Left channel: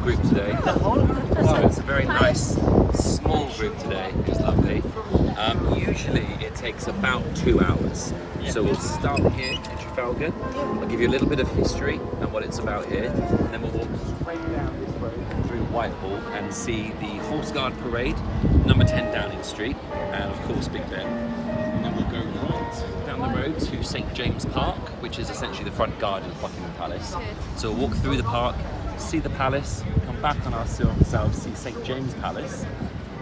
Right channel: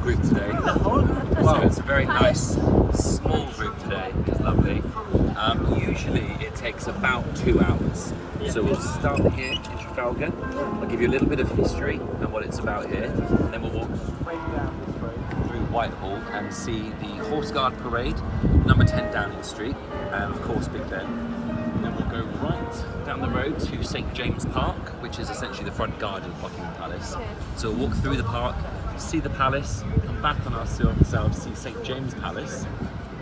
group today. So it's a very nice small group today, which is lovely. Usually it takes about 2 hours. So we'll start here in Trafalgar. I'll give you a little bit of history and what it's about here, and then we'll walk through Whitehall and see the Horse Guard Parade, number 10 Downing Street, and of course Big Ben. And then we'll go right down the road to St James Park, which is essentially the front garden of Buckingham Palace. So we'll walk through the park, see the palace, come back on ourselves, see St James Palace,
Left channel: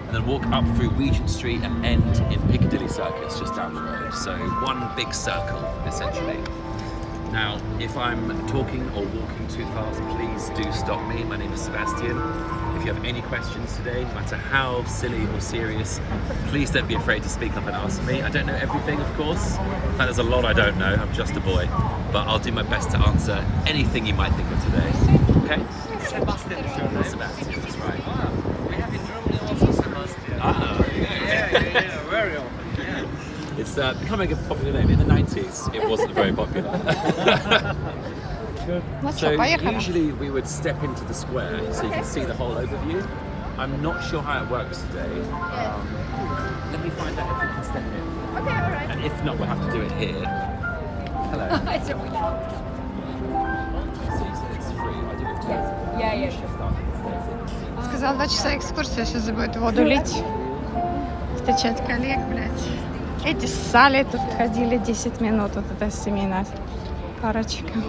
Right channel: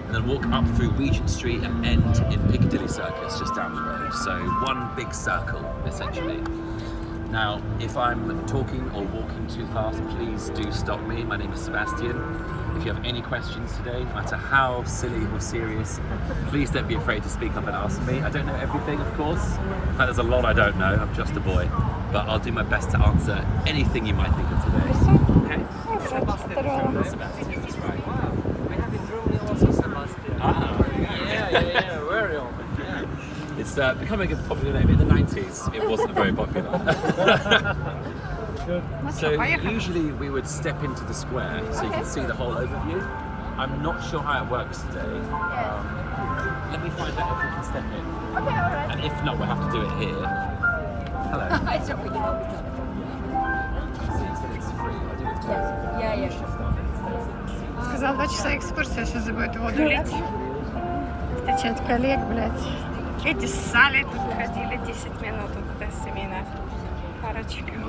and then walk up through Regent Street and end in Piccadilly Circus just down the road. So one big circle, essentially. Now, if I'm talking or walking too fast, please do stop me. My name is Sebastian. If you have any questions today, no matter how silly or serious, please don't be afraid to speak up and ask me. I don't know everything, of course. In fact, there's a lot I don't know. I'm just a boy. But I'll do my best to answer anything you might think of today. Okay? Sebastian is your name? Sebastian, that's right. Wow. We have in Germany also Sebastian. Ah, Yeah, very often. Yeah. It's becoming a popular name. In the 90s, it wasn't very popular. So usually we would step into the square so you can see the whole overview. I'm not sure how it works today. Let me find out if we can step in. And if not, we'll have to do it here. Hello. It's not really help each other. So you said it's free. I do it too. Yeah, sure. Сказал 2 часа экскурсия, сейчас будет воду лить. Встречать коллег, блядь. Эти ссали тут ходили 10 минут, вот эта семейная парочка.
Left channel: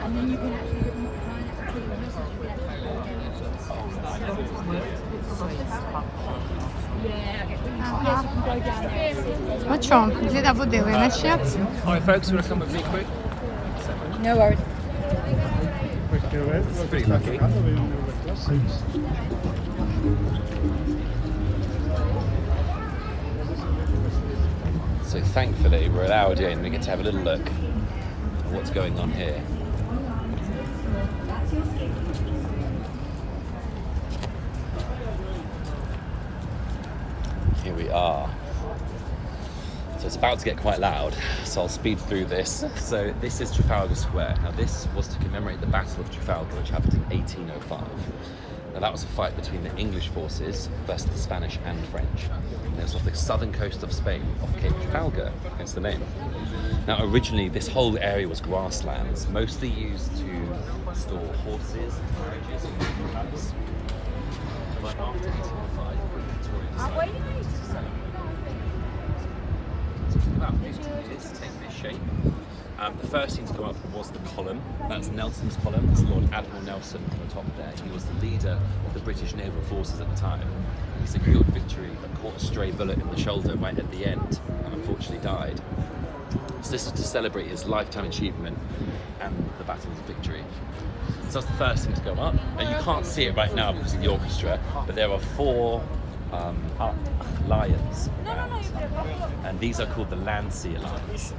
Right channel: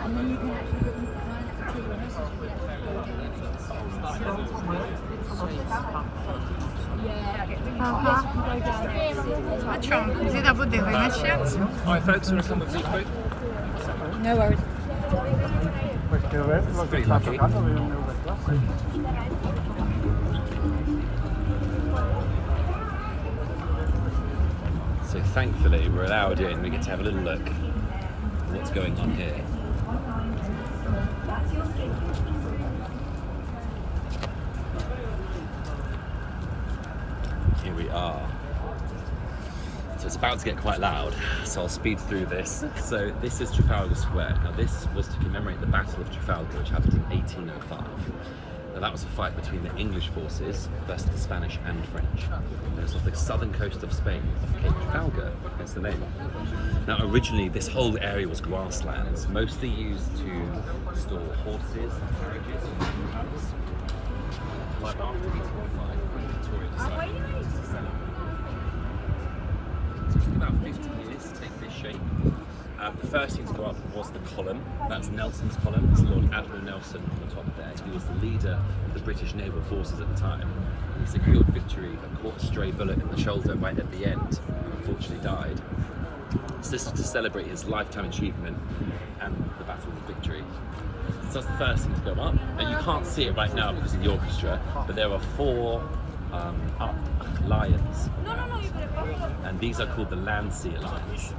And then you can actually put them right to the message. Yeah, I get really Ага. you can go down there. Ну чё, вида будили начнется? Alright folks, you want to come with me quick? No worries. This is pretty lucky. So thankfully we're allowed in, we get to have a little look at what's going on here. Here we are. So it's about to get quite loud, so I'll speed through this. So this is Trafalgar Square. Now this was to commemorate the Battle of Trafalgar, which happened in 1805. Now that was a fight between the English forces versus the Spanish and French. It was off the southern coast of Spain, off Cape Trafalgar, hence the name. Now originally this whole area was grasslands, mostly used to store horses and carriages and mules. But after 1805, Victoria decided to sell it. So it took about 50 years to get this shape. The first thing to go up was the column. That's Nelson's column. It's Lord Admiral Nelson on the top there. He was the leader of the British naval forces at the time. He secured victory but caught a stray bullet in the shoulder right at the end and unfortunately died. So this was to celebrate his lifetime achievement and the battle's victory. So that's the first thing to go up. And you can't see it right now because of the orchestra, but there are 4 up lions. And these are called the Landseer Lions.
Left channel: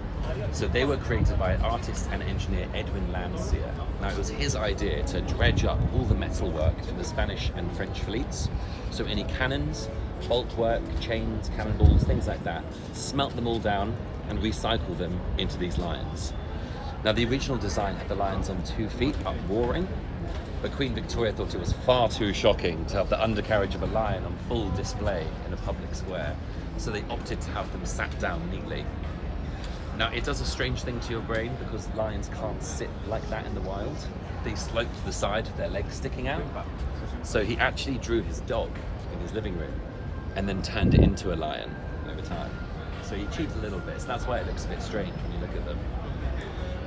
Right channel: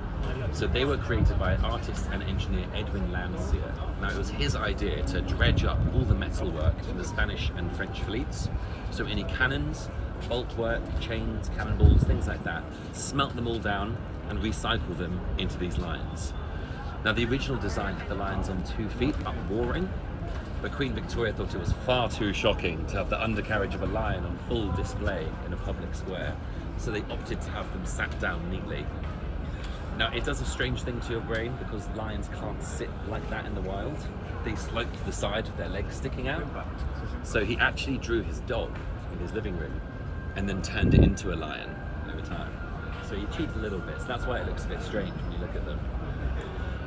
So they were created by artist and engineer Edwin Landseer. Now it was his idea to dredge up all the metal work from the Spanish and French fleets. So any cannons, bulk work, chains, cannonballs, things like that, smelt them all down and recycle them into these lions. Now the original design had the lions on 2 feet up roaring, but Queen Victoria thought it was far too shocking to have the undercarriage of a lion on full display in a public square. So they opted to have them sat down neatly. Now it does a strange thing to your brain because lions can't sit like that in the wild. They slope to the side with their legs sticking out. So he actually drew his dog in his living room and then turned it into a lion over time. So he cheats a little bit, so that's why it looks a bit strange when you look at them.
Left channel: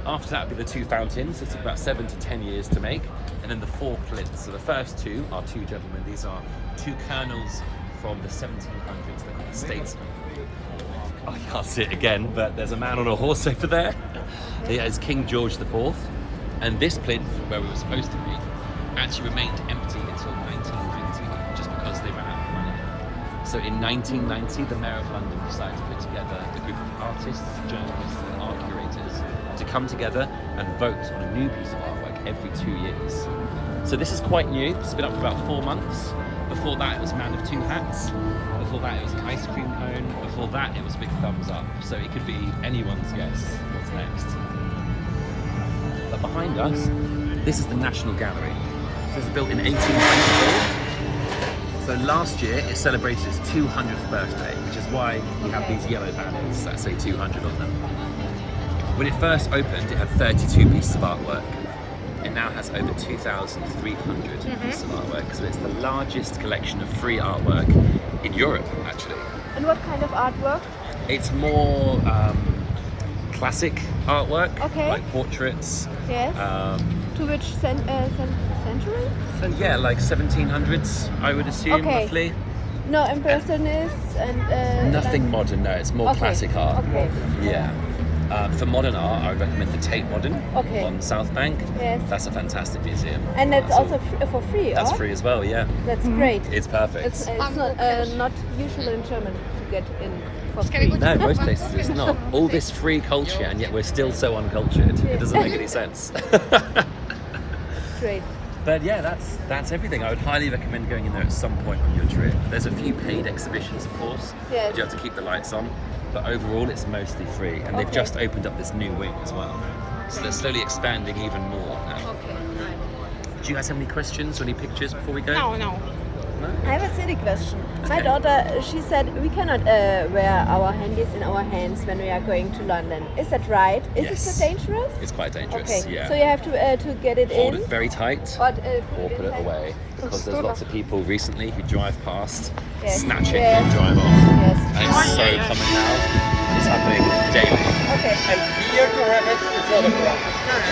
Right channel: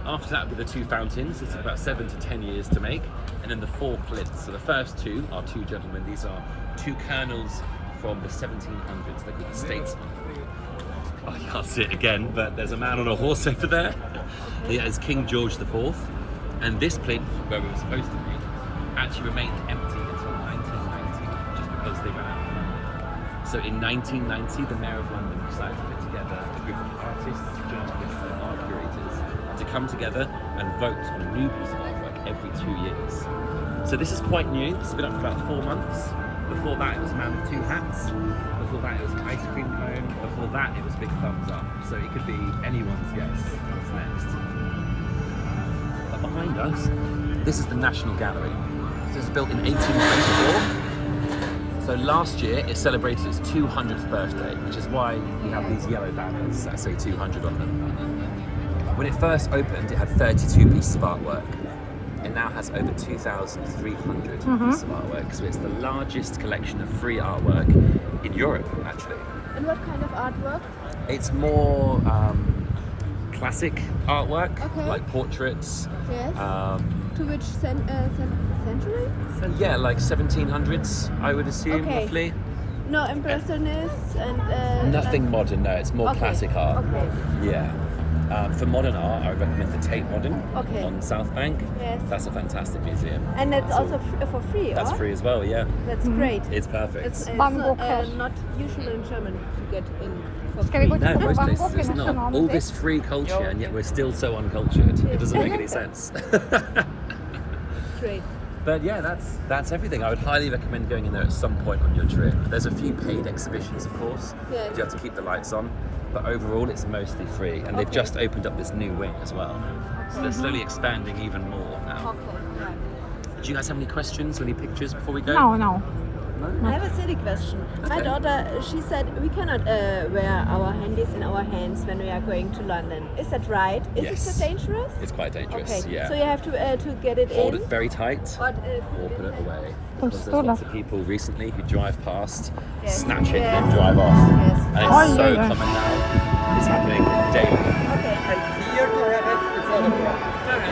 After that will be the 2 fountains. It took about 7 to 10 years to make. And then the 4 flits. So the first 2 are 2 gentlemen. These are 2 colonels from the 1700s. They're called statesmen. Oh, I can't see it again, but there's a man on a horse over there. He is King George IV. And this plinth, where we were supposed to be, actually remained empty until 1990, just because they ran out of money. So in 1990, the Mayor of London decided to put together a group of artists, journalists and art curators to come together and vote on a new piece of artwork every 2 years. So this is quite new. It's been up for about 4 months. Before that, it was Man of 2 Hats. Before that, it was an ice cream cone. Before that, it was Big Thumbs Up. So it could be anyone's guess what's next. But behind us, this is the National Gallery. This was built in 1894. So last year it celebrated its 200th birthday, which is why we have these yellow banners that say 200 on them. When it first opened, it had 32 pieces of artwork. It now has over 2,300 pieces of artwork, so it's the largest collection of free artwork in Europe, actually. And what kind of artwork? It's more classic artwork, Okay. like portraits. Yes. To which century? Yeah, like 1700s, I would assume, Okay. roughly. No, impressionists and... Nothing modern, no, it's more Okay. classic art. Okay. Yeah. For modern art, I would recommend the Tate Modern Okay. on South Bank. Yes. That's a fantastic museum. And it's That's also all- for free, That's or? free as well, yeah. That's great. It's perfect. It's not usual in Germany to get in for Can we free. go No, most places it's not. All this free culture, and yet we're still so uncultured. It doesn't make any sense. Great. But yeah, that's everything. I would highly recommend going in there at some point on your trip. There's a few paid exhibitions, of course. Yes. But you have to keep the lights on. But overall, it's mostly free, and they've Okay. just opened up this new wing as well. So they're slowly expanding even more now. Okay, right. Do you guys have any questions or any pictures before we go? No, no. No? I have a silly question. My Okay. daughter, she said we cannot wear our handies in our hands when we are going to London. Is that right? Is Yes. it so dangerous? It's quite dangerous. Okay. Yeah. So you have to get it Hold in. it very tight. Or Or put it inside? away, because there's lots of people recently who drive past, Yes. snatch it, Yes. and then drive off. Yes. And it's so common now. It's happening daily. Okay. And here to have it, it's not a problem.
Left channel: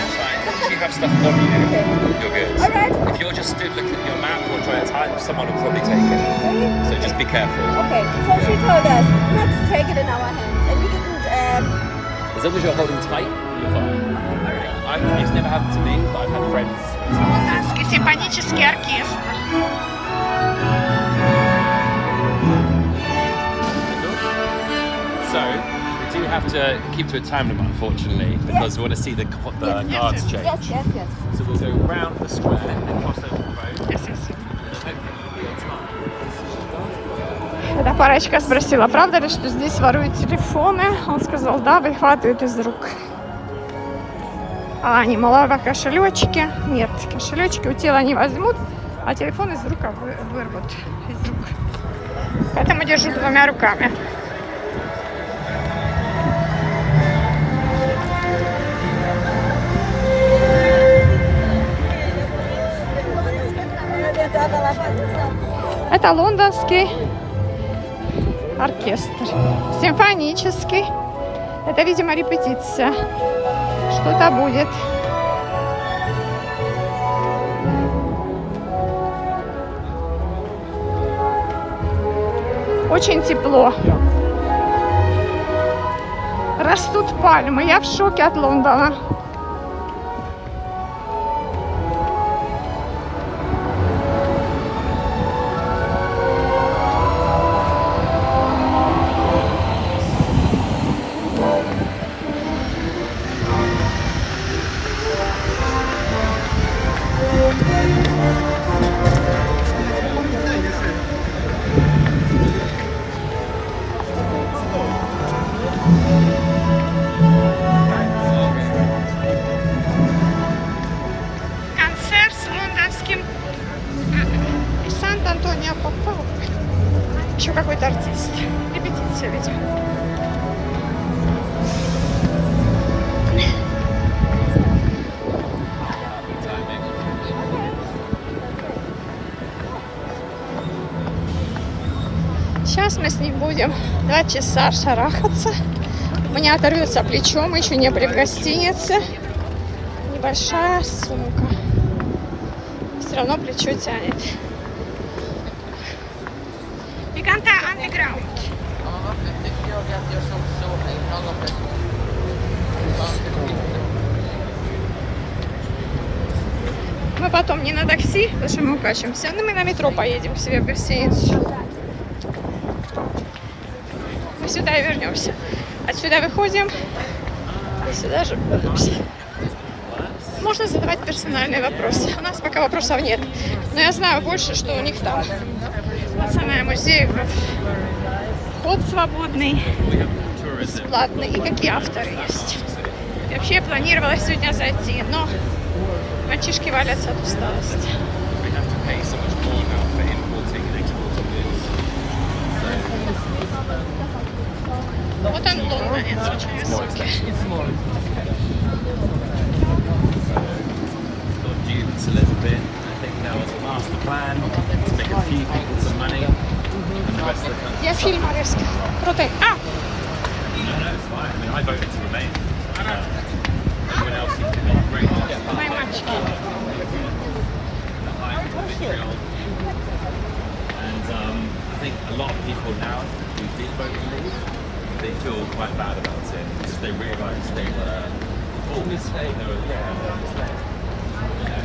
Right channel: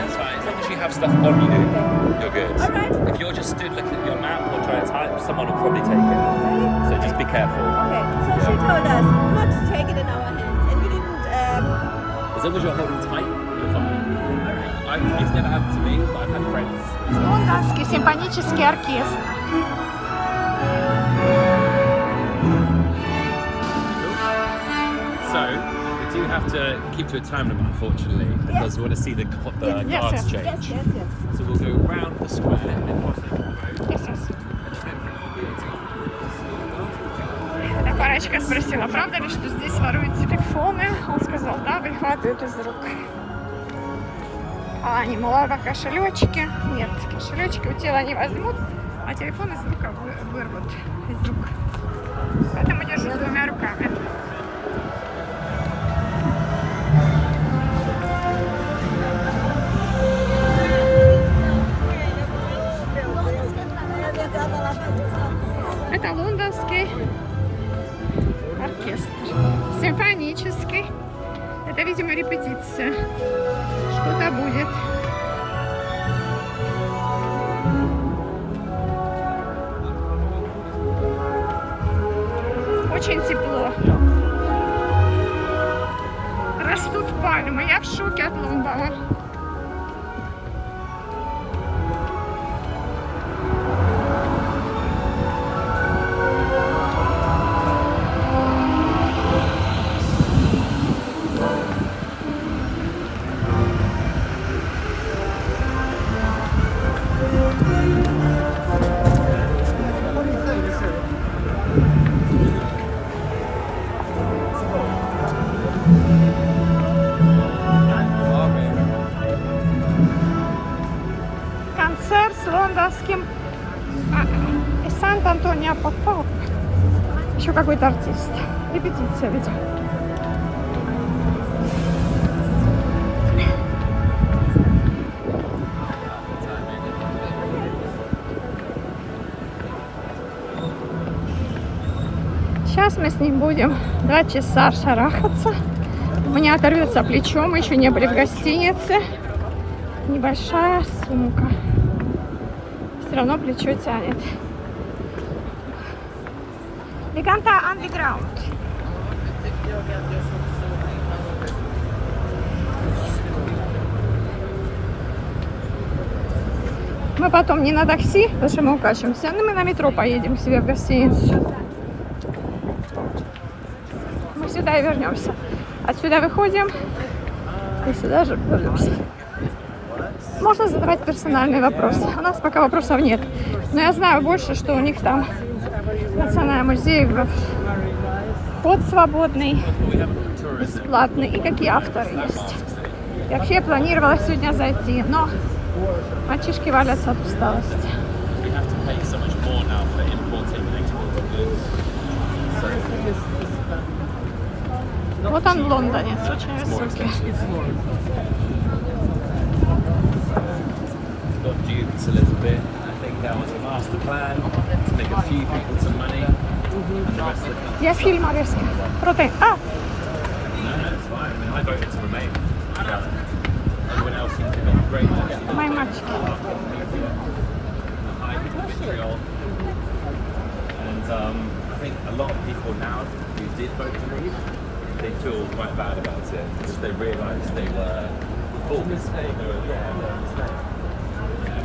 It's fine. As long as you have stuff on you, you're good. All right. If you're just stood looking at your map or trying to type, someone will probably take it. Really? So just be careful. Okay. So she told us not to take it in our hands, and we didn't. As long as you're holding tight, you're fine. It's never happened to me, but I've had friends. Лондонский симфонический оркестр. So we do have to keep to a time limit, unfortunately, because we want to see the guards change. Yes, yes, yes. So we'll go round the square and then cross over the road. Yes, yes. And hopefully we'll be on time. Эта парочка спросила, правда ли, что здесь воруют телефоны? Он сказал, да, выхватывают из рук. А они, мало кошелечки. Нет, кошелечки у тела не возьмут, а телефон из рук вырвут. Из рук. Поэтому держу двумя руками. Это лондонский оркестр. Симфонический. Это, видимо, репетиция. Что-то будет. Очень тепло. Растут пальмы. Я в шоке от Лондона. Концерт с лондонским Сан-Антонио Попо. Еще какой-то артист. Репетиция, видимо. Сейчас мы с ним будем 2 часа шарахаться. У меня оторвется плечо, мы еще не были в гостинице. Большая сумка. Все равно плечо тянет. We canta underground. Мы потом не на такси, потому что мы укачиваемся, но мы на метро поедем себе в гостиницу. Мы сюда и вернемся. Отсюда выходим, и сюда же вернемся. Можно задавать персональные вопросы. У нас пока вопросов нет. Но я знаю больше, что у них там. Национальный музей, вход свободный, бесплатный и какие авторы есть. Я вообще планировала сегодня зайти, но мальчишки валятся от усталости. It's more expensive. It's more. Got duped a little bit. I think there was a master plan to make a few people some money, and the rest of the country Я suffered фильм on the rock. Крутий. А, No, it's fine. I mean, I voted to remain. Everyone else seemed to have gone great. my match. The hype, the vitriol. And I think a lot of people now who did vote to leave, they feel quite bad about it because they realised they were full mistake. They were, yeah, they were a mistake. You know?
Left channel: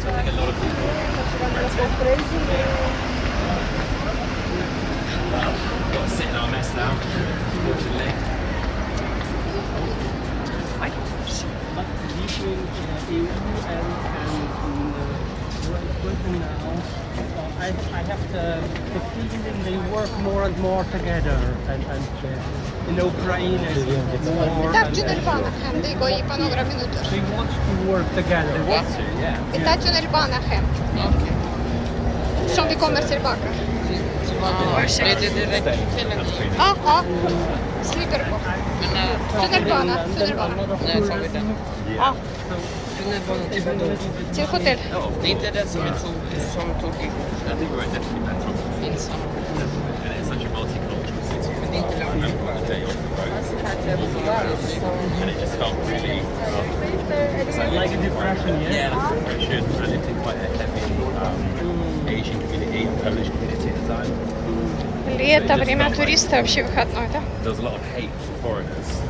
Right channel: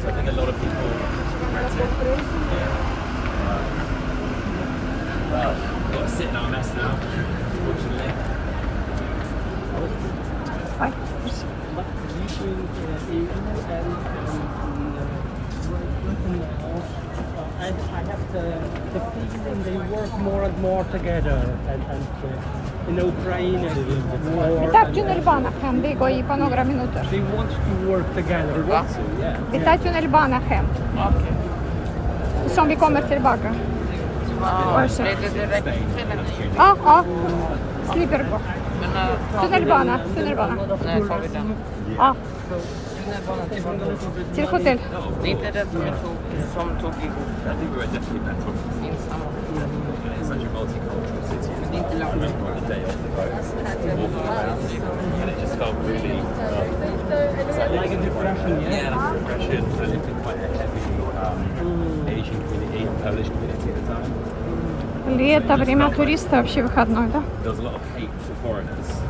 So I think a lot of people regret it. Well, we've got to sit in our mess now, unfortunately. Ой. But between EU and Great Britain now, I have the feeling they work more and more together, and in Ukraine war, Так, and Джунербанахем, they go Ipanora Minutos. they want to work together. They want to, yeah. That's Джунербанахем. Som vi kommer tillbaka. Ой, Staying between us. Slipper. Especially in London, a lot of tourism. Yeah. So saving a little bit Тихо money. ты. Oh, of course. I think we're definitely better off. And it's such a multicultural city as well. I remember on the day off the road, walking around, and it just felt really Like a depression, yeah? Yeah, like a depression. I lived in quite a heavy Asian community and Polish community at the time. Лето, время туриста, вообще выходной, да? There was a lot of hate for foreigners.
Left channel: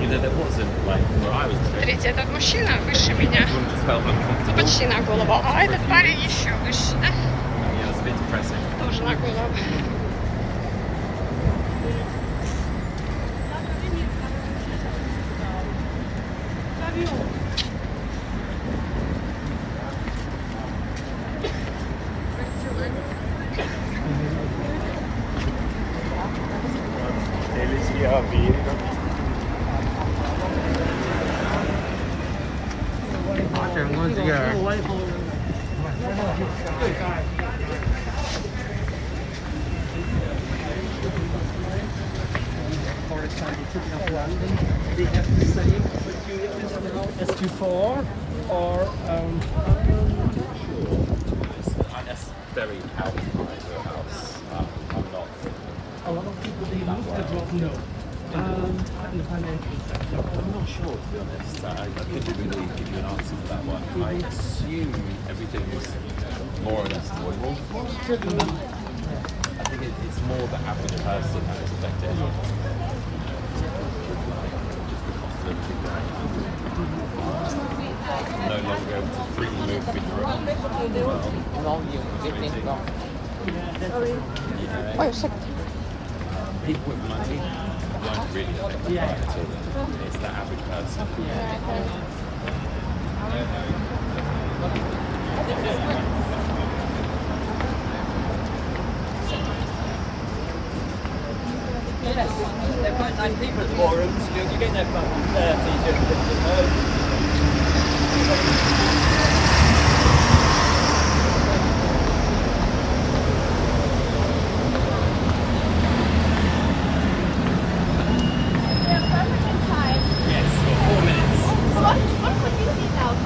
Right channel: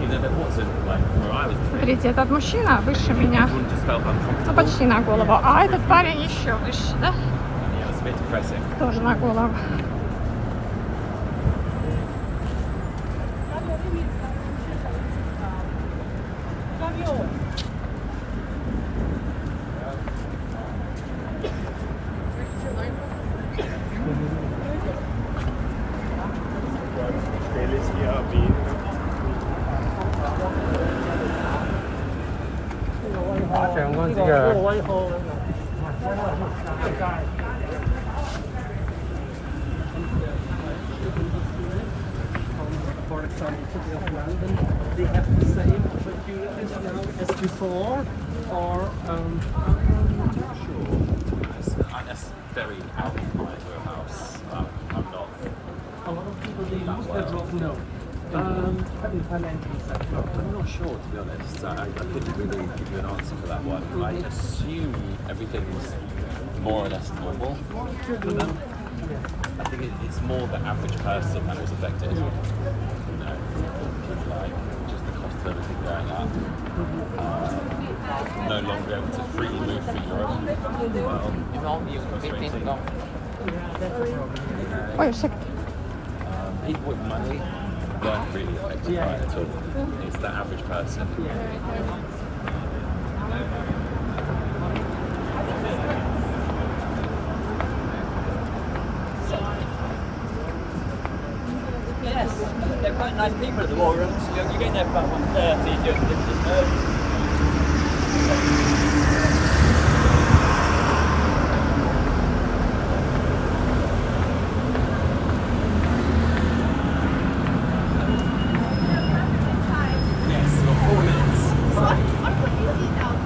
You know, there wasn't like where I was living. Смотрите, этот мужчина выше меня. Everyone just felt uncomfortable. Почти на голову. А этот парень еще выше, да? Yeah, it was a bit depressing. Тоже на голову. For example, City of London, they have the same opportunities now as before, or That's very out of my wheelhouse. I'm not. a lot of people they lose their job. No, in the financial sector. I'm not sure, to be honest. I couldn't really give you an answer for that one. I assume everything was more or less normal. I think it's more the average person that was affected. You know, like just the cost of everything going up. No longer able to freely move through Europe. Yeah, that's a problem. You know, people with money weren't really affected by it at all. It's the average person. Yes, they're quite nice people at the war rooms. You get their fun ones there, so you do. Yes, for 4 minutes. What could you see now? Can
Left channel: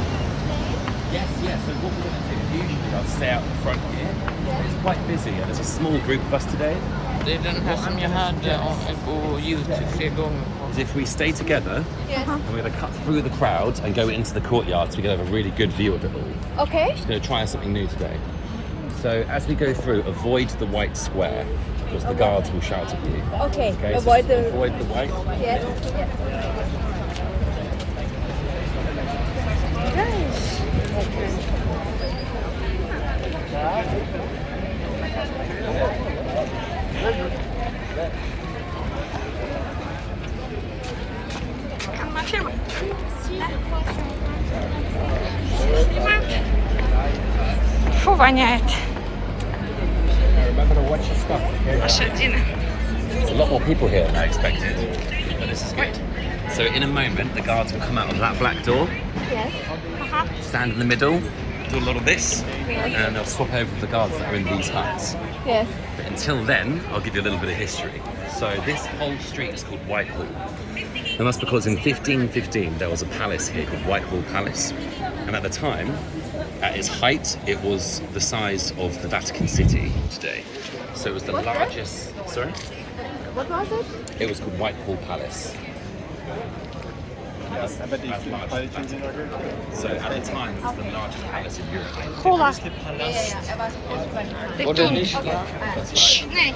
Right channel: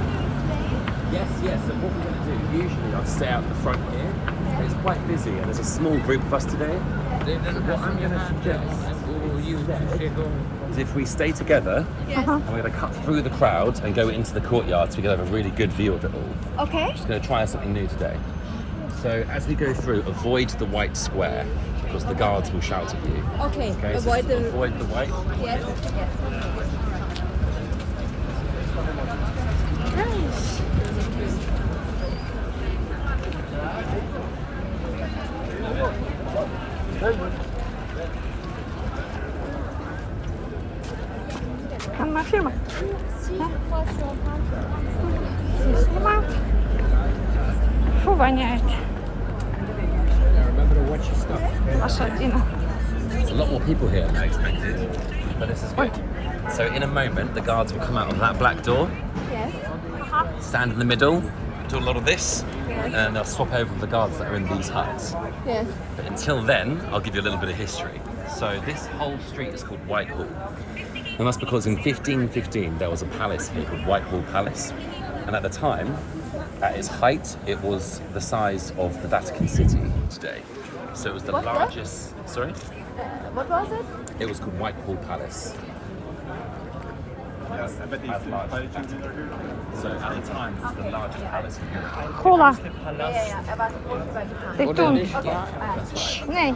you explain? Yes. So what we're going to do, usually I'd stay out the front here, but it's quite busy and there's a small group of us today. What I'm going to suggest is if we stay together Yes. and we're going to cut through the crowd and go into the courtyard so we can have a really good view of it all. Okay. Just going to try something new today. So as we go through, avoid the white square because the guards will shout at you. Okay. Okay, so Avoid the. avoid the white. Yes. Kan man filma? Снимаю. Фу, воняет. Remember to watch your step. Лошадина. There's a lot more people here than I expected, but this is Ой. good. So in a moment, the guards will come out of that black door, Yes. stand in the middle, do a lot of this, Yes. and they'll swap over with the guards that are in these huts. Yes. But until then, I'll give you a little bit of history. So this whole street is called Whitehall. And that's because in 1515 there was a palace here called Whitehall Palace. And at the time, at its height, it was the size of the Vatican City today. So it was the largest... Sorry? What was it? It was called Whitehall Palace. As large as the Vatican. So at the time, it was the largest palace in Europe. Кола. That's right. Nee,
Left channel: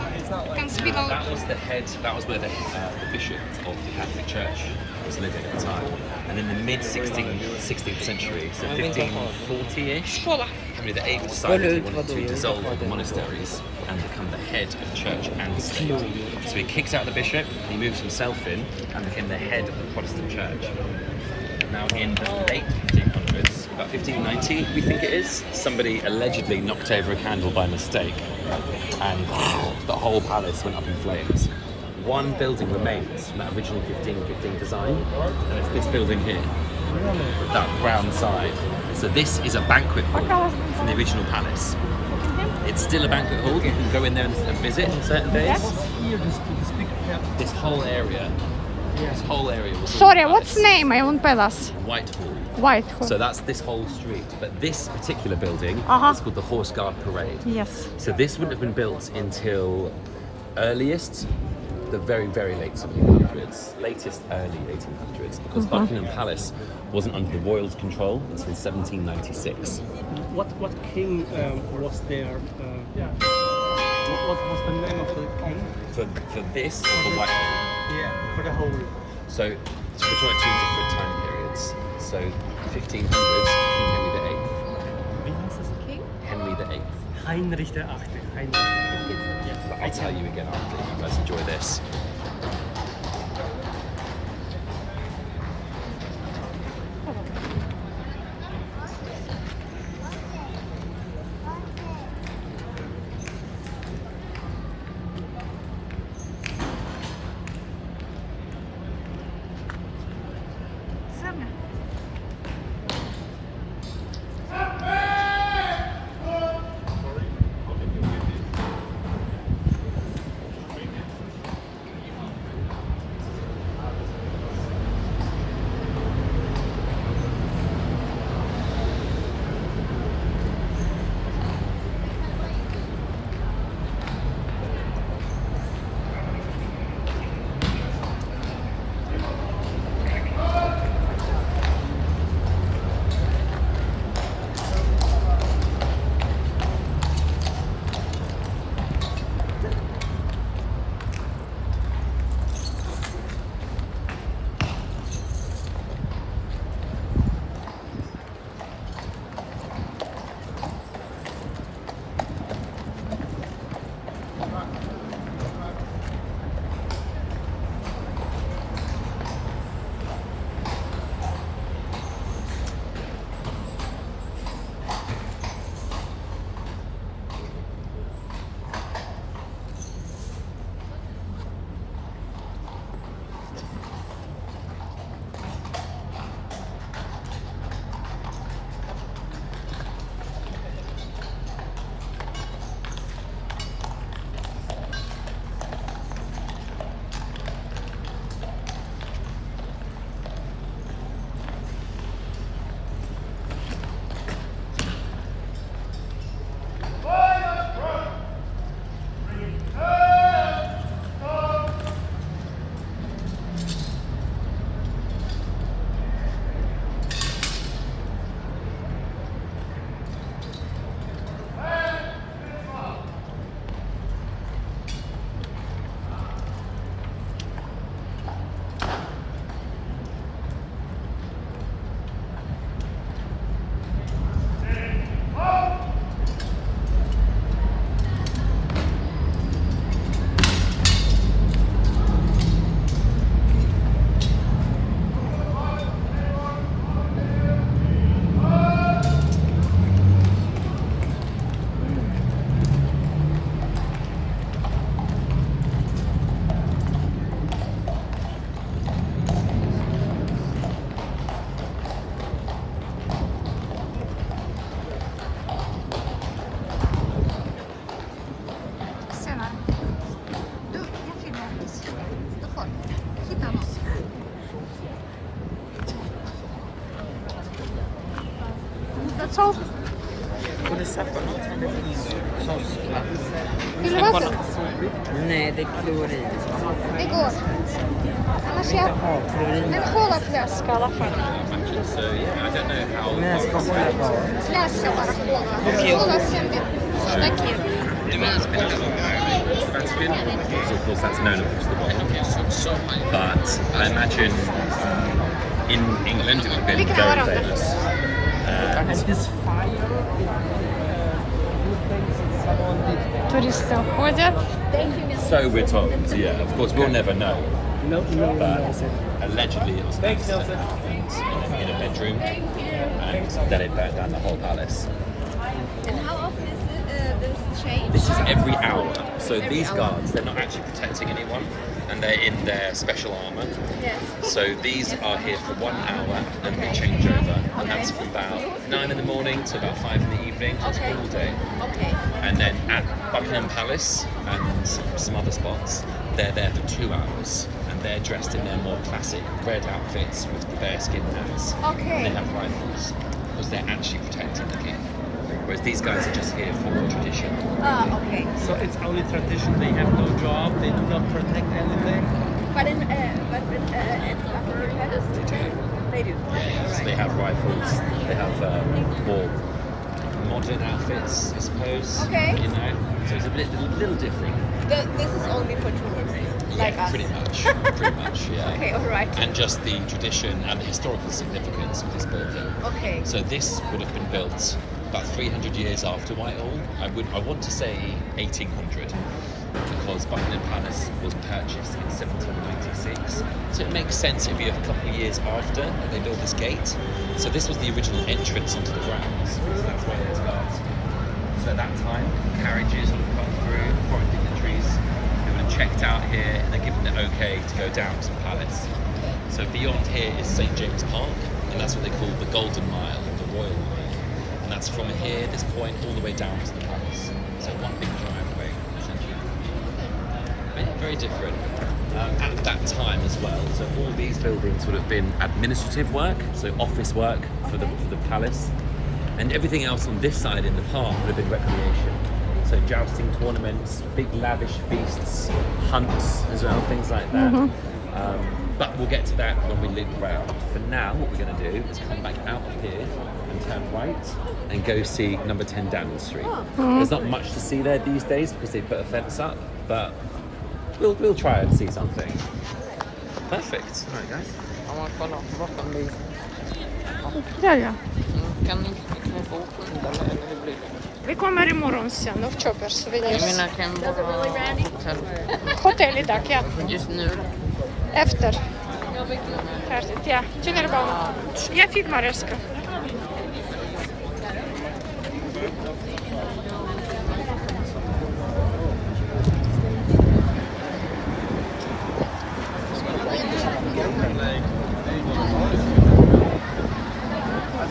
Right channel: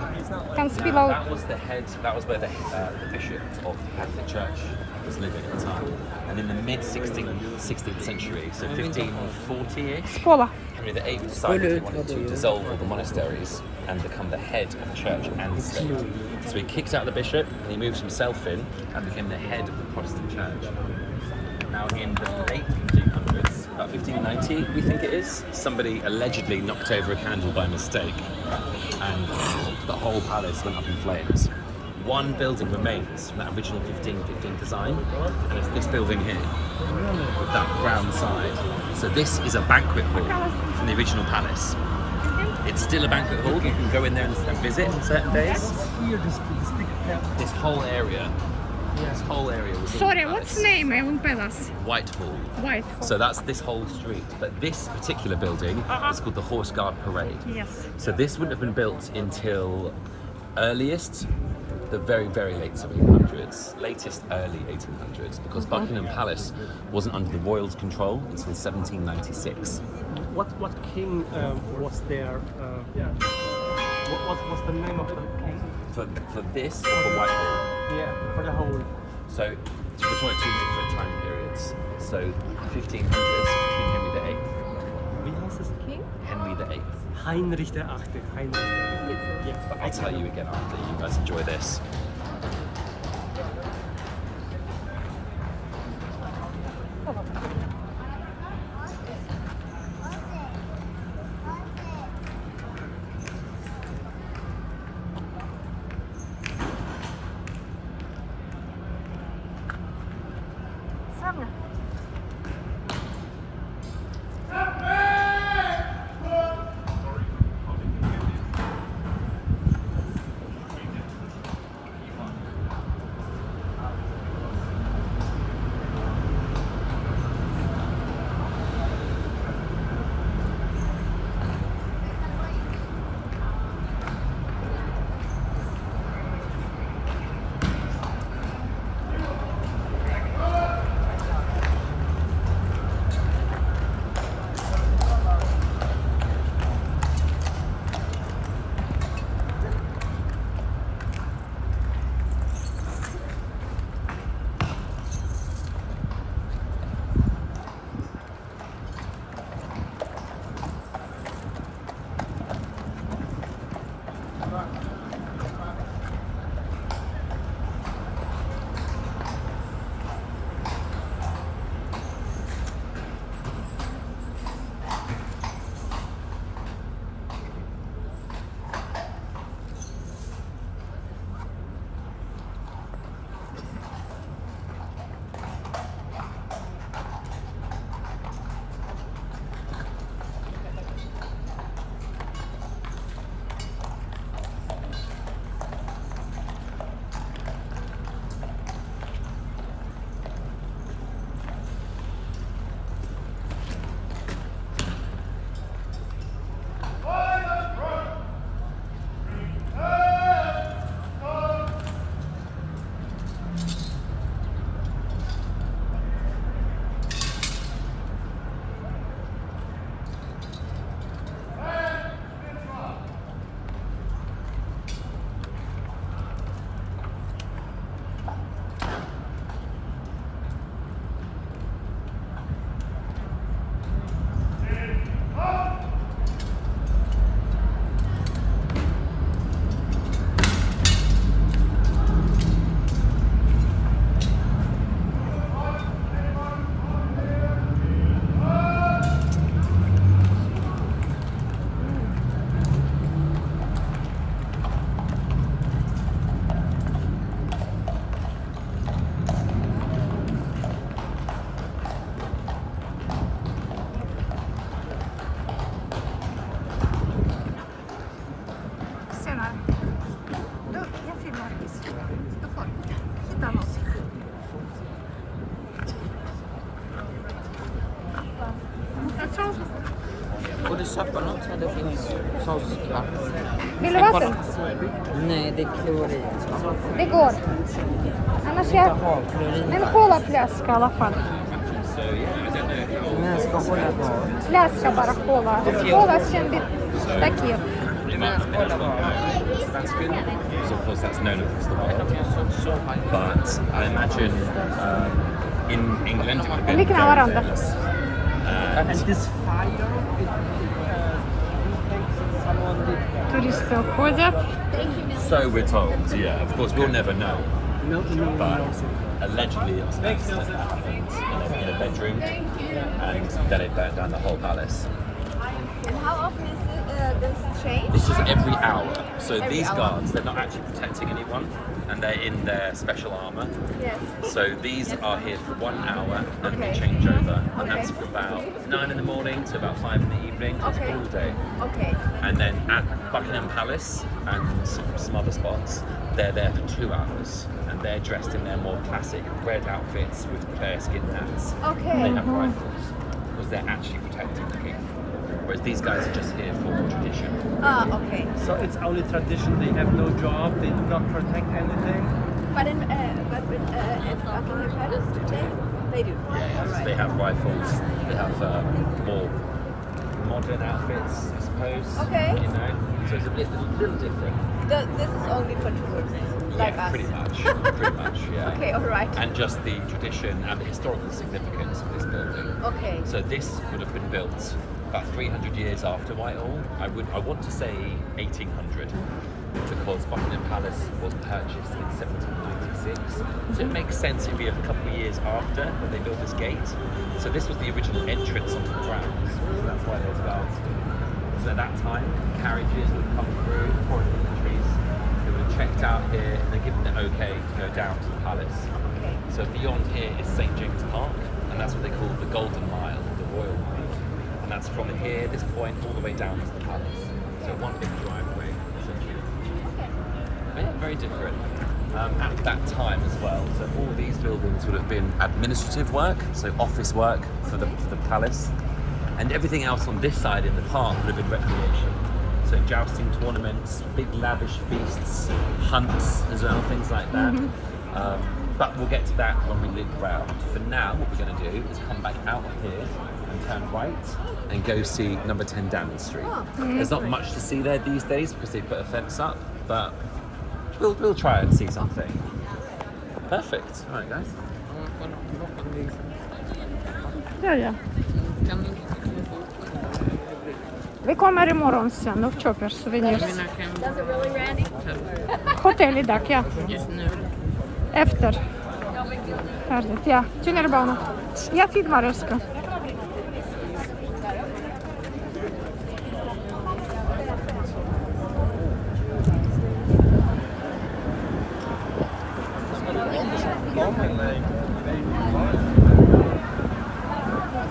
kan spelen. That was the head. That was where the bishop of the Catholic Church was living at the time. And in the mid 16th century, so 1540-ish, Школа. Henry VIII decided he wanted to dissolve all the monasteries and become the head of the church and the state. So he kicked out the bishop and he moved himself in and became the head of the Protestant church. Now in the late 1500s, about 1590 we think it is, somebody allegedly knocked over a candle by mistake and the whole palace went up in flames. One building remains from that original 1515 design, and it's this building here with that brown side. So this is a banquet hall from the original palace. It's still a banquet hall, you can go in there and visit on certain days. Here, this big This whole area was all Sorry, palace. what's name? I won't palace. Whitehall. White. So that's this whole street. But this particular building is called the Horse Guard Parade. Yes. So this wouldn't have been built until earliest, the very, very late 1700s, latest early 1800s, because Buckingham Palace wasn't under the royals' control until 1796. What king was there? What was the name of the king? For this or for Whitehall? Yeah, for the whole. So we're talking about two different time periods. So 1500s, King Henry VIII. Wie hieß es? King? Henry VIII. Heinrich der Achte. Heinrich. But I'll tell you again after you guys enjoy this. Саме. Borde köpa något. Det finns kioskar. Sen kolla. Nej, det är klorin. Det går. Annars Jag jag... vill ha klorin. En colaflaska i alla fall. So yeah, I don't know how. Nej, jag ska hålla kvar. Flaska bara cola. Cola symbol. Thank you. It's been a little Sebastian. So of course that's known across the world. But I imagine in England it would have been very famous. And this fire, Туристы уходят. So we're told. Yeah, of course we'll never know. no one But knows it. allegedly it was in a bedroom, and then it burnt down the whole palace. And how often is this change? This is every hour. So these guards, they're not actually protecting anyone, and they're in their special armour. Yes. So these are here for 1 hour, then we change over, and that's from about 9 in the morning to about 5 in the evening. That's all day. Okay. And then at Buckingham Palace and some other spots, they're there for 2 hours, and they're dressed in their more classic red outfits with bearskin hats. Okay. They have rifles because they're actually protecting the king. Whereas these guys are just here for tradition. Okay. So it's only tradition. They have no job. They do not protect anything. But in Buckingham Palace, they do. So they have rifles. They have more modern outfits, I suppose. Okay. You know, so it's a little different. This is only for tourists, like us. Pretty much. Pretty much. Yeah. Okay, all right. And just the tradition and the historical significance of this building. Okay. So this would have been built about 300 years after Whitehall. I want to say 1800, because Buckingham Palace was purchased in 1796. So it makes sense it'd be a couple of years after they built this gate. So this was the original entrance into the grounds. So that's why there's guards. So at that time, carriages would come through, foreign dignitaries. They would have checked out here and they're given the okay to go down to the palace. So beyond here is St James Park, and that's what they call the Golden Mile, the Royal Mile. And that's from here, this point, all the way down to the palace. So one big driveway, essentially. Very different. At that time as well, so all these buildings would have been administrative work, so office work for the palace. And everything else on this side in the park would have been recreation. So jousting tournaments, big lavish feasts, hunts as well, things like that. But we'll get to that when we loop around. For now, what we're going to do is come back out here and turn right and go see number 10 Downing Street. There's not much to see there these days because they put a fence up, but we'll try and see something. Perfect. All right, guys. Ja, man kollar klockan blir. Ja, ja. Kan ni få eller hur blir det? Vi kommer imorgon sen. Ну что, пошли. Jag menar kan vara hotell Hotell idag, ja. just nu. Efter. Färdigt, ja. Tunnelbanan. Jag fick vad jag ska.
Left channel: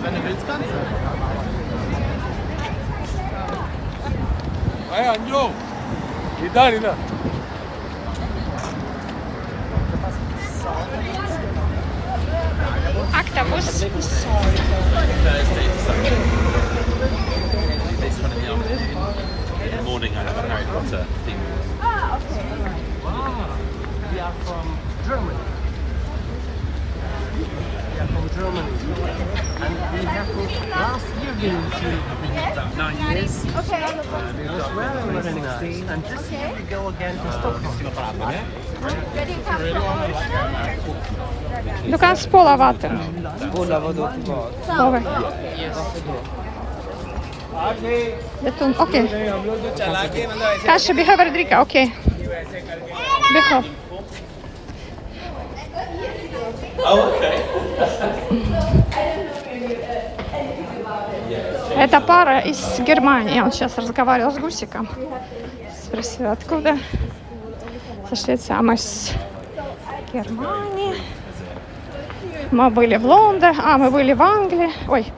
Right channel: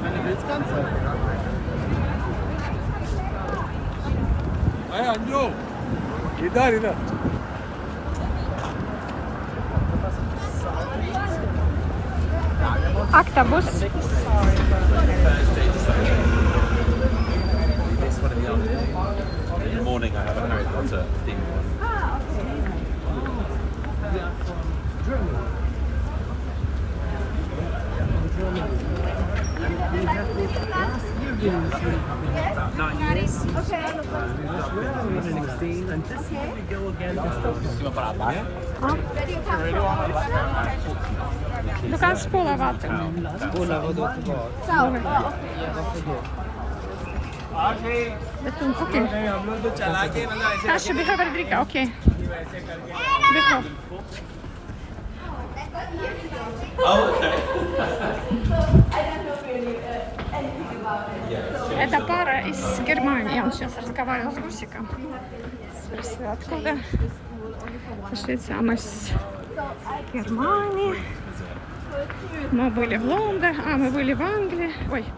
Wenn du willst, kannst du. Hey, Anjo! Idag. Octopus. Thursday to Sunday. I do this one in the afternoon. In the morning, I have a Harry Potter themed one. Okay, all right. We are from Germany. We are from Germany. And we have been last year About 9 years. Okay. Moved up in 2016. and this year we go again to Yeah. Where do you come from originally? Du kan spola vatten. So, okay. Det är tomt. Okej. Kanske behöver dricka. Okej. Behöver. Это пара из Германии. Он сейчас разговаривал с Гусиком. Спросил, откуда. Со Швеции. А мы с Германии. Мы были в Лондоне. А, мы были в Англии. Ой,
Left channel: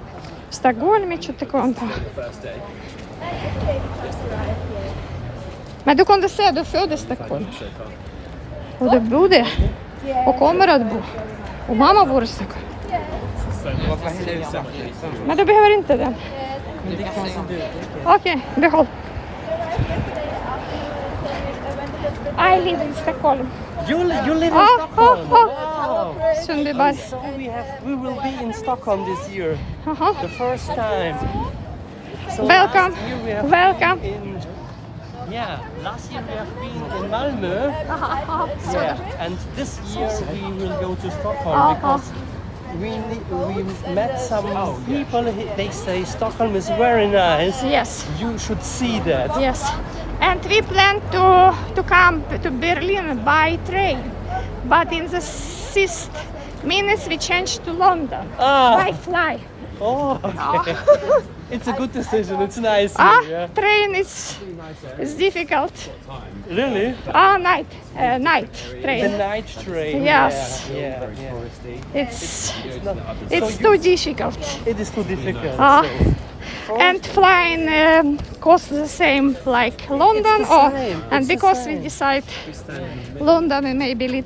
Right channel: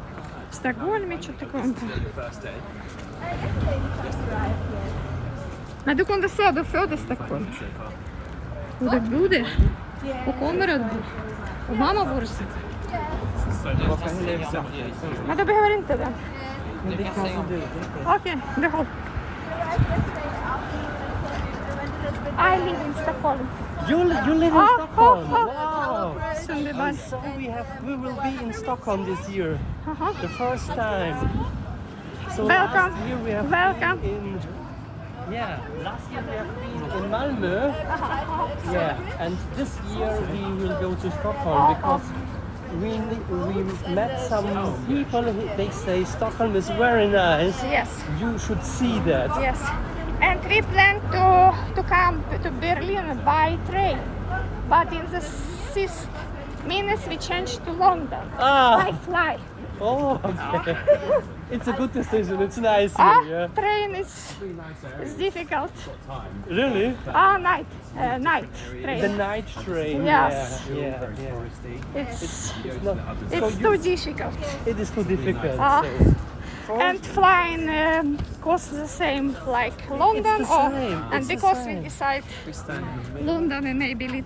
в Стокгольме. Что-то такое. Men du kunde säga att du föddes i Stockholm. Och du bodde och kommer att bo. Och mamma bor i Stockholm. Men du behöver inte det. Okay, the whole. I live in Stockholm. You live in Oh, Stockholm. oh, Wow. Sundbyberg. So we will be in Stockholm this year, the first time. So Welcome. last year we have Welcome. been last year we have been in Malmö. Yeah, and this year we will go to Stockholm because we met some people. They say Stockholm is very nice. Yes. You should see that. Yes. And we plan to come to Berlin by train. But in the 6 minutes we changed to London. By fly. Oh, okay. It's a good decision. It's nice here. Yeah. Train is difficult. Really? Night The train. night train. Yes. Yeah. It's too difficult. It is too difficult. And flying costs the same like London, It's the same. and It's the because we same. decide London and maybe lit.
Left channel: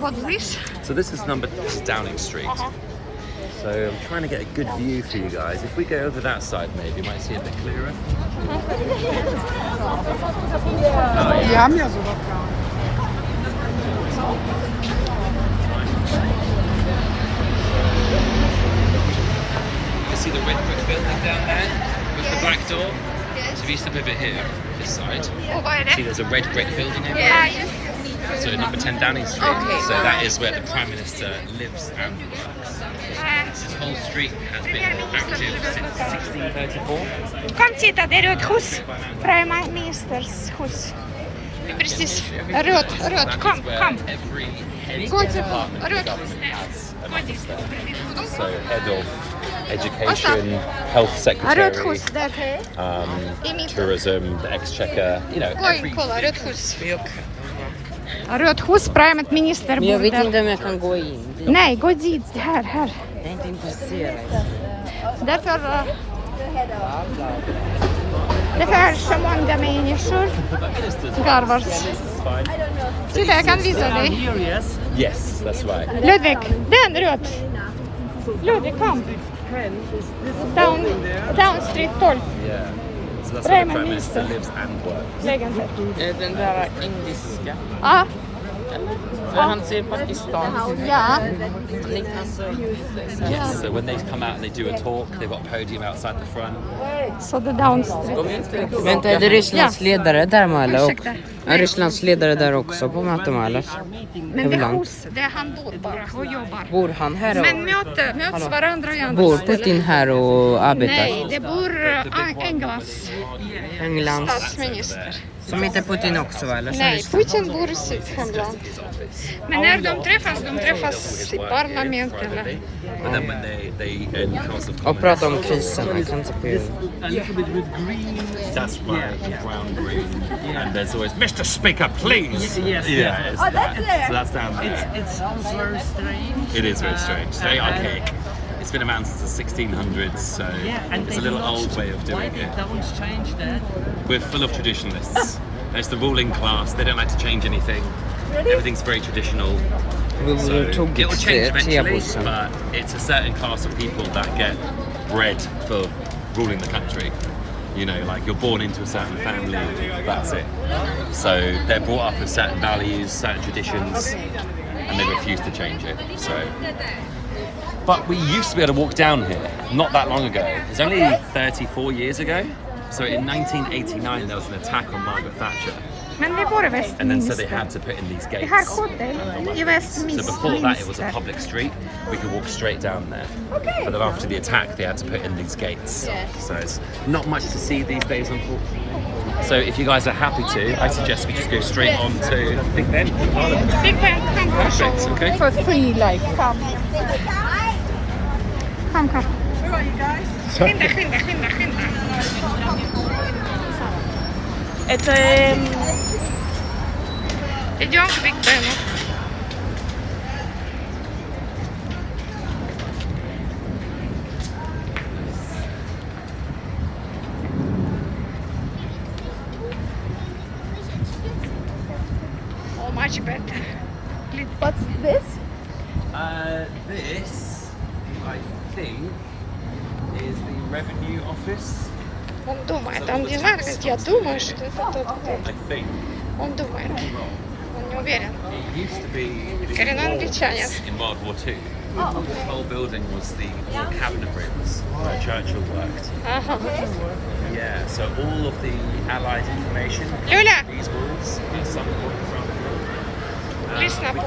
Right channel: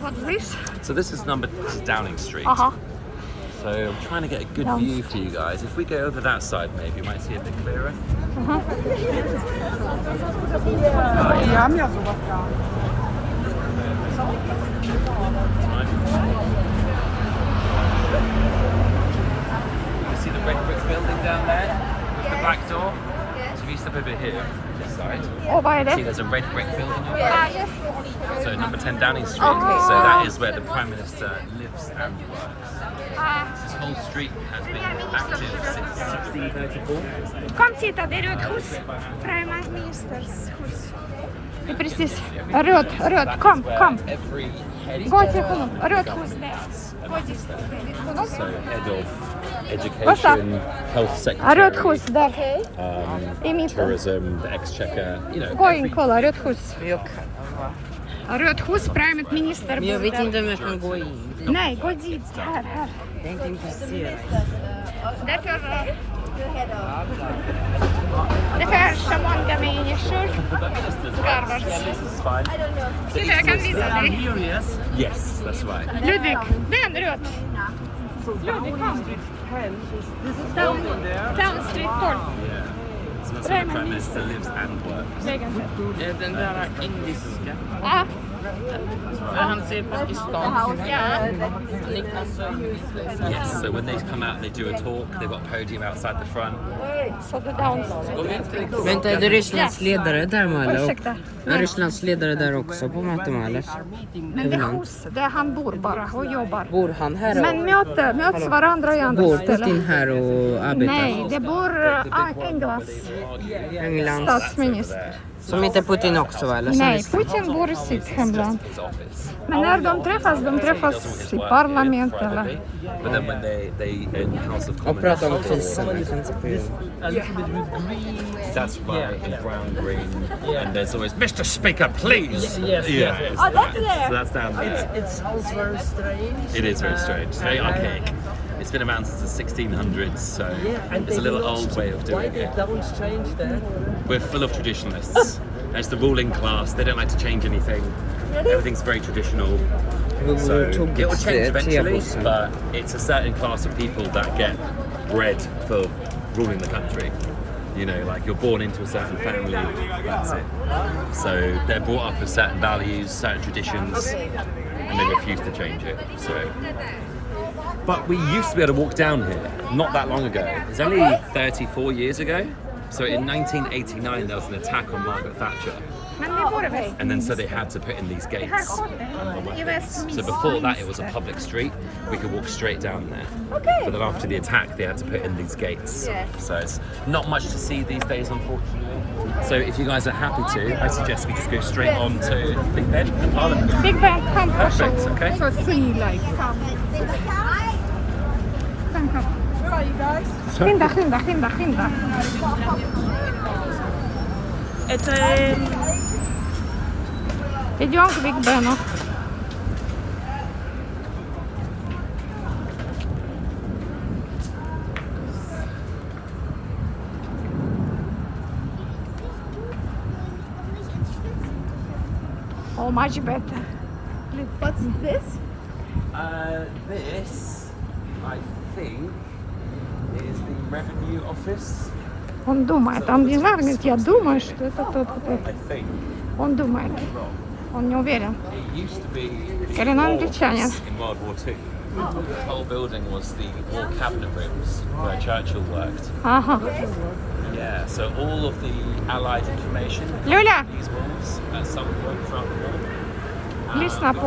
What's this? So this is Downing Street. So I'm trying to get a good view for you guys. If we go over that side, maybe you might see a bit clearer. You see the red brick building down there with the black door? So if you step over here, this side, see there's a red brick building over there? Yes. So number 10 Downing Street. Okay. So that is where the Prime Minister lives and works. This whole street has been active since 1634. Kom titta, det är Röd hus. Prime Minister's hus. Precis. Röd. Kom. Every head department in the government has an office there. So head of education, health Röd secretary, hus där. I mitten. tourism, the exchequer, you know, Oj, every kolla, Röd hus. Röd hus, Prime Minister. Men jag vet inte om jag kan gå in. Nej, gå dit. Här. Jag är inte intresserad. Därför så många människor garvar. Titta, jag kan visa dig. Here, yes. Yes, that's right. Ludvig, den röd. Ludvig, kom. 10 is this building there. Down Street 12. Yeah. So that's where the Prime Minister lives and works. Den där engelska. Ja. Där han ser Pakistan. Ja. Yes, so when they come out and they do a talk, they've got a podium outside the front. Så det down Street. Vänta, är det Rysslands ledare där Mala? Ursäkta. Är Rysslands ledare där också på möte Mala? Men det är hus, det är han bor bara och jobbar. Bor han här Men möts Hallå? varandra i andra Bor ställen. Putin här och arbetar? Nej, det bor Englands. statsminister. Som inte Putin också va? Eller som Nej, Ryssland? Putin bor i sitt hemland. Men när de träffas i parlament eller... But then when they in House of Och Commons, prata om krisen. Man kan inte This a little bit with green. that's right, Yeah. and brown, green, and there's always Mr. Speaker, please. Yes, yeah, yes. it's that. So that's down there. It sounds very strange. It is very strange. It's very and- archaic. It's been around since the 1600s, so and it's they a little do not- old way of Why doing they it. don't change that? We're full of traditionalists. It's the ruling class. They don't like to change anything. Everything's very traditional. So Vi tog it will change eventually, tebussen. but it's a certain class of people that get bred for ruling the country. You know, like you're born into a certain family, that's it. So they're brought up with certain values, certain traditions, and they refuse to change it. So, but we used to be able to walk down here not that long ago. It's only 34 years ago. So in 1989 there was an attack on Margaret Thatcher. Men vi bor i And then so they Westminster. had to put in these gates. Det här hotellet and the i weapons. So Westminster. before that it was a public street. We could walk straight down there. But then after the attack they had to put in these gates. So it's not much to see these days unfortunately. So if you guys are happy to, I suggest we just go straight on to Big Ben. Big Ben, kom. Perfect, okay. For free, like. Kom. Skynda. Идем к Биг Бену. Oh, much better. this? This, I think, is the revenue office. Он думает, там где Маргарет, я думаю, что это тут. I think. Он думает, он не уверен. It used to be Коренной walls англичанин. in World War II. The whole building was the war cabinet rooms where Churchill worked. Ага. Yeah, so all of the Allied information Люля, these walls at some point from. лезь на пол.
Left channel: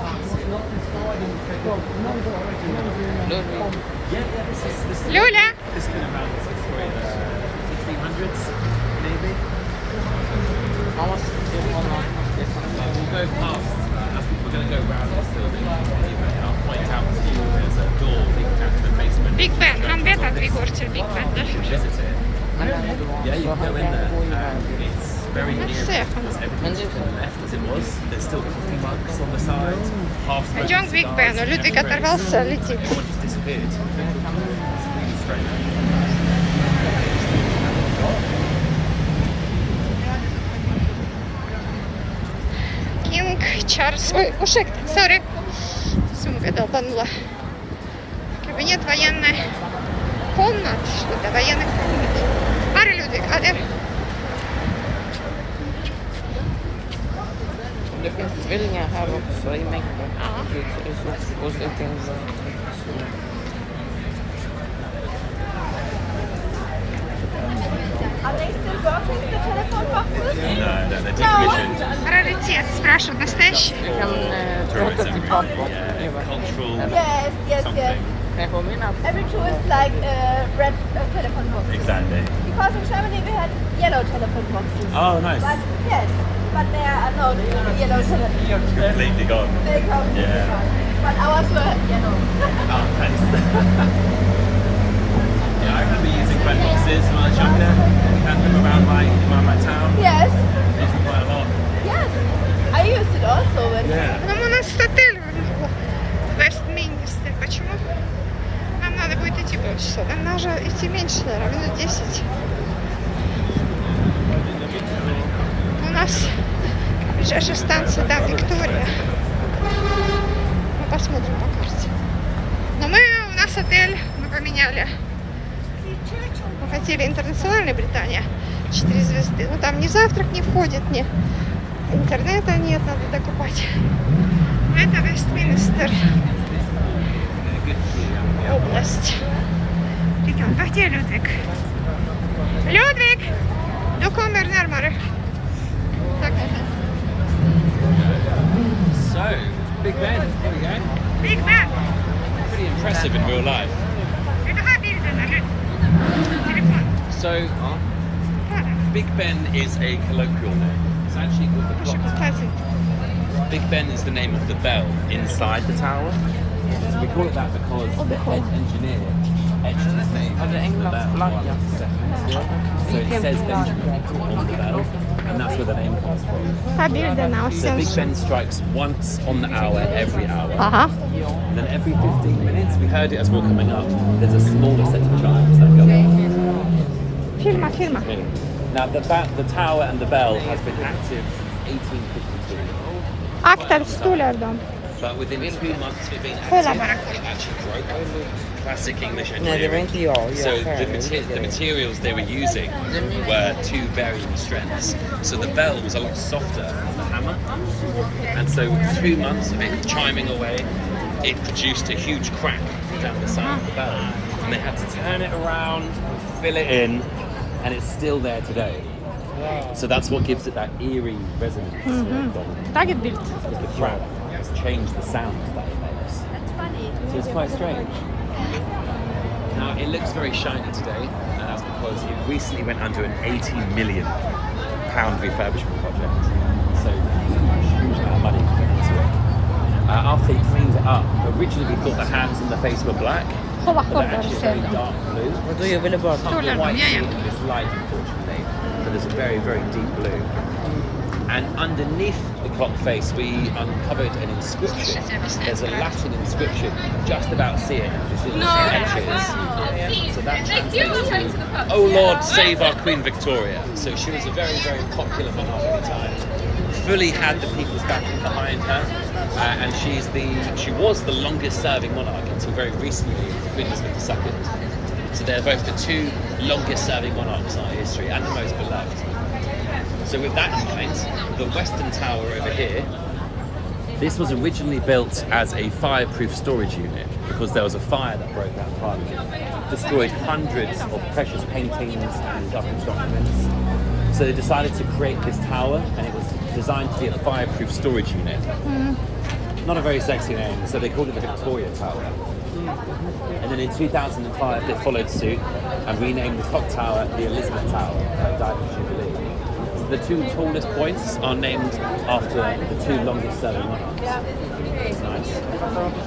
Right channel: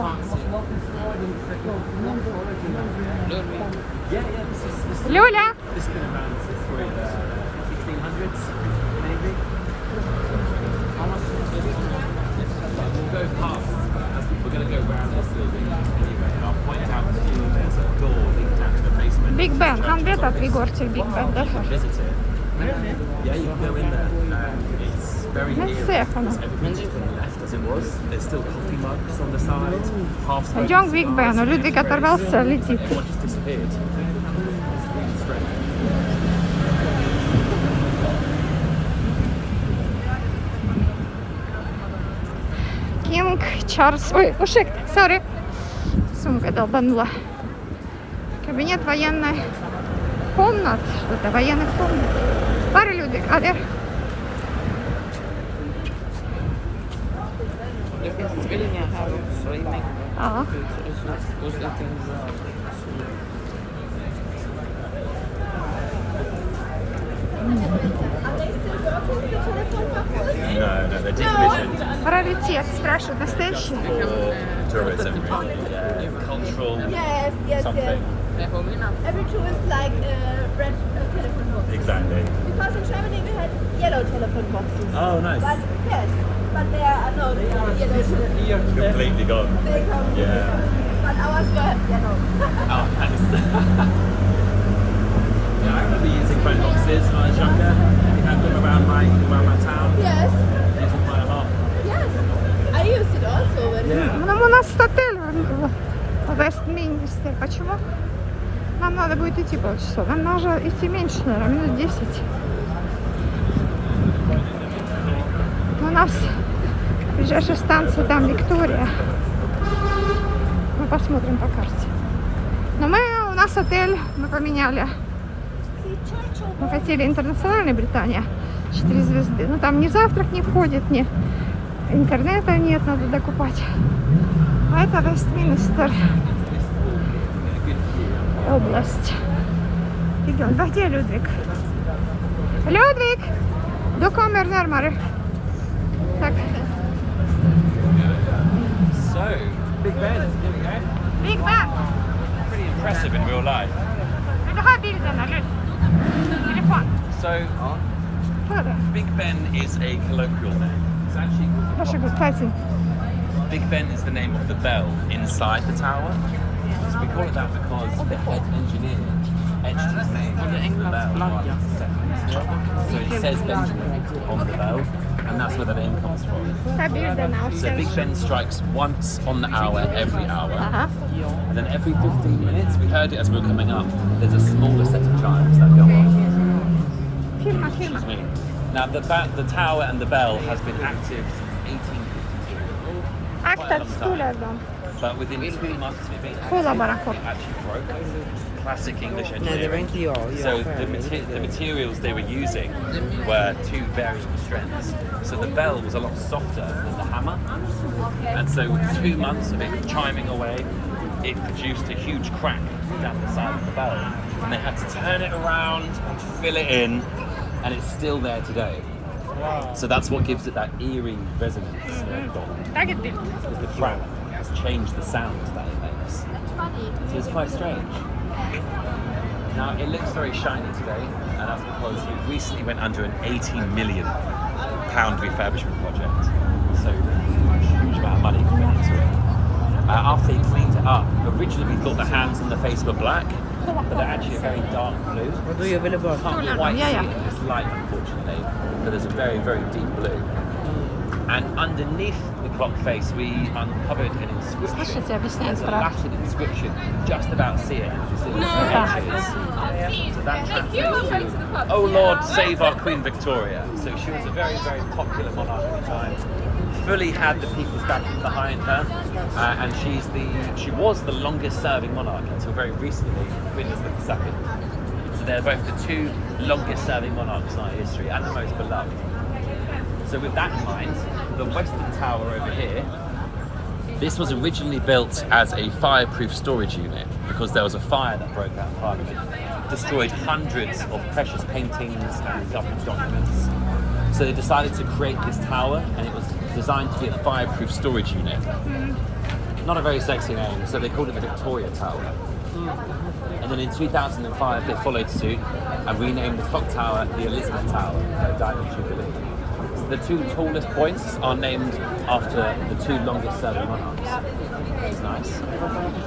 Yeah, this is Люля! this has been around since probably the 1600s, maybe. But we'll go past. We're going to go round this building anyway. I'll point out to you there's a door leading down to the basement. Big Ben, han vet att vi går till Big Ben därför. Visit it. Yeah, you can go in there. It's very eerie because everything's just been left as it was. There's still coffee mugs on the side, half smoked Идем к Big cigars, Ben, Людвиг everywhere. оторвался, летит. Everyone just disappeared. It's really strange. Кинг Чарльз. Ой, мужик, сори. Сумка долбанула. Кабинет военной комнат. Что-то военных комнат. Пара Людвиг, а где? Det finns tvillingar här också i mängden. Ja. Och så finns Are they still working, the telephone boxes? No, they're decommissioned Раритет, спрашивают, настоящий? for tourism. Yeah, cultural Yes, yes, something. yes. Jag påminner. Every tourist like red telephone boxes. Exactly. Because in Germany we had yellow telephone boxes. Oh, nice. But yes, but there are no yellow telephone. Completely gone. They come. Yeah. But ours were yellow. Oh, nice. Yeah, I remember using phone boxes when I was younger. Had them around my town. Yes, Used them quite a lot. yes. I used it also when. Yeah. Ну, у нас отель в Вестминстере. Почему? Нам надо будет идти полчаса. Нам нужно идти меньше, наверное, минут 10. У нас же станция, там Виктория. Мы посмотрим по карте. Но у нас отель, мы поменяли. Мы хотели интернациональной Британия 4 звезды. Но там ни завтрак не входит, ни интернета нет, надо докупать. А это Вестминстер. Область. Регион. Вы где, Людвиг? Людвиг! Du kommer närmare. So, Big Ben. Here we go. Big Ben! Pretty impressive in real life. Vill du ha bilden, eller? Telefon. So, Ta den. Big Ben is a colloquial name. It's actually called the Varsågod, ta sin. Big Ben is the name of the bell inside the tower. So we call it that because the head engineer etched his name Eller Englands flagga. So it says Benjamin on the bell, and that's where the name comes from. Ta bilden och So sen Big så. Ben strikes once on the hour, every hour. Aha. And then every 15 minutes, we heard it as we were coming up, there's a smaller set of chimes that go off. Filma, filma. Now the tower and the bell has been active since 1852. After stollardan. But within 2 months of it being Kolla active, bara, it kolla. actually broke. Classic English Nej, det var engineering. inte jag. So Jag själv. the materials they were using were two varying strengths. So the bell was a lot softer than the hammer. And so 2 months of it chiming away, it produced a huge crack down the side of the bell. And they had to turn it around, fill it in, and it's still there today. So that's what gives it that eerie resonance. Taget bild. Because the crack has changed the sound that it makes. It's funny. So it's quite strange. Now it looks very shiny today because it recently went under an £18 million refurbishment project. So a huge amount of money coming into it. After they cleaned it up, originally we thought the hands and the face were black, Kolla, but they're kolla. actually very dark blue. Vadå, jag ville bara... Stollardan, ja, ja. It's light, unfortunately, but there's a very, very deep blue. And underneath the clock face, we uncovered an inscription. Слышите, я объясняю There's a про... Latin inscription just about seeing it. Just in the sketches. Oh Lord, save our Queen Victoria. So she was a very, very popular monarch at the time. fully had the people's backing behind her, and she was the longest serving monarch until very recently, Queen Elizabeth II. So they're both the two longest serving monarchs in our history and the most beloved. So with that in mind, the Western Tower over here, this was originally built as a fireproof storage unit because there was a fire that broke out fire, destroyed hundreds of precious paintings and government documents. So they decided to create this tower, and it was designed to be a fireproof storage unit. Not a very sexy name, so they called it the Victoria Tower. And then in 2005 they followed suit and renamed the clock tower the Elizabeth Tower, Diamond Jubilee. So the two tallest points are named after the two longest serving monarchs. It's nice.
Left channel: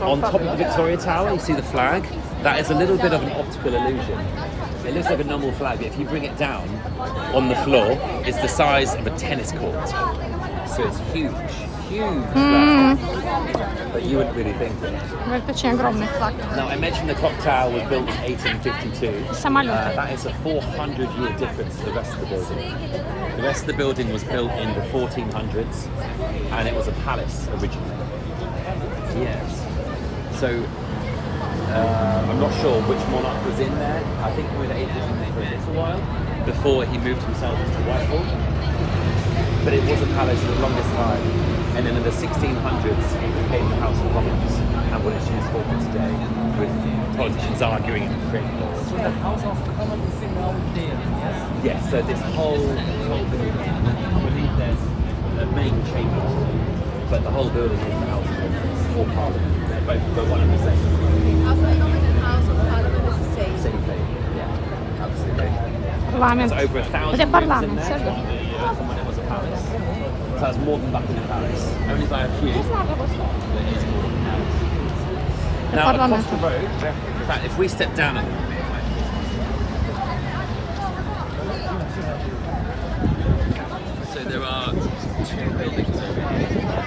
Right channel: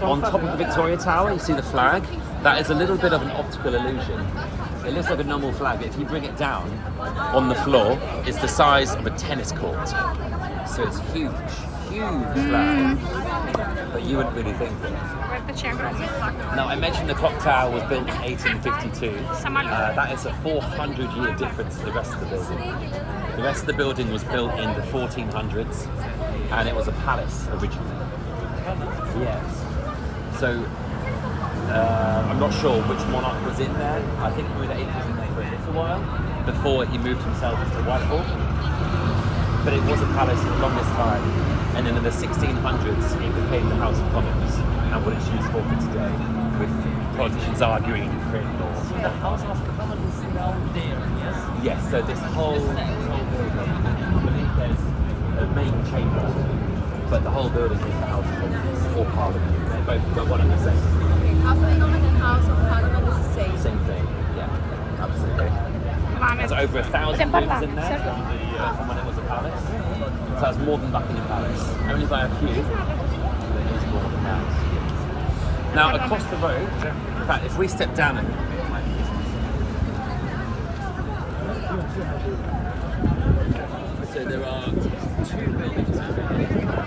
On top of the Victoria Tower you see the flag. That is a little bit of an optical illusion. It looks like a normal flag, but if you bring it down on the floor, it's the size of a tennis court. So it's huge flag. But you wouldn't really think that. Это очень огромный флаг. Now, I mentioned the clock tower was built in 1852. Самолет. That is a 400-year difference to the rest of the building. The rest of the building was built in the 1400s, and it was a palace originally. Yes. So, I'm not sure which monarch was in there. I think Queen Elizabeth was in there for a while before he moved himself to Whitehall. But it was a palace for the longest time. And then in the 1600s, it became the House of Commons, and what it's used for today, with politicians arguing and creating laws. Yes, so this whole building, beneath there's the main chamber, but the whole building is the House of Commons, or Parliament. Both got one and the same. Same thing, yeah, absolutely. Парламент. It's over 1,000 rooms in there from when it was a palace. So it's more than Buckingham Palace, only by a few. But it is more than that. Now across the road, in fact, if we step down a little bit. So there are two buildings over here.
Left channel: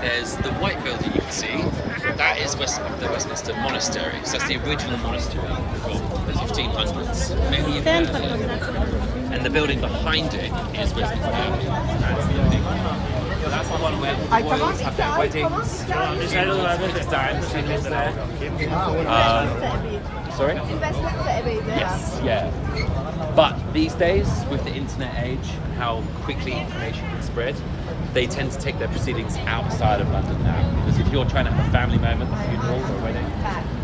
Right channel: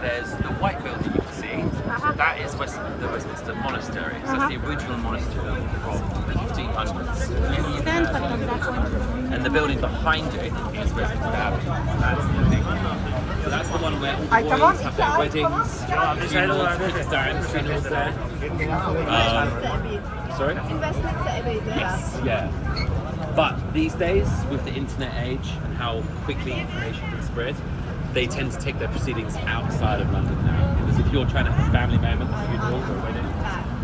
There's the white building you can see. That is the Westminster Monastery. So that's the original monastery from the 1500s. Maybe you've heard of it. And the building behind it is Westminster Abbey. That's the one where all the royals have their weddings. Sorry? Yes, yeah. But these days, with the internet age, how quickly information can spread, they tend to take their proceedings outside of London now. Because if you're trying to have a family moment, a funeral, or wedding,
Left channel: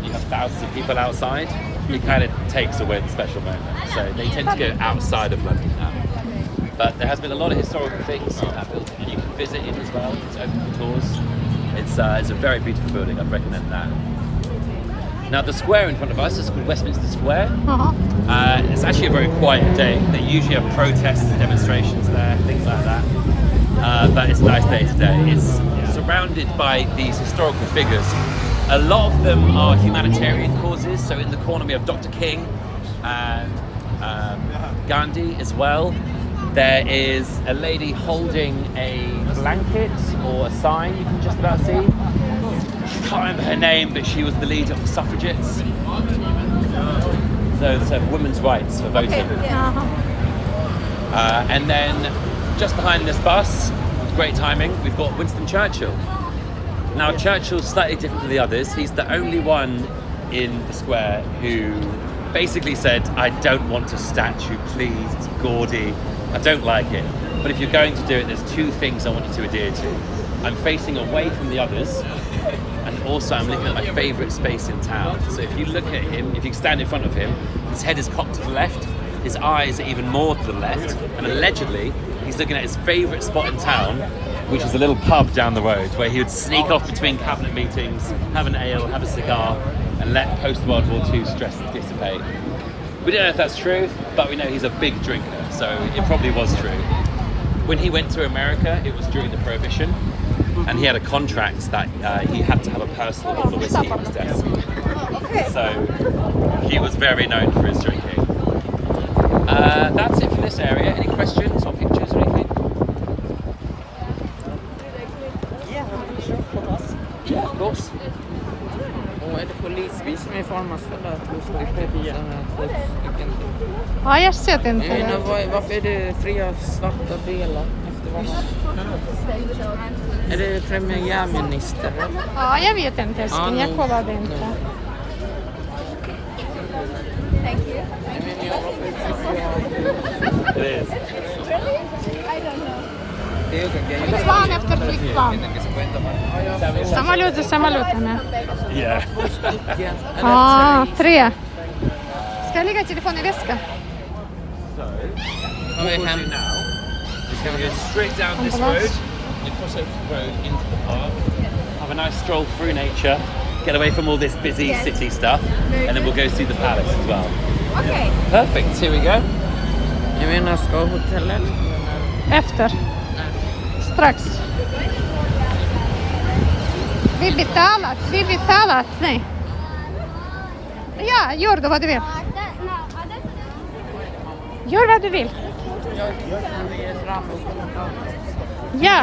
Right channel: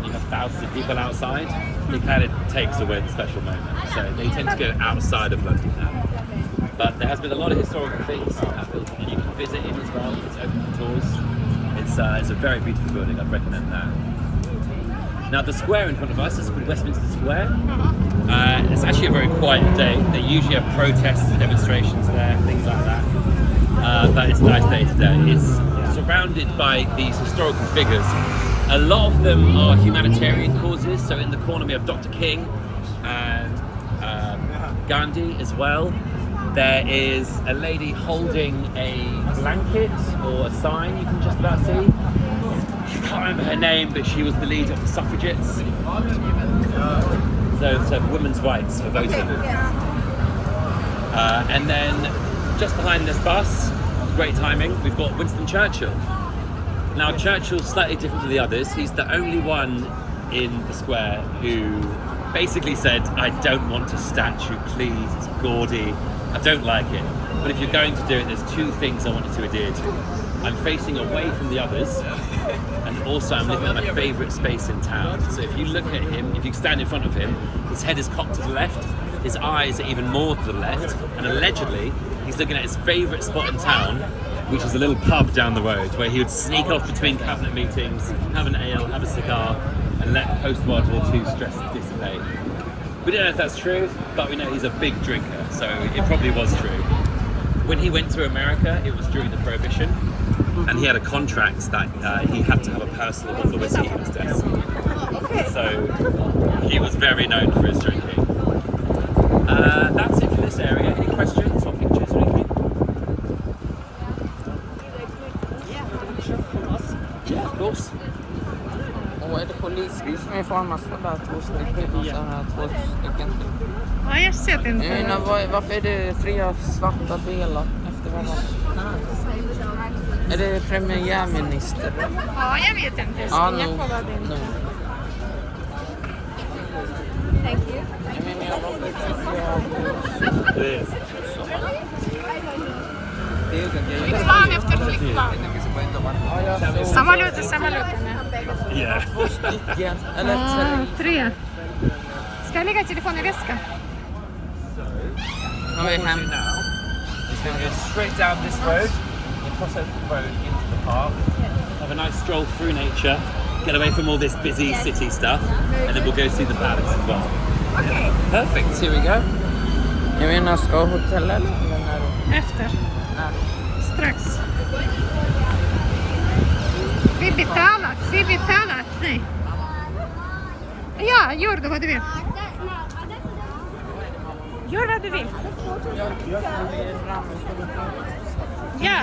you have thousands of people outside, it kind of takes away the special moment. So they tend to go outside of London now. But there has been a lot of historical things in that building, and you can visit it as well. It's open for tours. It's a very beautiful building. I'd recommend that. Now the square in front of us is called Westminster Square. It's actually a very quiet day. They usually have protests and demonstrations there, things like that. But it's a nice day today. It's surrounded by these historical figures. A lot of them are humanitarian causes. So in the corner we have Dr. King and Gandhi as well. There is a lady holding a blanket or a sign you can just about see. I can't remember her name, but she was the leader of the suffragettes. So it's women's rights for voting. And then just behind this bus, great timing, we've got Winston Churchill. Now Churchill's slightly different to the others. He's the only one in the square who basically said, I don't want a statue, please, it's gaudy, I don't like it. But if you're going to do it, there's two things I want you to adhere to. I'm facing away from the others, and also I'm looking at my favourite space in town. So if you look at him, if you stand in front of him, his head is cocked to the left, his eyes are even more to the left, and allegedly he's looking at his favourite spot in town, which is a little pub down the road where he would sneak off between cabinet meetings, have an ale, have a cigar, and let post-World War II stress dissipate. We don't know if that's true, but we know he's a big drinker, so it probably was true. When he went to America, it was during the Prohibition, and he had a contract that he had to have a personal bottle of whiskey on his desk. So he was very known for his drinking. That's it for this area. Any questions or pictures or anything? Yeah, of course. Och är det polisbil som är formas för där? Två stycken. Ja, jag ser inte det. Varför är det fria svarta delar? Är det premiärminister? Ja, jag vet inte. Ja, Jag nog. kollade inte. It is. Plan efter flygplan. Самолет за самолетом. Yeah. А, 3. Ska jag lägga telefon i väska? So, Har vi what we'll hem? do now is going to go straight down this road, and cross over the road into the park, have a nice stroll through nature, get away from all this busy city stuff, and then we'll go see the palace as well. Okay. Perfect. Here we go. Jag menar, ska hotellet? Efter. Strax. Vi betalat. Nej. Ja, gör det vad du vill. Gör vad du vill. Ja.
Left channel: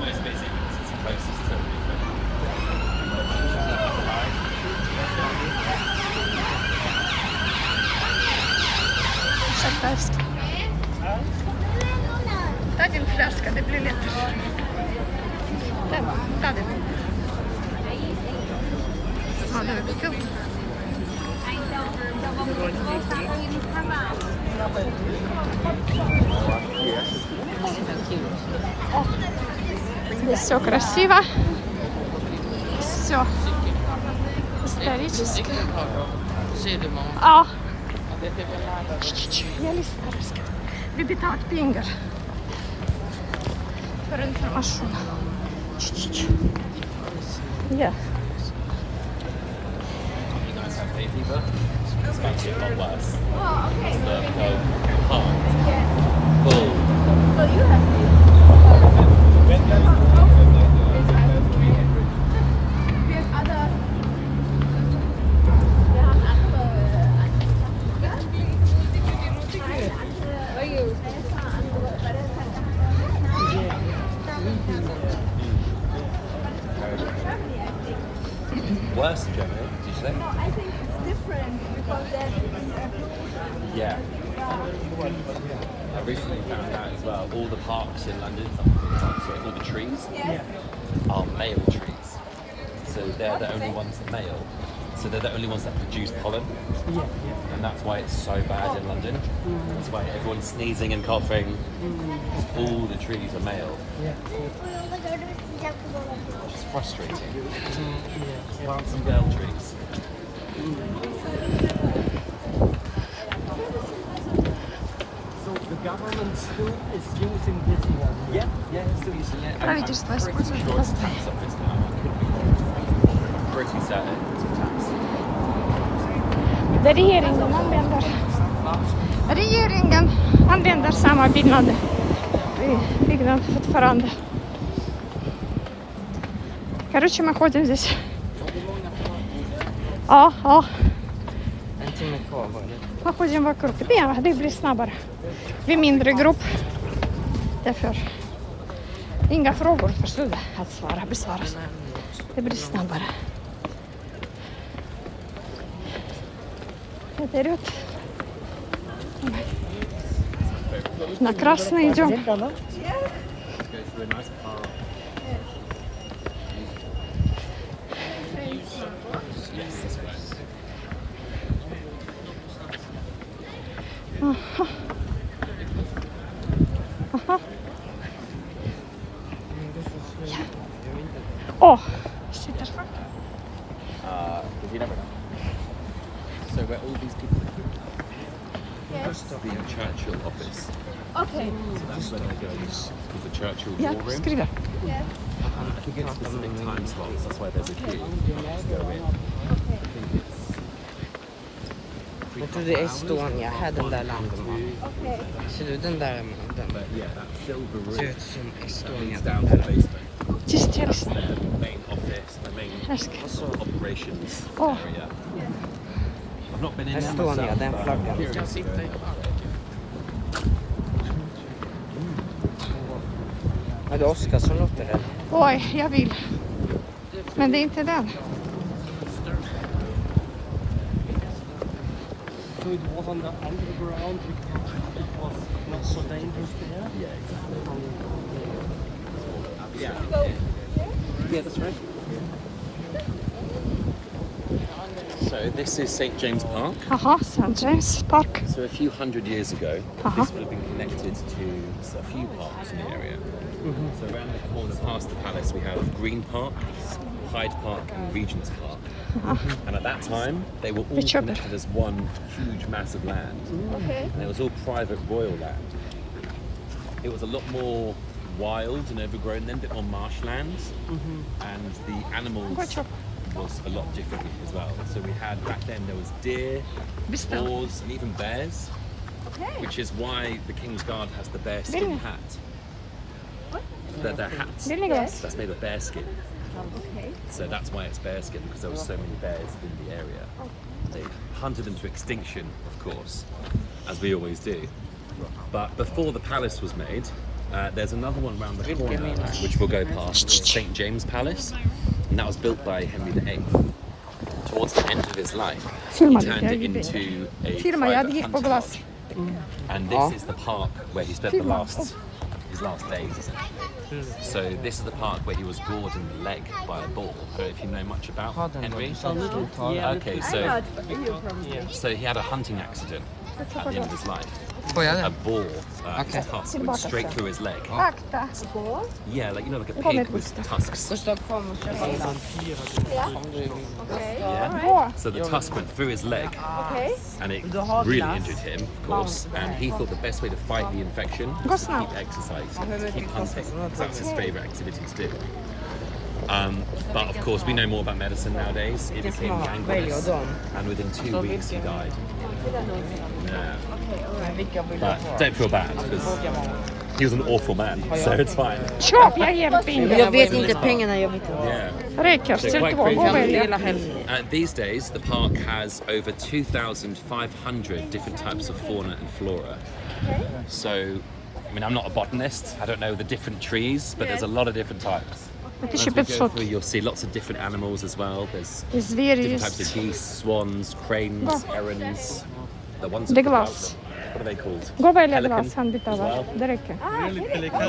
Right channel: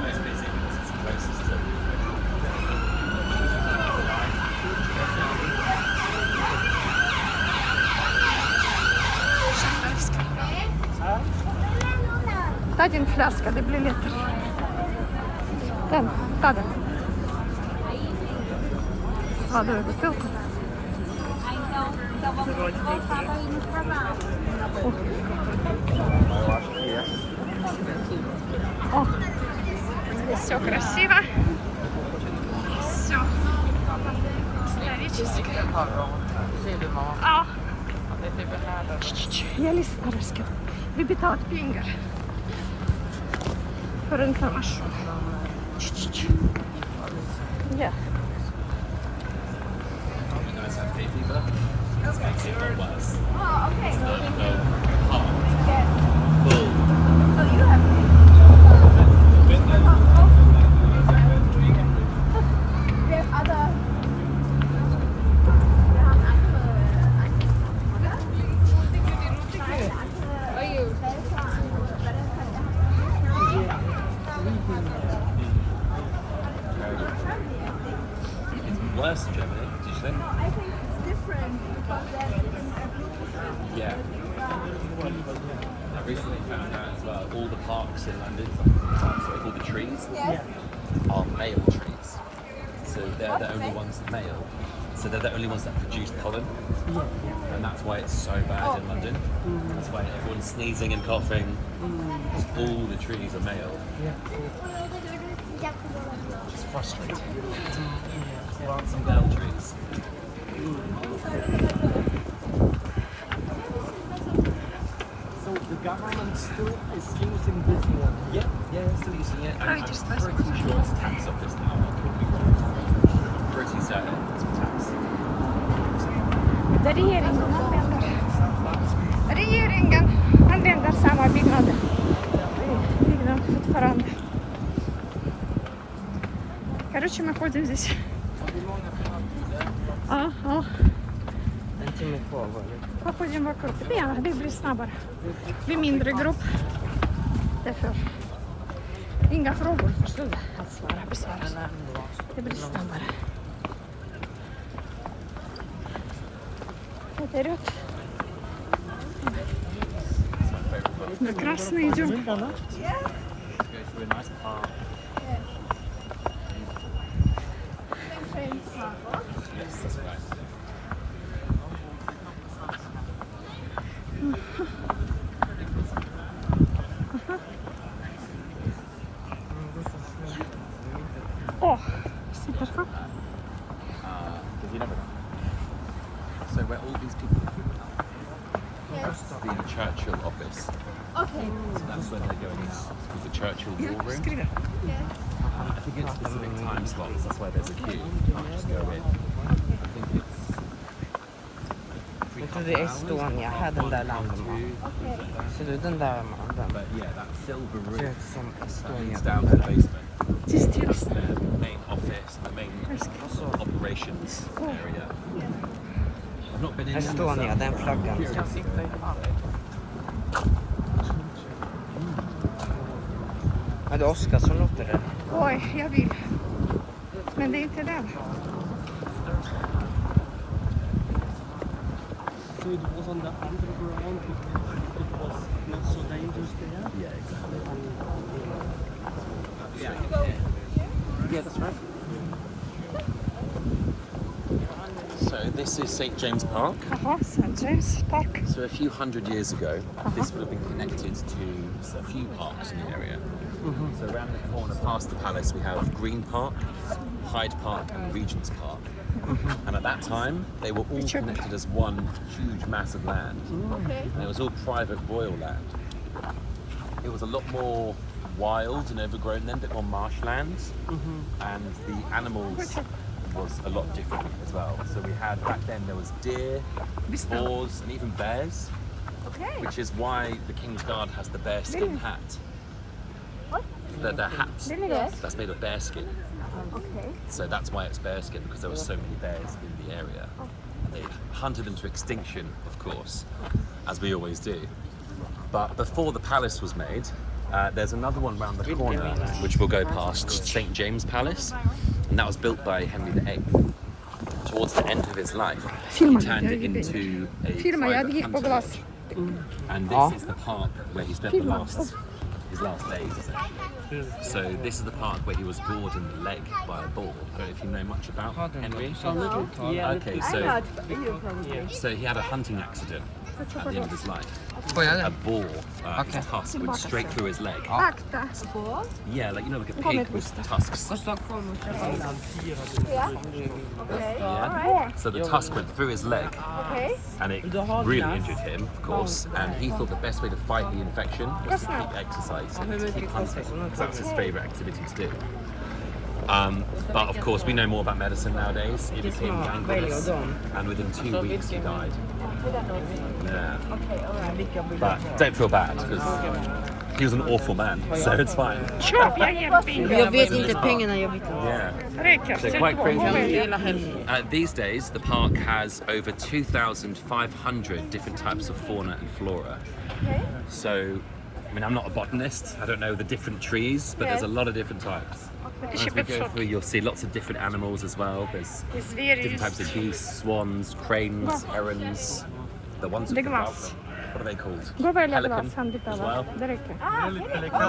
Nice busy. It's closest to Champagne. Ta din flaska, det blir lättare. Den, ta den. Vad du vill gå. Все красиво. Все исторически. Ja. Vi betalat pengar för information. Ja. nice have hay fever. It's making it a lot worse. Oh, okay. The park Yes. full. So you have we have other. Wir haben andere oder? Nein, andere Helfer, andere, weil das hat Worse in Germany, did you say? No, I think it's different because there's Yeah. I recently found out as well, all the parks in London, all the trees are male trees. So they're the only ones male. So they're the only ones that produce pollen. And that's why it's so bad in London. That's why everyone's sneezing and coughing. All the trees are male. Which is frustrating. Plants and girl trees. So the government still is using this one. Yeah, still using it. Правительство I'm pretty использует sure it's tax office now. I could be wrong. Pretty certain it's a tax. Regeringen använder samma byggnad fortfarande. Короче, мы ходим здесь. Ja. En timme kvar. Мы ходим вокруг. Ja, det blir snabbare. Vi är mindre grupp. Därför. Inga frågor för att besvaras. Det blir snabbare. Вперед. На красный идем. Let's go through a nice park. Yes, that's right. Åh, sitter för. You never know. So where all these people are now, Yes. the Churchill office. Okay. So that's where they're going. It's called the Churchill Ja, War Room. skriver. Yes. I think it's specific time slots. That's why there's a queue. You can't just go in. I think it's Jag trodde Estonia hade den där lampan. Okay. Ser du den där? But yeah, that silver Ser room ut som that Estonia. leads down to the basement. Tyst, That's tyst. their main office, their main Ask. sort of operations Oh. area. I've not been in there Estonia, myself. den but I'm flaggan. curious if they have it. Är det Oskarsson uppe här? Oj, jag vill. Men det är inte den. So it was on the underground because it was not so dangerous there. Yeah, exactly. Yeah, that's right. So this is St James Park. Aha, St. James Park. So a few hundred years ago, this would have been connected to a few parks in the area. So around the corner past the palace we have Green Park, Hyde Park and Regent's Park. And at that time they were all Which are- connected as one huge mass of land. Okay. And it was all private royal land. It was a lot more wild and overgrown then, a bit more marshland. And the animals was a lot different as well. So we had, back then there was deer, Beställ. boars and even bears. Okay. Which is why the King's Guard has the bearskin hat. What? Their hats. Vill ni glass? That's made of bearskin. Okay. So that's why it's bearskin, because there were so many bears in the area. They hunted them to extinction, of course, as we always do. But before the palace was made, there's another one round the corner, which we'll go past, called St. James Palace. And that was built by Henry VIII. Towards the end of his life, he turned it into a Firma, jag private gick på hunting glass. lodge. And this is the park where he spent his last days, essentially. So this is the park where he was gored in the leg by a boar. I don't know if you know much about Henry. A little, yeah. Okay, I'm so not, but you probably. so he had a hunting accident at the end of his life. Får jag A den? boar, Okay. his tusk went straight through his leg. Akta. Yeah, like like a pig with tusks. Gustav kom. Yeah. So the tusk went through his leg, Okay. and it really injured him, of course. And he thought the best way to fight the infection was to keep exercising, to keep hunting, because that's his favorite activity to do. But of course, we know more about medicine nowadays. It became gangrelous, and within 2 weeks he died. Yeah. But don't feel bad, because he was an awful man, so it's fine. Köp, jag ger pengar. Jag vet inte pengarna, jag vet inte. Yeah. Räcker. So quite crazy. Hela helgen. These days, the park has over 2,500 different types of fauna and flora. So, I mean, I'm not a botanist. I don't know the different trees, but there's a lot of different types. As we go through, you'll see lots of different animals as well. There's different types of geese, swans, cranes, herons. The ones Det with är the glass. What are they called? Gå och välja Pelican glass, han as dittar well. Det räcker.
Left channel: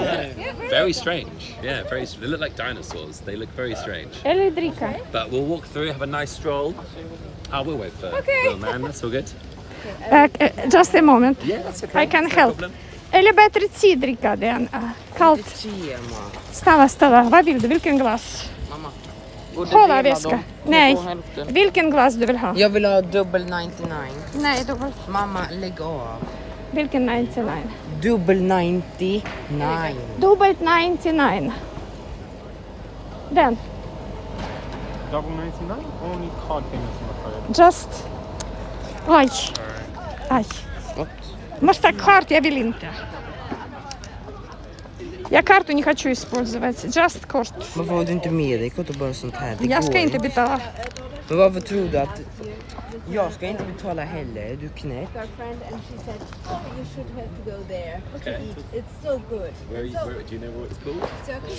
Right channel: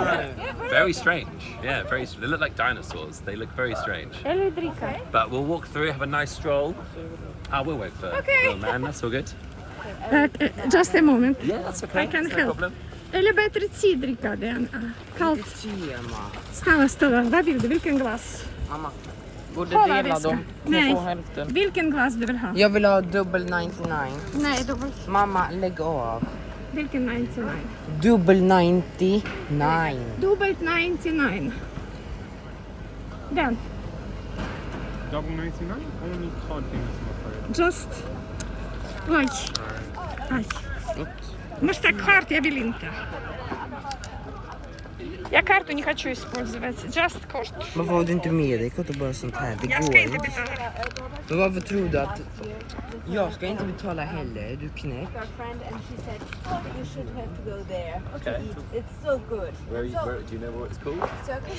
Yeah. Very strange. Yeah, very. They look like dinosaurs. They look very strange. Eller dricka. But we'll walk through, have a nice stroll. We'll wait for little man. That's all good. Just a moment. Yeah, that's okay. I can No help. problem. Eller bättre te-dricka än kallt. Tema. Stanna. Vad vill du? Vilken glass? Mamma. Kolla väska. Nej. Vilken glass du vill ha? Jag vill ha dubbel 99. Nej, dubbel. Mamma, lägg av. Vilken 99? Dubbel 99. Dubbelt 99. Den. Double 99? Only card payments, I'm afraid. Just. Oj. Aj. Может так карт, я vill inte. Я карту не хочу использовать. Just kort. Varför har du inte med dig kort och bara sånt här? Det Jag ska går inte betala. Men varför tror du att... Jag ska inte betala heller, är du knäpp? Our friend and she said you should have to go there. Okay. It's so good. Where do you know what it's called?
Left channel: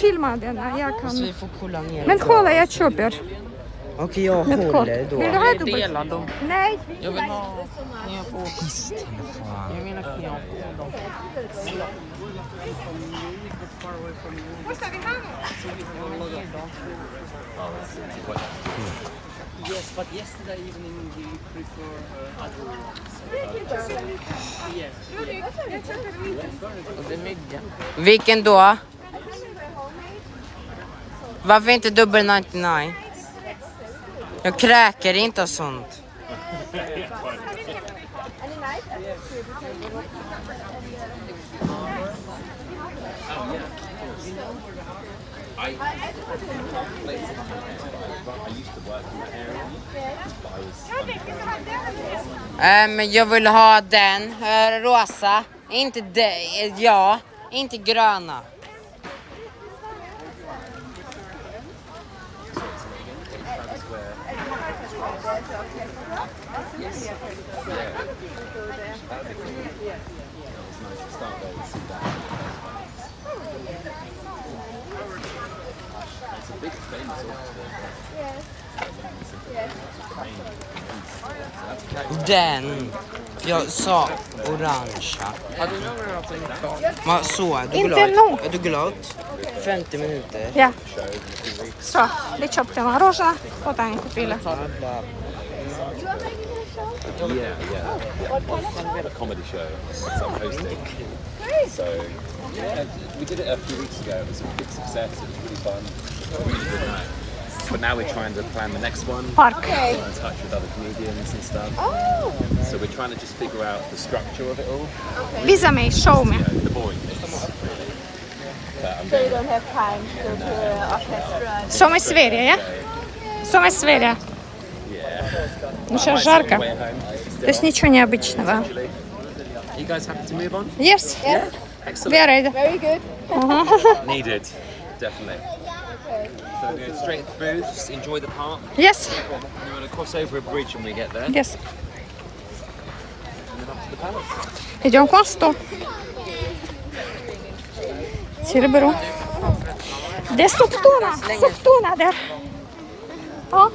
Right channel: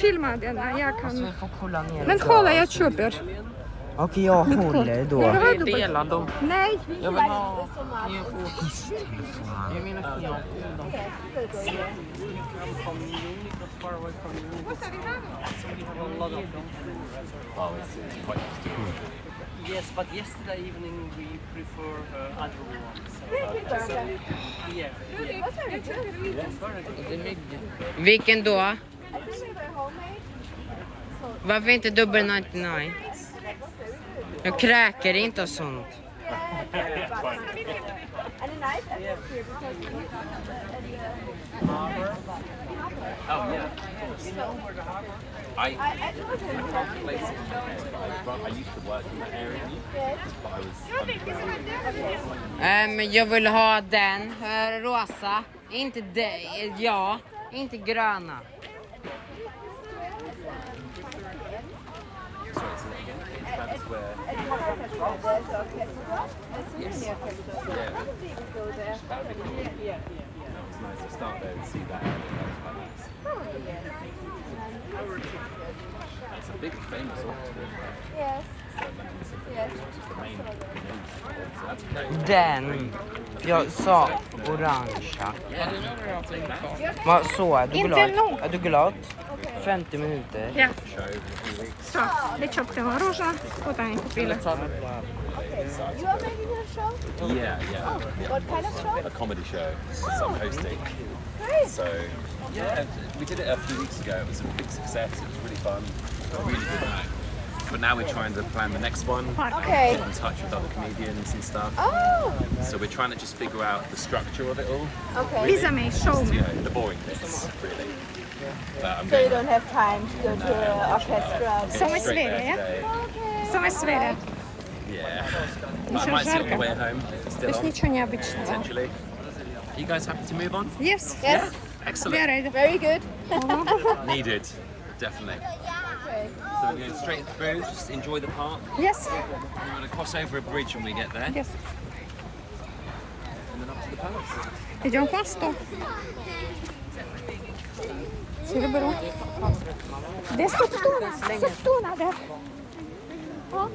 Filma den. Jag Så kan. vi får kolla ner. Men kolla, jag köper. Okej, jag Med kort. håller då. Vill du ha dubbelt? Nej. Jag vill ha... Yes, but yesterday evening we prefer Vilken då? Varför inte dubbel 99? Jag kräker inte och sånt. Men jag vill ha den rosa, inte det, ja, inte gröna. big famous auction. Yes. Den. Jag sa orangea. Vad så? Är du Inte glad? nog. Är du glad? 50 minuter. Ja. Все, Личоп мороженое. Вот они купили. Yeah. A comedy show. So I'm hosting. So yeah, we did it a few weeks ago. It was a big success. It was really fun. A really good night. But now we're trying to plan the next one. Парк. Get in touch with other comedians and stuff. So we're trying to just figure out the structure of it all. Visa mig, show me. You know, the boring bits, really. But I'm So you going don't have time to go to orchestra. Som i Sverige, ja? Som i Sverige. Ну сейчас жарко. То есть ничего необычного. You guys happy to move on? Yes. Yeah. Excellent. We are ready. Very good. Needed, definitely. So we're going straight through, just enjoy the park. Yes. We're going to cross over a bridge when we get there, Yes. and then up to the palace. Идем к мосту. Серебро. Где Суптуна? Суптуна, да. О.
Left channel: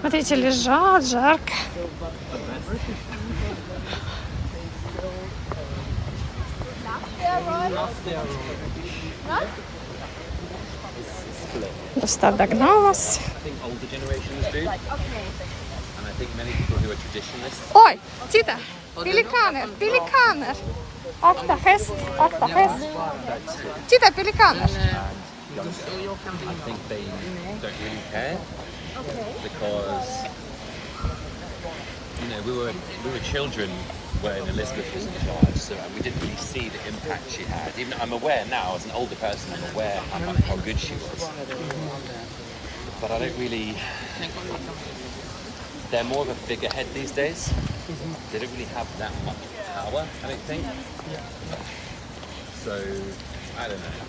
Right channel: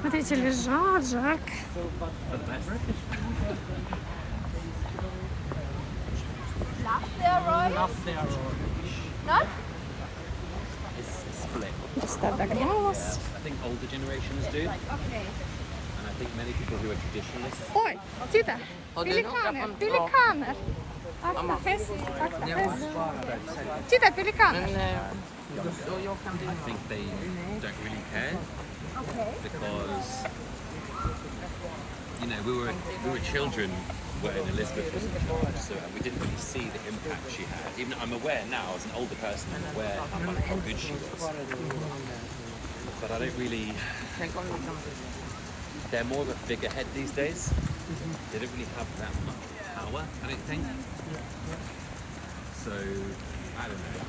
Смотрите, лежат, жарко. Доста догнал нас. I think older generations do, and I think many people who are traditionalists. Oj, titta! Pelikaner, pelikaner! Akta häst, akta häst. Titta, pelikaner! I think they don't really care because you know we were children when Elizabeth was in charge, so we didn't really see the impact she had. Even I'm aware now, as an older person, I'm aware how good she was. But I don't really. They're more of a figurehead these days. They don't really have that much power, I don't think. So I don't know.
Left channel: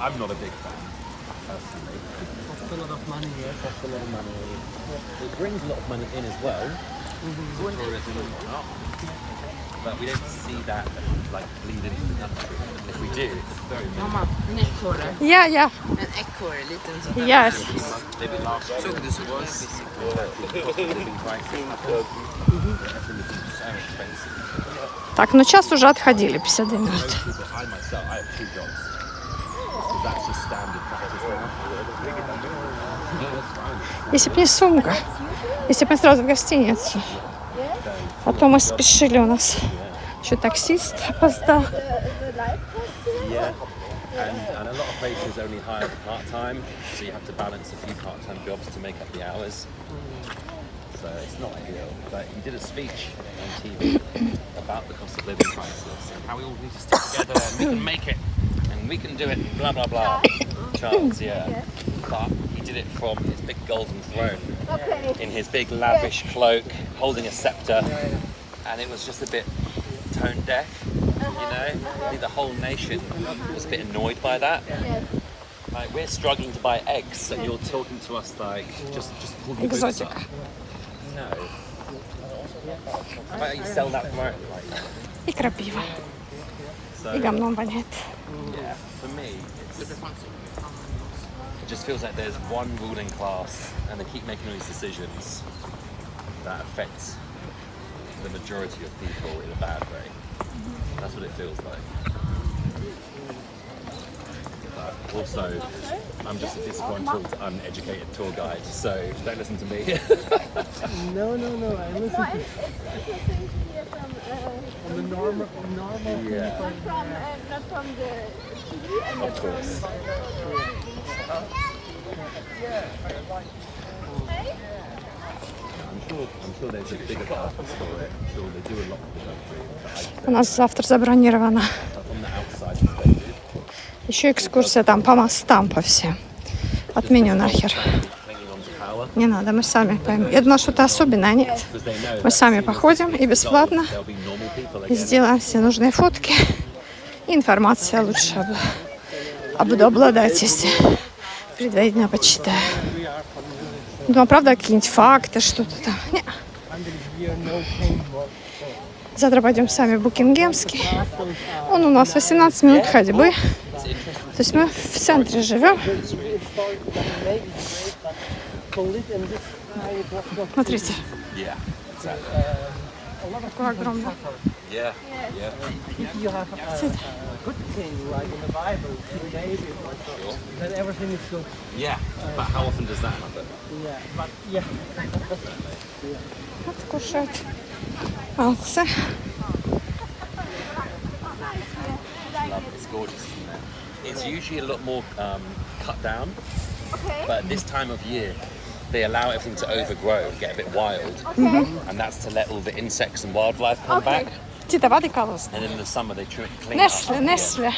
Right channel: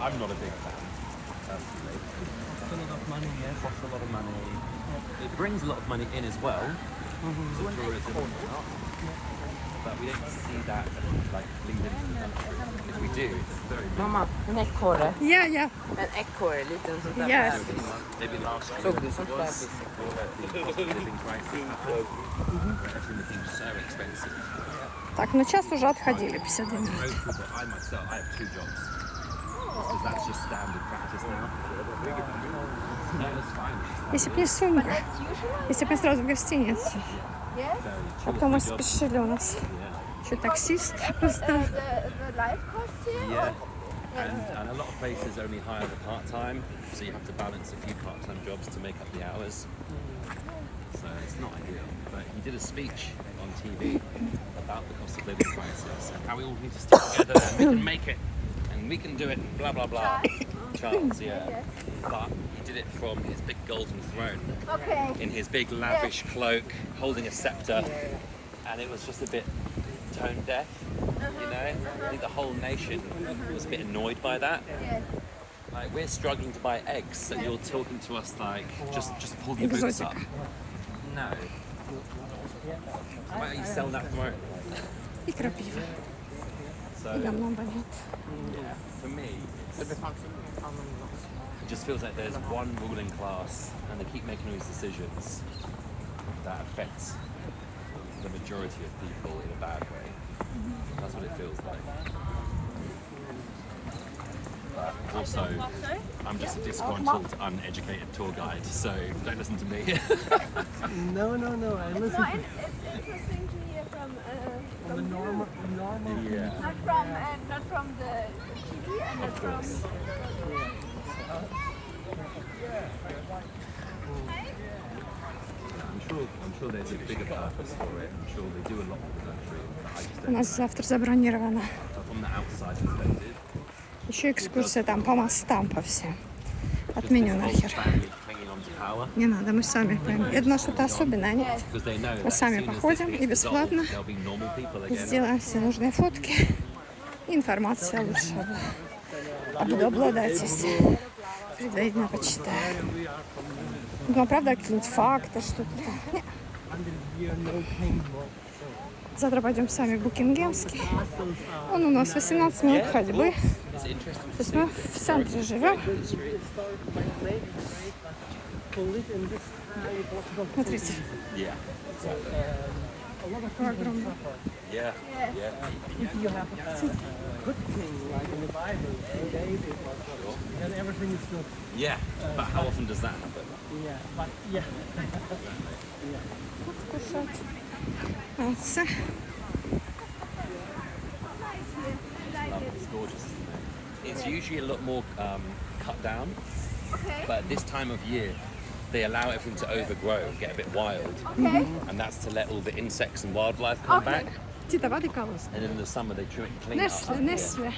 I'm not a big fan. Personally. It costs a lot of money, yeah. It brings a lot of money in as well. But we don't see that like bleed into the country. If we do, it's very Mamma, en ekorre. Ja, ja. En ekorre, liten sån här. Yes. maybe last year. Såg du sånt där bebis? The cost of living prices often become so expensive. Так, ну час уже отходили, 52 минут. Most people, I myself, I have 2 jobs. Because that's just standard practice now. No, that's fine. Если бы не сумка, если бы мы сразу в гостиницу. А то мы спешили, у нас еще таксист опоздал. Yeah. And a lot of places only hire the part-time, so you have to balance a few part-time jobs to make up the hours. So it's not ideal. But he did a speech on TV about the cost of living crisis and how we all need to stick together and we can make it and we can do it, blah blah blah. Charles, yeah. But he did it from his big golden throne in his big lavish cloak, holding a scepter, and it was just a bit tone deaf. You know, I think the whole nation was a bit annoyed by that. Like we're struggling to buy eggs, and you're talking to us like, just pull your boots up. Exotica. No. Why don't you sell that for more? И крапива. So И говном воняет. yeah, for me, it just feels like there's one ruling class, and they keep making these decisions that affects the majority of people in a bad way. That's what it feels like. But also, I'm just a disgruntled, uneducated tour guide, so don't listen to me. No, I listen to Interesting to hear from the normal people. not from the TV and Of course. I'm sure there's a bigger purpose for it. I'm sure they do a lot for the country. But I just У нас завтра забронировано. don't, from the outside perspective, Еще экскурсия там по мостам, по всем. Отменю нахер. hanging on to power. Не надо, мы сами поймем. Я думала, что-то особенное, нет. Because they know Мы that сами as soon as походим this и gets бесплатно. resolved, there'll be normal people И again. сделаем все нужные фотки. И информация лучше буду обладать, если предварительно почитаю. Думаю, правда, какие-нибудь факты, что-то там. Не. under here, no paintwork. Завтра пойдем сами в Букингемский. Castles are Он у нас 18 минут ходьбы. То есть мы в центре живем. historical, maybe the way, but to live in this time it was not Смотрите, Yeah. какой огромный. Yeah. Yeah. if you have a good king like in the Bible, King David or something, then everything is good. Yeah. But how often does that happen? Yeah, but yeah. Кушать. Молодцы. It's gorgeous, isn't it? It's usually a lot more cut down, but this time of year they allow everything to overgrow and get a bit wild, and that's to let all the insects and wildlife come back. Тита, воды колос. And in the summer they try and clean Несли, up. несли.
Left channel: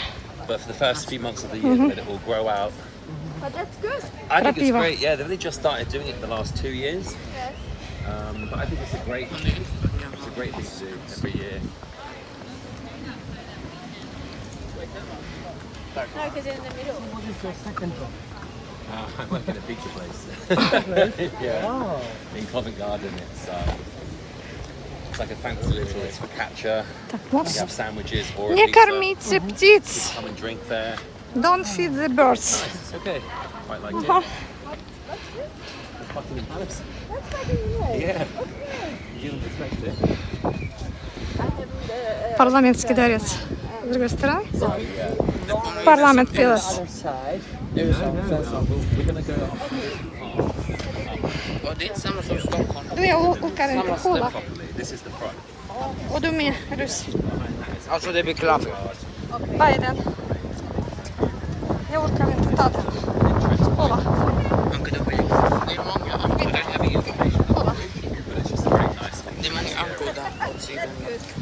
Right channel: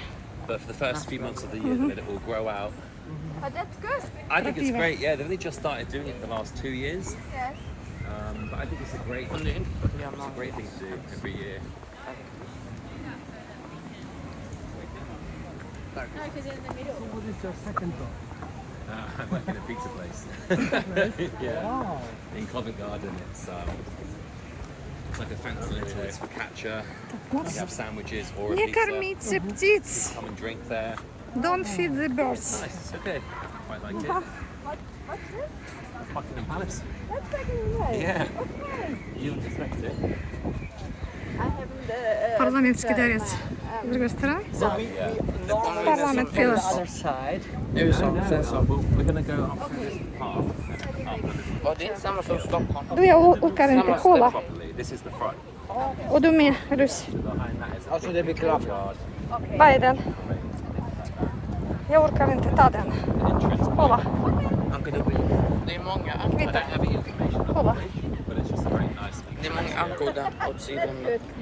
But for the first few months of the year, they let it all grow out. But that's good. I think it's Крапива. great. Yeah, they've only just started doing it the last 2 years. Yes. But I think it's a great thing. It's a great thing to do every year. No, because in the middle. What is your second job? I work in a pizza place. Yeah. Wow. In Covent Garden, it's like a fancy little focaccia. Так, You вот. have sandwiches or Не a pizza. кормите птиц. Come and drink there. Don't feed the birds. It's okay. Quite like it. Buckingham Palace. Yeah. You didn't expect it. Парламентский дворец. С другой стороны. Парламент Пилас. We're gonna go. Och det är inte samma som Stockholm. Du är uppe i kolla. Properly. This is the front. Och du med, Rus. Alltså det blir klart. Vad är den? Jag orkar inte ta den. Anka dubbel. Det är många ankor. Kolla. But it's just a very nice Det picture. är många ankor där åt sidan.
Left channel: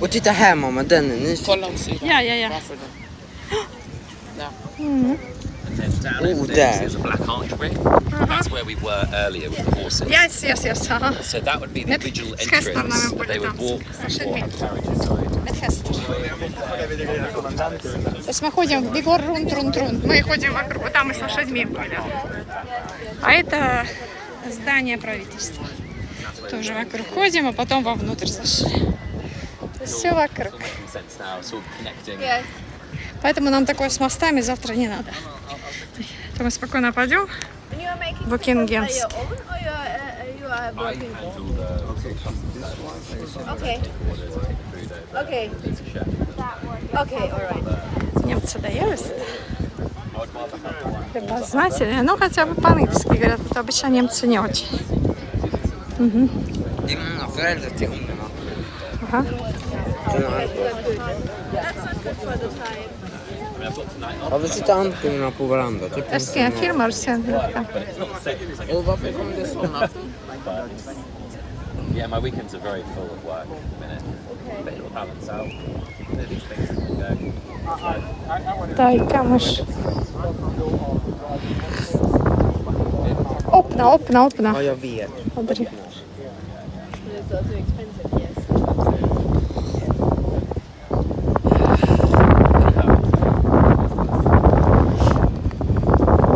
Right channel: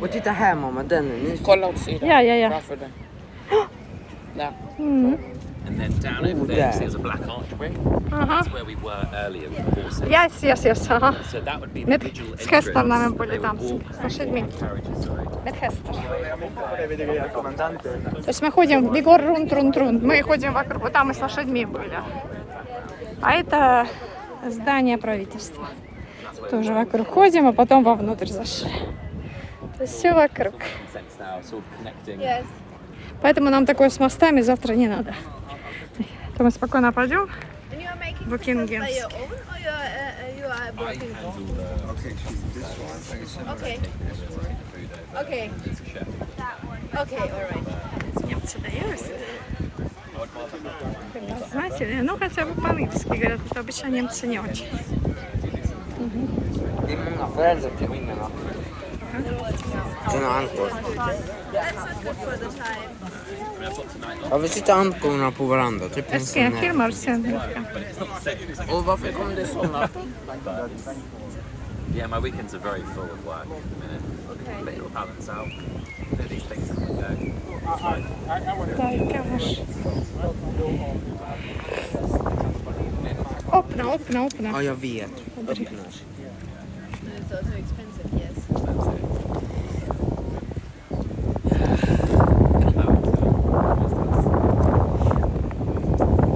Och titta här mamma, den är ny. Kolla åt sidan. Ja, ja, ja. Varför den? Där. Mm. And then down over there, you see there's a black archway. That's where we were earlier with the horses. Yes, yes, yes. Ага. So that would be the Nu original с hästarna entrance. vi borde They would dansa. walk С лошадьми. carriages, sorry. Med hästar. То есть мы ходим, Егор рун-трун-трун. Мы ходим вокруг. Вот там мы с лошадьми были. А это здание правительства. Тоже вокруг ходим, а потом вовнутрь зашли. То есть все вокруг. In a sense now, sort of connecting. Yes. Поэтому нам такое с мостами завтра не надо. То мы спокойно пойдем And you are making в Букингемский. your own or you are working? Okay. Okay. That one. Okay, all right. Немцы доелись. Любознательные. Ну, хотя бы по-английски говорят, а то обычно немцы не очень. Det är många föräldrar till ungarna. Ага. Från ankor. Jag vill sitta ankorna på varandra. Typ en Ska jag sån här. filma sen? Och varför kom det såna? Yeah, my weekends are very full of work at the minute. But it'll balance out. These things can go. Дай камыш. Öppna, öppna, öppna. Ja, jag vet. Смотри. It's also expensive, yes.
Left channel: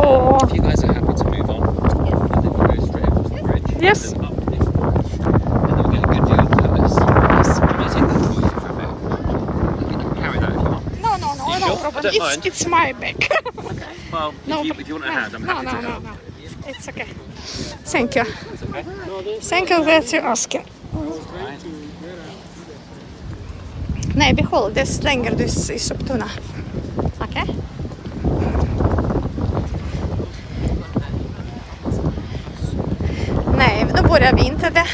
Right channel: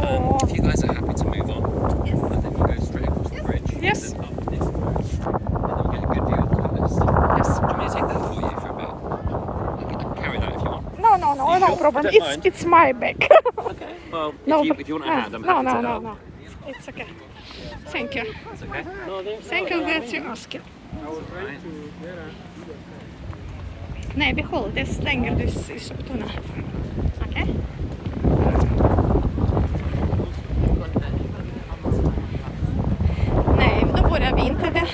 Åh. If you guys are happy to move on, I think we'll go straight across the bridge. Yes. And up this bridge. And then we'll get a good view of the palace. Can I take that for you for a bit? You can carry that if you want. No, no, no, You no sure? problem. I don't mind. It's my bag. Well, No, if you want a hand, I'm happy no, to no, help. no. It's okay. Thank you. It's okay. Thank you that you asking. Nej, behåll det slänger du i soptunnan. Okej? Nej, då börjar vi inte det.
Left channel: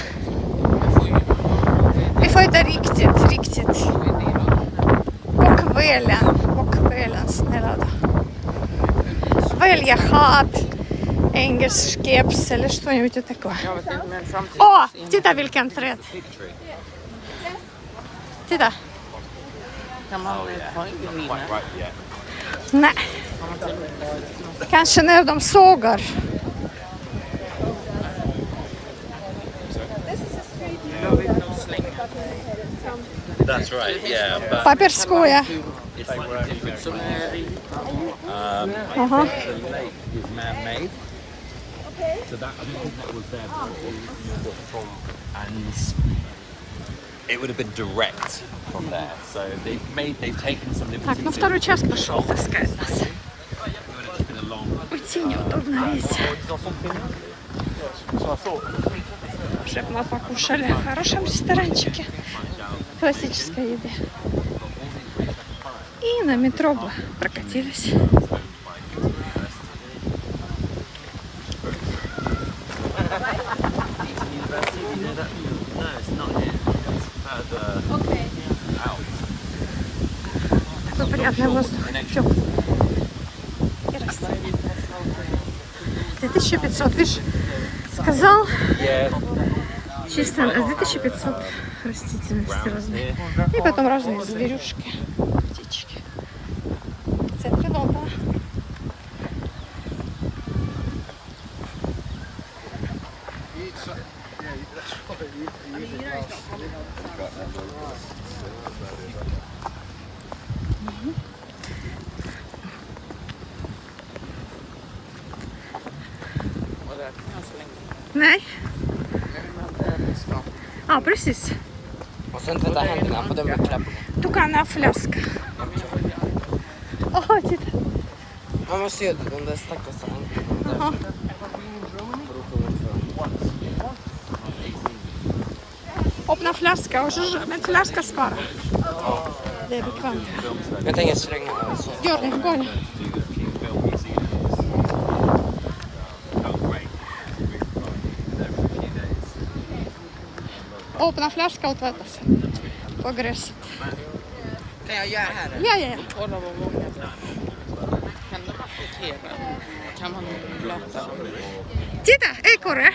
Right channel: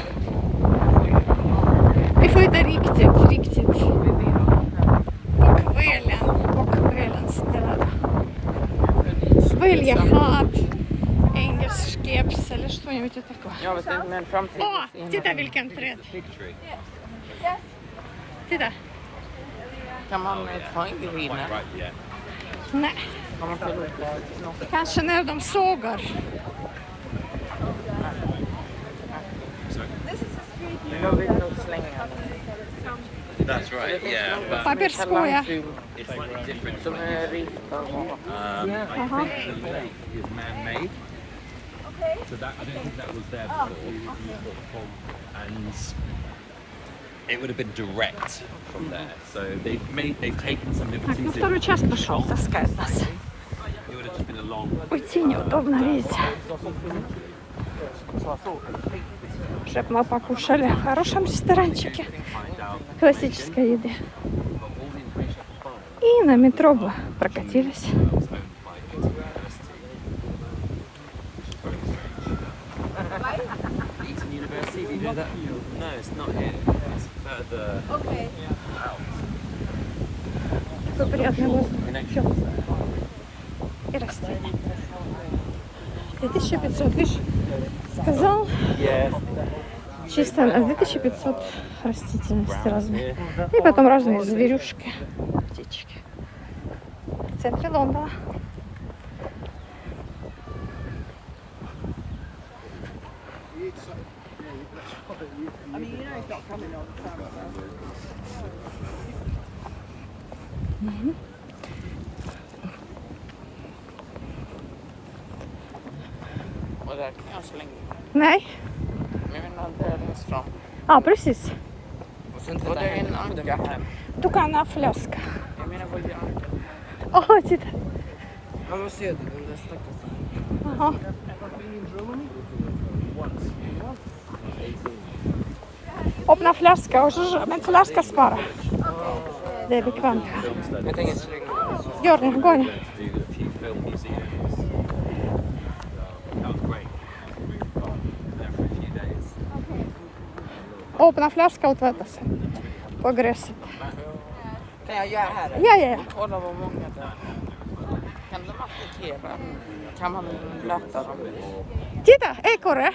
Vi får inte riktigt. Och välja, snälla då. Välja hat, engelsk keps eller что-нибудь такое. Jag vet inte, men framtiden. Åh, titta vilken träd. Fig tree. Titta. Kan man ha ingen vid Quite right, yeah. Nej. Kanske när de sågar. That's right, yeah. But Паперское. it's slightly different. som är rika. I think the lake is man-made. So that I don't think that was there before. And it would have been direct from there. So they've taken some Так, ну liberties. второй час пошел, таскает нас. It would have just been a long Уйти неудобно, видите. Чтобы мы покушали в хорошем ресторанчике классической еды. И на метро бы прокатились. University, you know that? No, it's not here. It's further. Такой приятный воздух. Всё. И растет. 2500, видишь, сказал, чисто на 2500 растительности разные. И потом разные зверюшки, птички. В центре Лондона. Nej. Ja, precis. Och sen tvätta händerna för de blir knäppa. Tukana flaska. Åh, titta. Man måste ju de där stackars Jaha. Öppna flaska och så med flaska spara. Det är bekvämt. Jag tänker slänga Gör det, gå in. Do a few film museums. That was great. Really fun. There for a few days. Öppna flaska och tvätta sig. På gräset. Kan jag göra här? Ja, ja. Kan man låta? Titta, ekorre.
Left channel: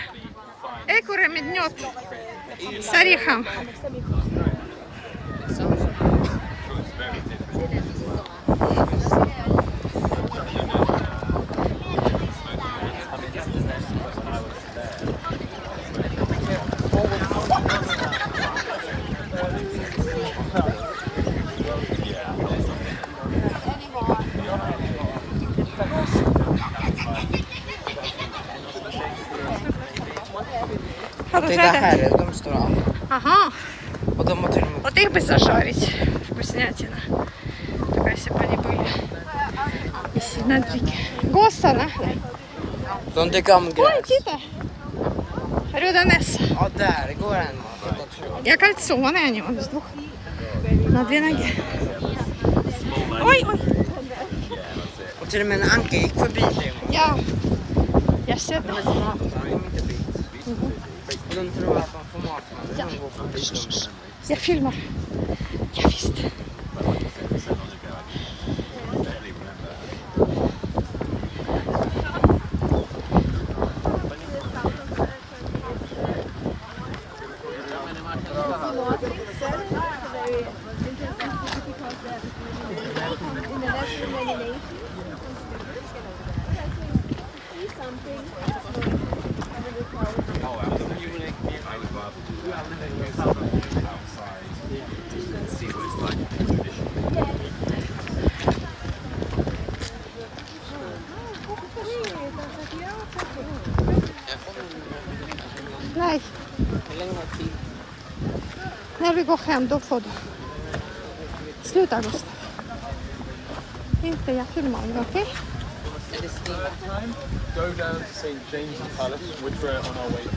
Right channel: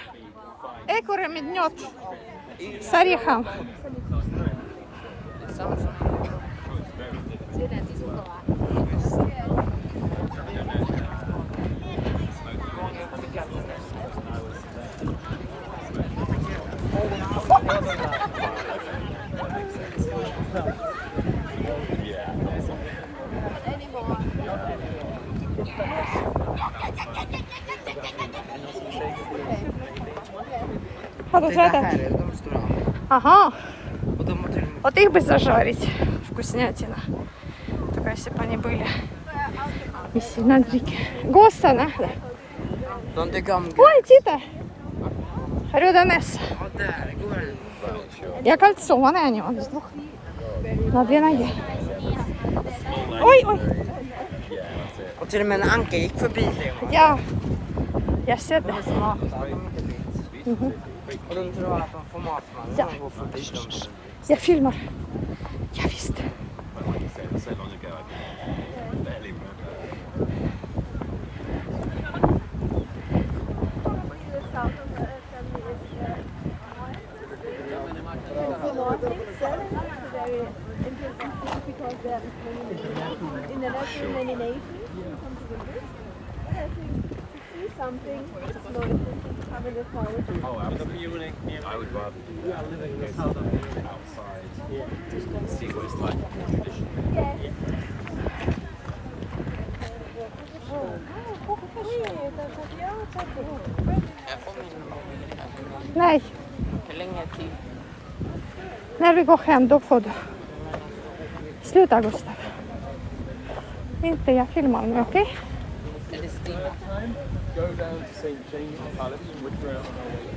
Ekorre med nöt. С орехом. Har du Titta sett det? här, de står av. Ага. Och de har till och med... Вот их бы зажарить. Вкуснятина. Такая, если бы они были не сильно дикие. Госсарна. De tycker om Ой, gräs. titta. Рюданес. Ja, där går en. Я кольцованные они, он с двух. На две ноги. Ой, ой. Och till och med en anka gick förbi det. Я ser det. Smarta, de inte bit. Och de tror att de får mat med Ja. de går förbi. Jag filmar. Ja, visst. But like you said, it was so long ago, I can barely remember. The Nordic Sterling is a very interesting city because there are international many nations who come to visit. But I think to see something, it's more interesting to come in the forest. Oh, absolutely. I would rather do that than go somewhere outside and see what it's like more traditionally. Yes. Nej. När vi går hem, då får du. Sluta, Gustav. Inte jag filmar mig, okej? Go down to St. James's Palace, which we're on our way to.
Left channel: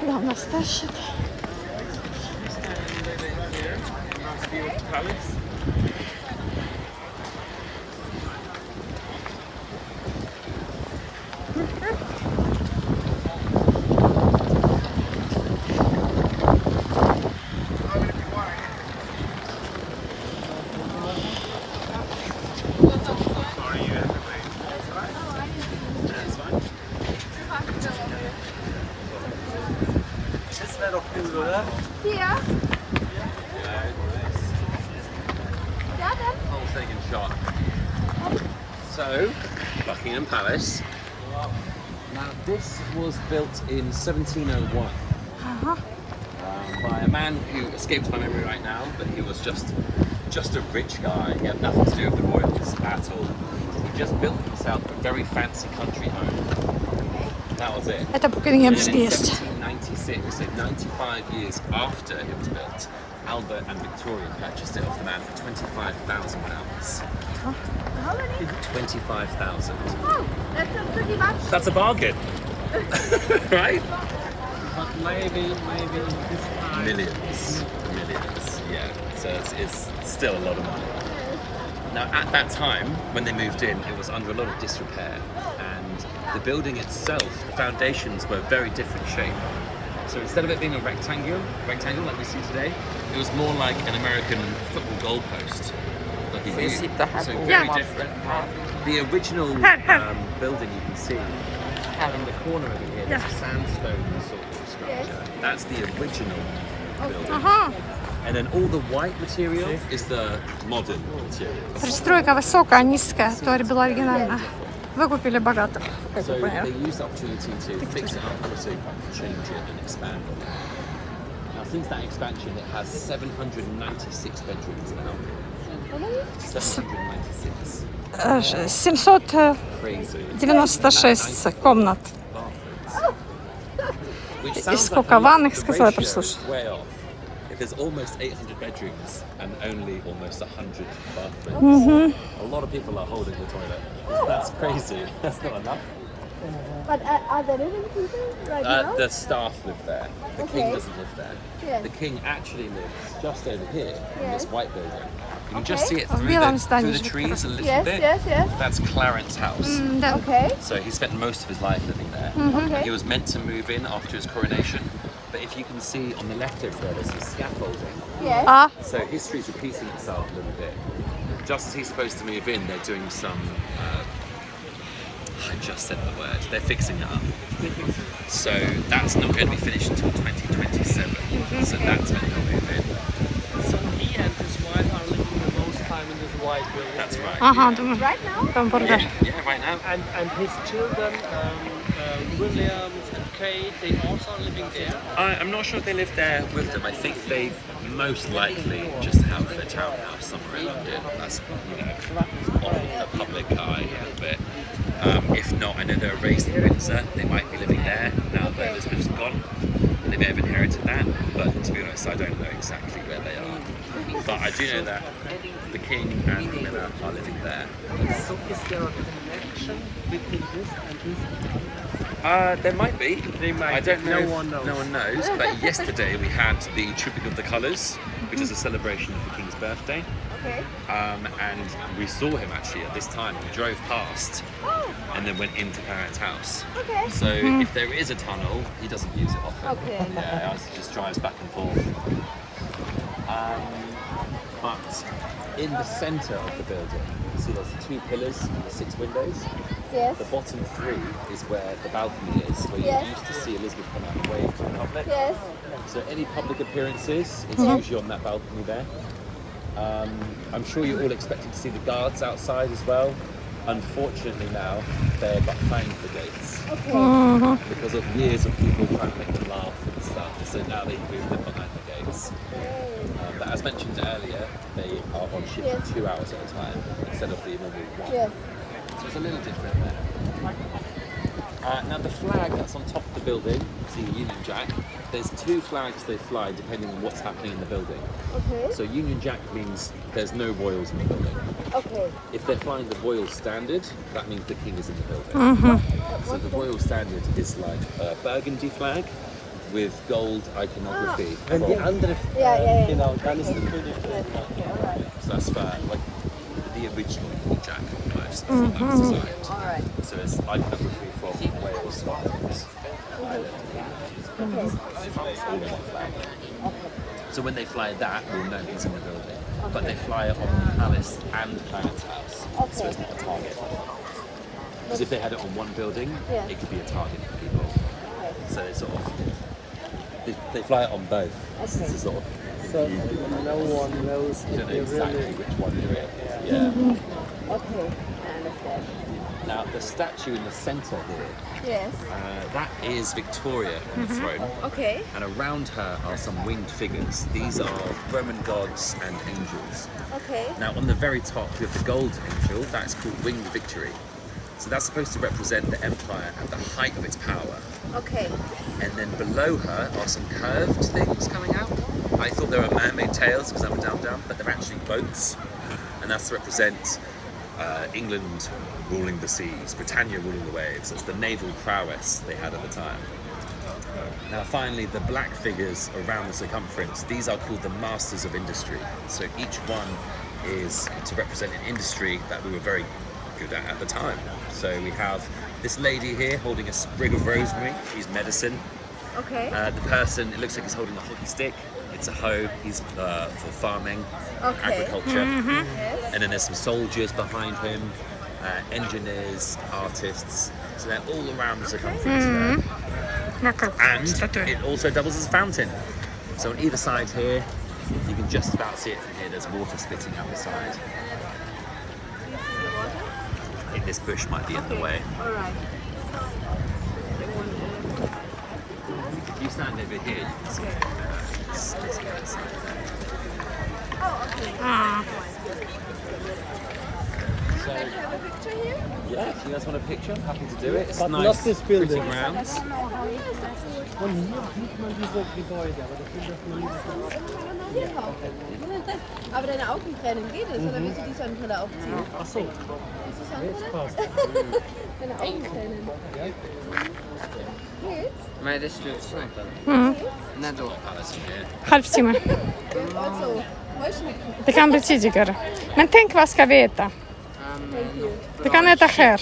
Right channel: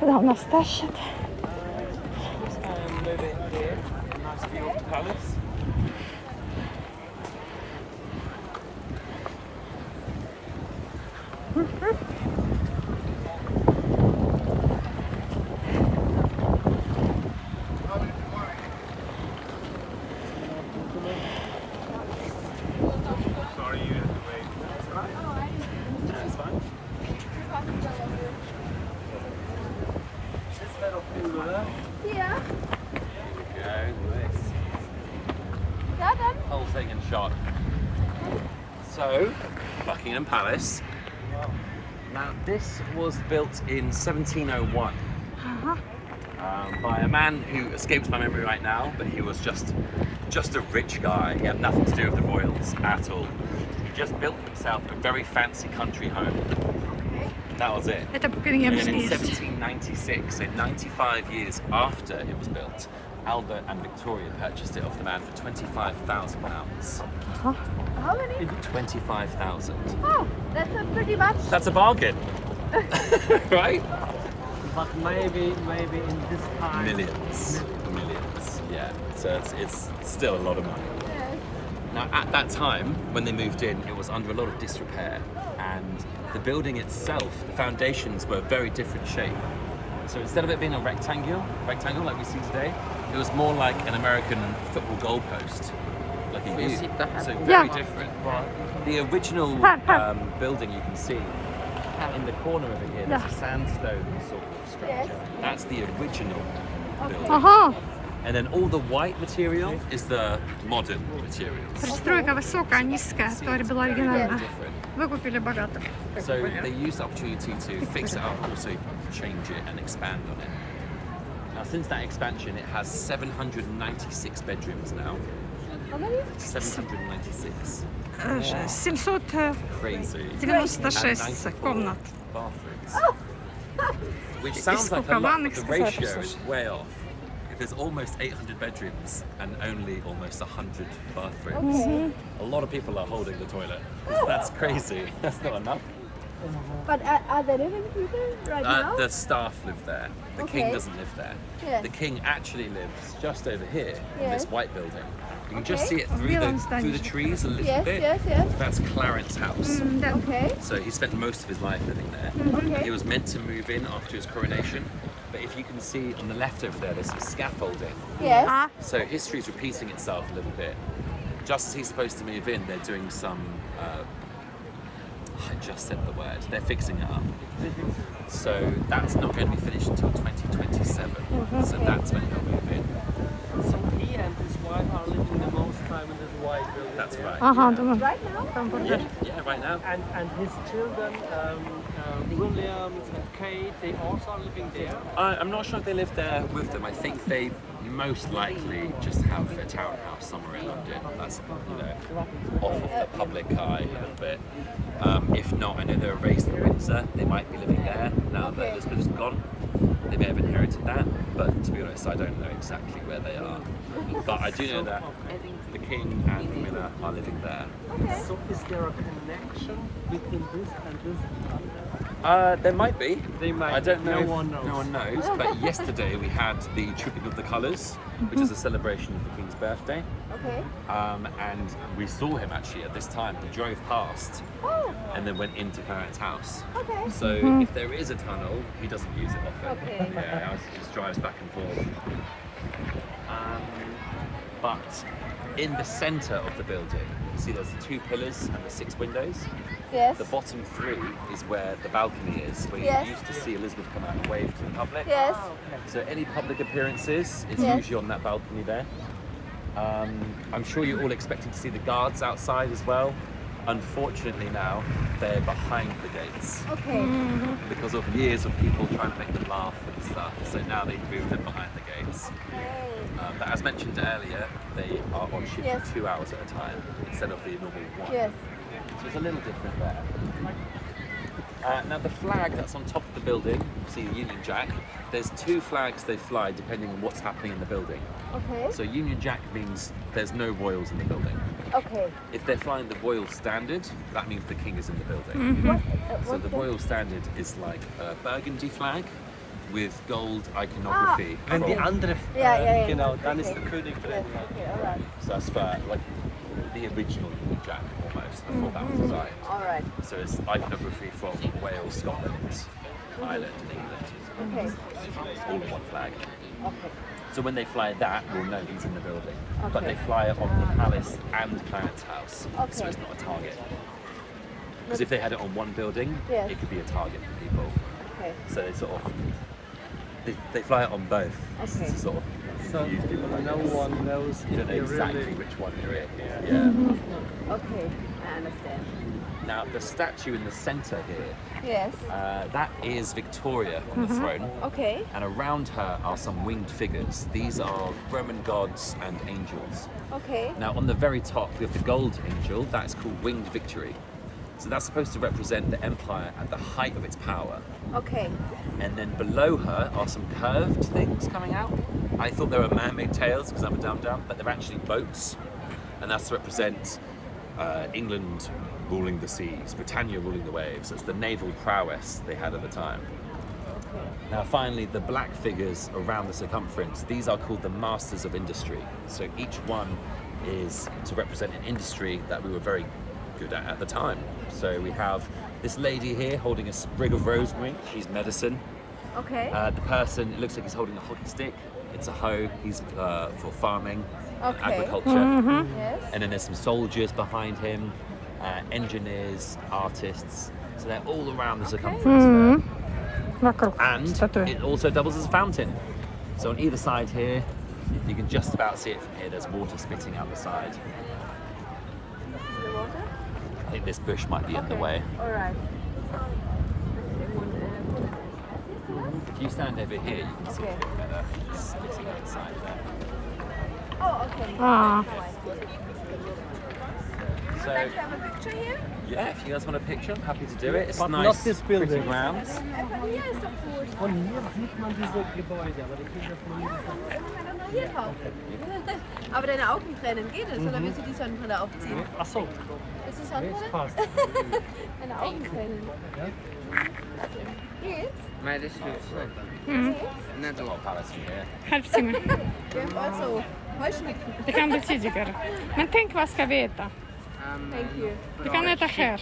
Куда нас тащит? Here. Yes. Yeah, then. Whole thing in shot. So, Buckingham Palace. Now, this was built in 1701 by a man who escapes my memory right now, but he was just a rich guy. He had nothing to do with the royals at all. He just built himself a very fancy country home. That was it. Это And then Букингемский in есть. 1796, so 95 years after it was built, Albert and Victoria purchased it off the man for £25,000. How many? 25,000. Oh, that's pretty much. That's a bargain, right? But maybe in this time. Millions, yeah. So it's still a lot of money. Now, at that time, when they moved in, it was under a lot of disrepair, and the building itself, the foundations were very different shape. So instead of it being a rectangle like we see today, it was more like an American football goalpost. Like a U. So very different. The original building you can see in the corner over here, there's a sandstone sort of structure. That's the original building. Ага. And then all the white material is the modern material. Пристройка высокая, низкая. Туалет была оригинальная. Вы купили богатых, как So вы they поняли. used the opportunity to fix it up, also change it and expand on it. Now, since that expansion, it has 796 bedrooms now. 796. 796 Crazy. комнат. Which И sounds сколько like a lot, ванных, the сказала, ratio is послушай. way off. If there's almost 800 bedrooms and only almost 100 bathrooms, a lot of people are holding the toilet. That's crazy. That's not enough. But are there living people right now? The staff live there. The king Okay. doesn't live there. Yeah. The king actually lives just over here in this Yes. white building. You can just Okay. see it В through белом the здании живет trees a little Yes, bit. yes, yes. That's Clarence House. Да. Okay. So he spent most of his life living there. Okay. He was meant to move in after his coronation, but if you can see on the left over there, there's some scaffolding. Yes. А, So history is repeating itself a little bit. Just as he's supposed to move in, they're doing some. I just said the word. They're fixing it up. So that's not going to be finished until 2027. So that's when he'll move in. So he and his wife are living the most time in this white building. That's right. ага, думаю, Right now? там бургер. Yeah, right now. And his children, Williams and Kate, they also are living there. I'm not sure if they live there with them. I think they most likely just have a townhouse somewhere in London. That's, off of the public eye a little bit. If not, I know they're raised in Windsor. They might be living there now that Elizabeth's gone. They may have inherited that, but to be honest, I don't know exactly where they are. But I do know that the king and Camilla are living there. So is there a connection between this and this? There might be. They might I don't be. know. No one knows. No one knows. But yesterday we had the Tripping of the Colours, which is a celebration of the king's birthday. Okay. And we saw him actually at this time. He drove past and then went into Clarence House. Okay. So if there is a tunnel, he doesn't use it often. Okay. Yeah, he just drives back and forth. But in the centre of the building, you can see there's the 2 pillars and the 6 windows. Yes. The bottom 3 is where the balcony is, where Yes. you used to see Elizabeth come out and wave to the public. Yes. So any public appearances, it's usually on that balcony there. I'm sure you're all expecting to see the guards outside as well. Unfortunately now, they're behind the gates because of years of people trying to make them laugh and stuff. So now they've moved them behind the gates. But as mentioned earlier, they are on shift Yes. for 2 hours at a time instead of the normal 1. Yes. So it's a little different there. Now the flag that's on top of the building, see the Union Jack, there's 2 flags they fly depending on what's happening in the building. Okay. So Union Jack means there's no royals in the building. Okay. If they're flying the Royal Standard, that means the king is in the building. So the Royal Standard is like a burgundy flag with gold iconography. Wenn die from- andere, Yeah. genau, dann ist der König drin. So that's for like the original Union Jack almost. That's what that's designed. All right. So it's iconography from Wales, Scotland, Ireland, all in that flag. So when they fly that, we'll know he's in the building. But they fly it on the palace and Clarence House, so it's not a target. Because if they had it on one building, Yeah. it could be a target for people. Okay. So they sort of They fly it on both. Okay. To sort of So confuse people. no one knows You if don't know they exactly really. which one you're in. Yeah. Okay, I understand. Now the statue in the centre here, Yes. that is Victoria on the throne, Okay. and around her are some winged figures. These are Roman gods and angels. Okay. Now on the very top we have the gold angel. That's called Winged Victory. So that's supposed to represent the empire at the height of its power. Okay. And then below her are some curved things coming out. I thought they were man-made tails because I'm a dum-dum, but they're actually boats. And that's to represent England ruling the seas, Britannia ruling the waves. It's the naval prowess they had at the time. Now finally, the black figures around the circumference, these are called the Masters of Industry. So each one is to represent an industry that we were very good at the time. So we have this lady here holding a sprig of rosemary, she's medicine. Okay. The person, it looks like he's holding a hockey stick. It's a hoe, he's for farming, Okay. agriculture. Yes. And then there's some soldiers behind him, engineers, artists. So they're all around the circumference Вокруг there. And статуи. it also doubles as a fountain. So on either side here, you can just about see it from here. There's water spitting out the side. Do you see the water? I think this bush might be in the way. All right. If you stand over here, you can see Okay. this goes. Oh, okay. А, So, Like to have a picture here? yeah, if you guys want a picture, I'm happy to do it. It's But nice, not this pretty building. grounds. Oh, hier ist doch gut. Und hier sieht man diese Gebäude, aber das ist das nie. Hier drauf. Aber deine Augen trennen, geht es? Oder willst du die Sonnenbrille aufziehen? Achso, Willst du jetzt Sonnenbrille? passt. Deine Augen trennen. Geht's? Nej, det är slutsnittet. När då? Palace in here. halvtimme. Also, Heuschnupfen. Det kan bli tidigare. Men tänk vad ska vi äta? Vi kan äta här.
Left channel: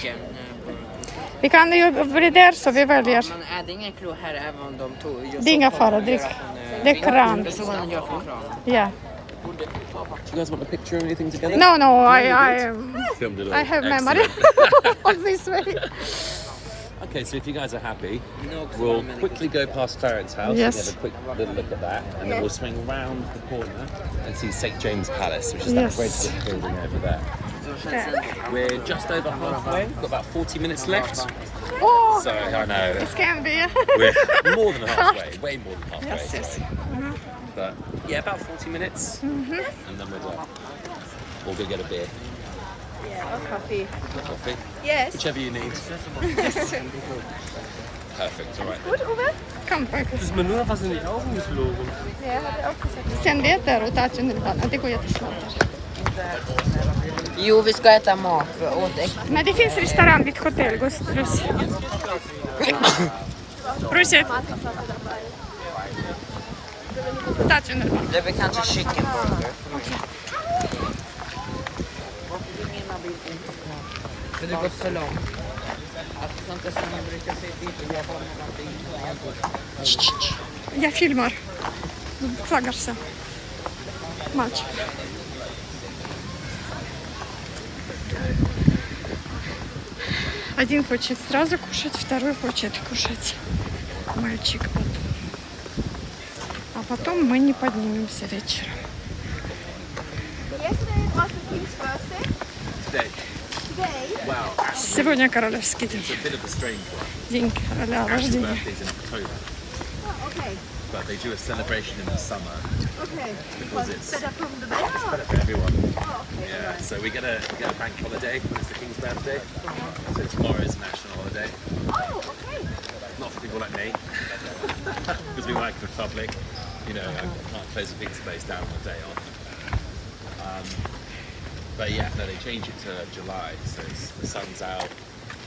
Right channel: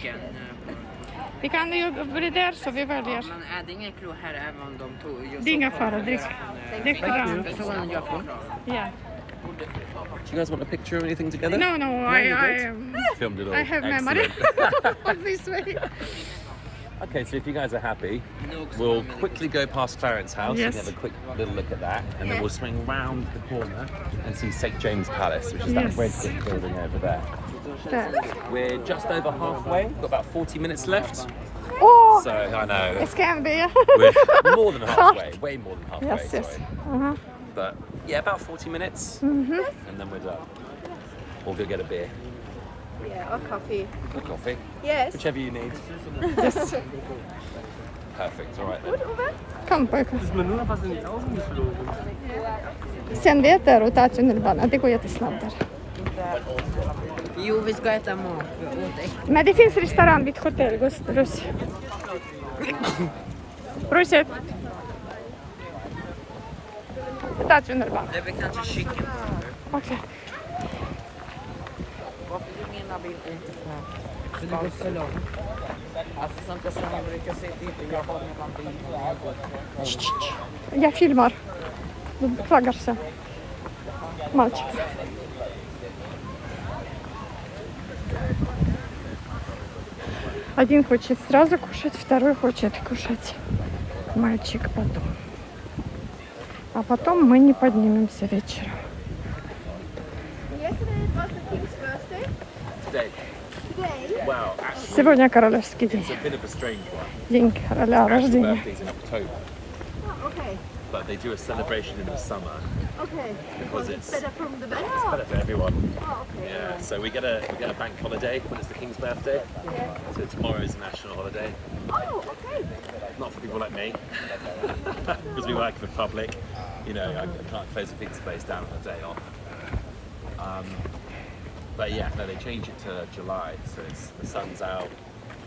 Vi kan ju bli där så vi väljer. Men är det ingen klo här även om de tog just... Det är inga fara, det är kran. Jag såg honom göra från kran. Yeah. Do you guys want a picture or anything together? No, Filmed it all. I have memory of this way. Okay, so if you guys are happy, No, 'cause we'll I'm in quickly go past Clarence House Yes. and have a quick little look at that, and then we'll swing round the corner and see St James Palace, which is Yes. that red brick building over there. We're just over halfway. We've got about 40 minutes left. Oh, So I know det ska bli. we're more than halfway, way more than halfway. Yes, yes. But yeah, about 40 minutes, Mm-hmm. and then we're done. We'll go get a beer Yeah, or coffee. or coffee, Yes. whichever you need. Perfect. All right then. Kom pojkar. Das ist mir nur was in die Augen geflogen. Sen vet du att ta tunnelbanan, det går jättesnabbt. Jo, vi ska äta mat. Åt äckligt. Men det finns restaurang vid hotell, Gustavus. Просит. Ta tunnelbanan. Det är väl kanske chicken burger. Okej. För det går för långt. Alltså sånt där som man brukar säga till. Jag har någonting. Я фильмар. Флагарся. Мальчик. Один хочет сразу кушать, второй хочет кушать. Мальчик потом. А потом мы не поднимемся вечером. Yesterday it was the king's birthday. Today, Today, well, Сегодня королевский день. it's a bit of a strange one. День короля, Actually, рождения. birthday's in October, oh, okay. but they do a celebration in the summer. Okay. Because it's better from the weather. It's better for everyone. Oh, okay. Yeah. Alright. So we get a bank holiday when it's the King's birthday. Yeah. So tomorrow is a national holiday. Oh, okay. Not for people like me, because we work for the public. You know, I can't close a pizza place down on a day off. But yeah, no, they change it to July, so the sun's out.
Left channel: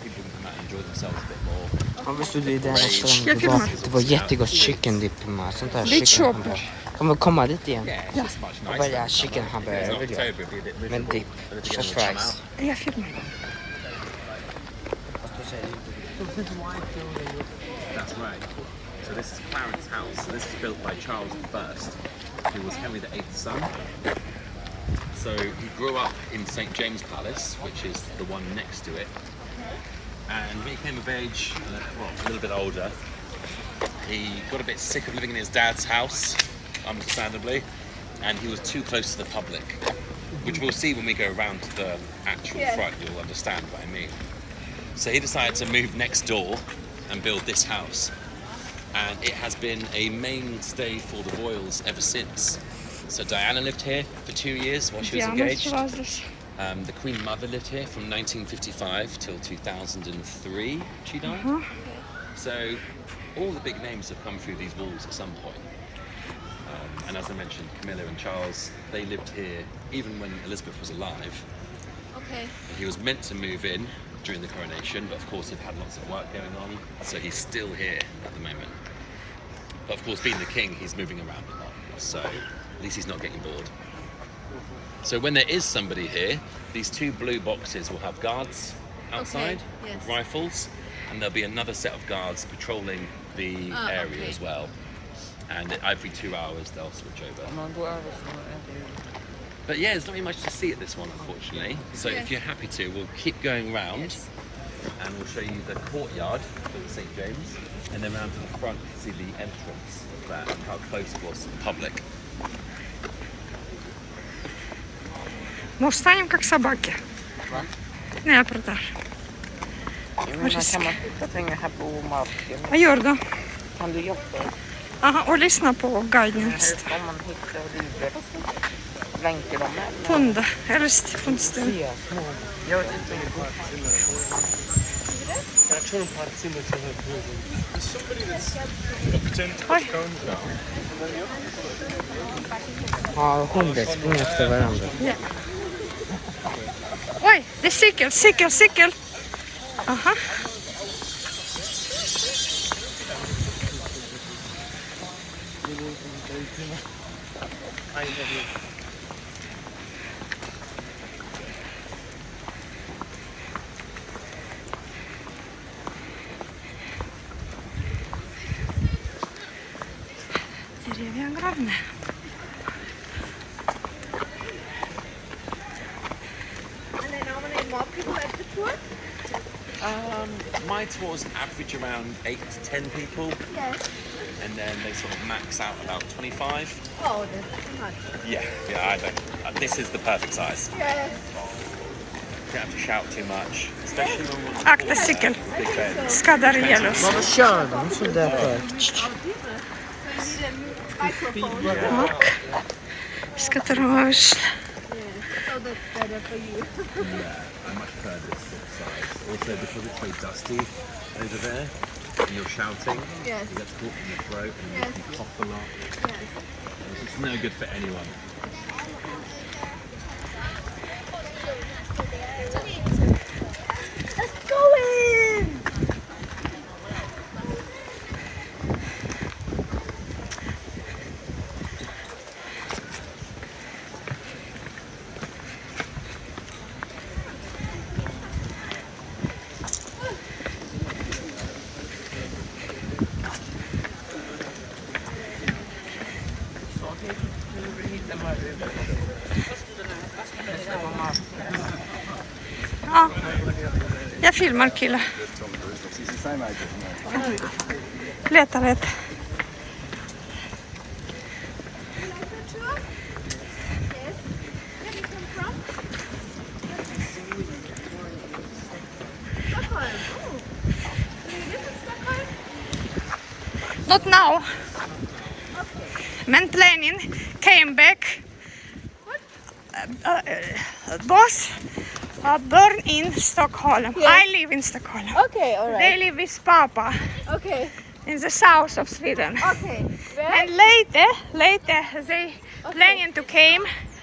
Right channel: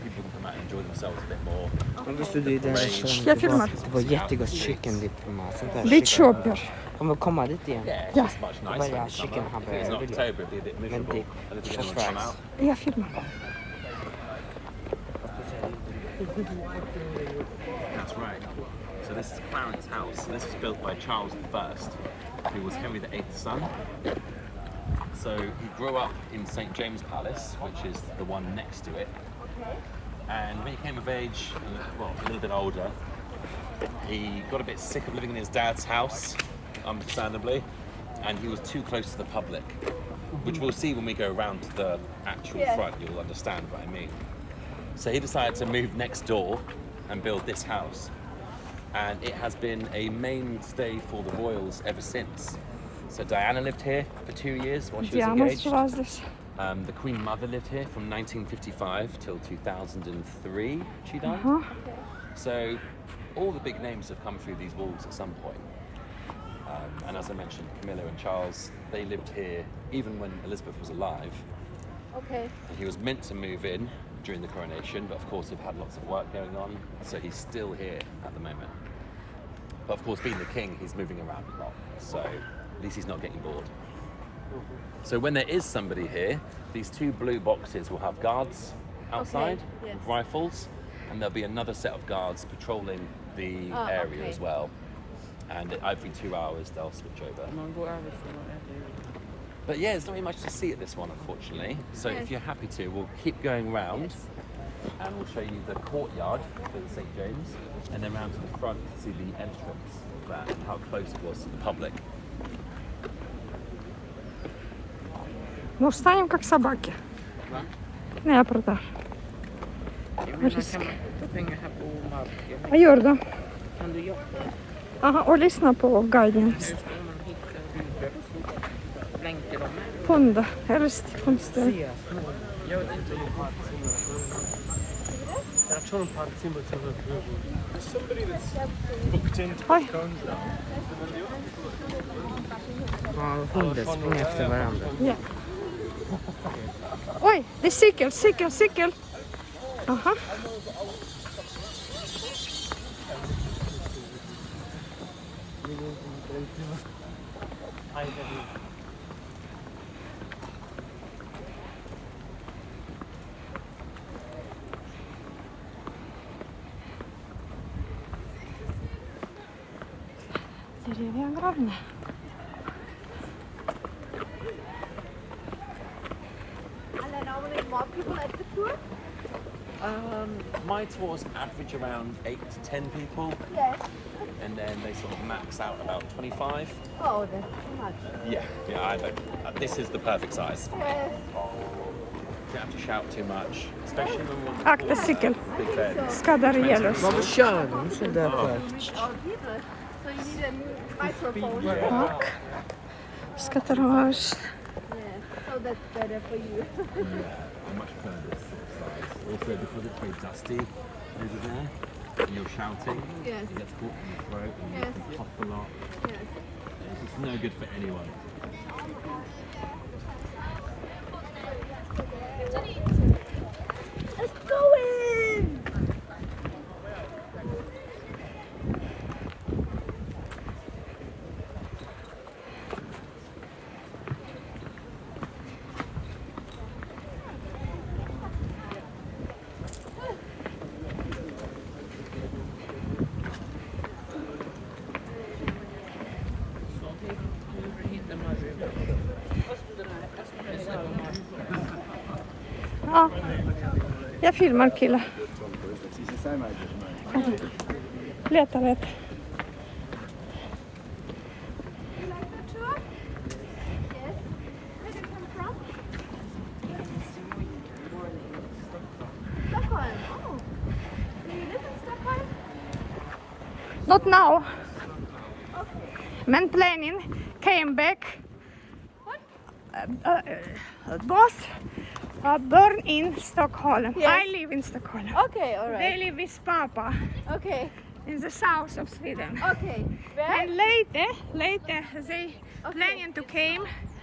People can come out and enjoy themselves a bit more. Om vi stod i den Jag restaurangen. filmar. Det var jättegott chicken dip med sånt där Vi chicken. köper. Kommer vi komma dit igen? Yeah, it's just much nicer. Vad är in chicken summer. hamburger? In Vill jag. October it'd be a bit Men miserable. dip. I don't think Just anyone would come fries. out. Jag filmar. That's right. So this is Clarence House. So this was built by Charles I, who was Henry VIII's son. So he grew up in St James Palace, which is the one next to it. And when he came of age, a little bit older, He got a bit sick of living in his dad's house, understandably, and he was too close to the public, which we'll see when we go around to the actual front. You'll understand what I mean. So he decided to move next door and build this house, and it has been a mainstay for the royals ever since. So Diana lived here for 2 years while she was Diana engaged. was this. The Queen Mother lived here from 1955 till 2003. She died. So all the big names have come through these walls at some point. And as I mentioned, Camilla and Charles, they lived here even when Elizabeth was alive. Okay. He was meant to move in during the coronation, but of course they've had lots of work going on, so he's still here at the moment. But of course, being the king, he's moving around a lot, so at least he's not getting bored. So when there is somebody here, these 2 blue boxes will have guards outside with rifles, and there'll be another set of guards patrolling the area as well. And every 2 hours they'll switch over. But yeah, there's not really much to see at this one, unfortunately. So if you're happy to, we'll keep going round and we'll show you the courtyard for the St. James, and then round to the front to see the entrance and how close it was to the public. Ну, встанем как собаки. Nej, jag pratar. Vad gör du då? Aha, och lyssna på guiden. Pund, eller fundstund. Jag tror inte att Simon till Booked in to Oj. Har hundar sprungit efter varandra? Ja. Oj, det är cykel. Aha. Деревья огромные. And then normally more people at the tour? My tours average around 8 to 10 people, Yes. and then they sort of max out about 25. Oh, that's too much. Yeah, I don't. This is the perfect size. Yes. You don't have to shout too much, especially when we're Akta cykel. big bed. Skadar ihjäl Vad kör de så där för? Oh, Jesus. So you need a microphone. Так. З которого вышли. Yeah. So that's better for you. I much prefer this sort of size. Also, because it's very dusty over there, and you're shouting, Yes. you get caught in your throat and Yes. you cough a lot. Yes. It's no good for anyone. Let's go in! Ja. Jag filmar kille. Letar ett. Yes. Where do you come from? Stockholm. Oh. Do you live in Stockholm? Not now. Okay. Men Lenin came back. Boss born in Stockholm. Yes. I live in Stockholm. Okay, all They right. live with Papa Okay. in the south of Sweden. Okay. Where? And later they planning to came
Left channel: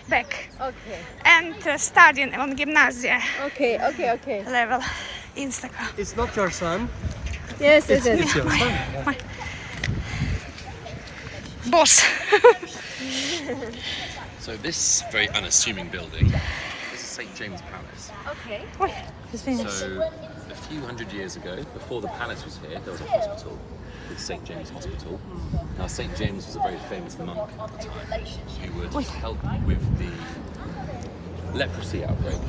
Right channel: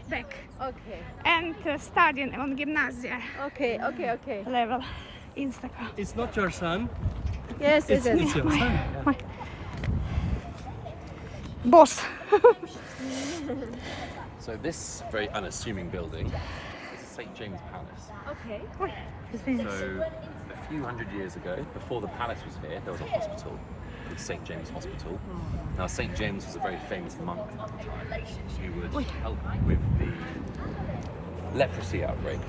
back Okay. and studying on gymnasia Okay. Okay. Okay. level in Stockholm. It's not your son. Yes. Yes. Yes. It's your son. Boss. So this very unassuming building is St. James Palace. Okay. Oj, извиняюсь. So a few hundred years ago, before the palace was here, there was a hospital called St. James Hospital. Now St. James was a very famous monk at the time who would help with the leprosy outbreak.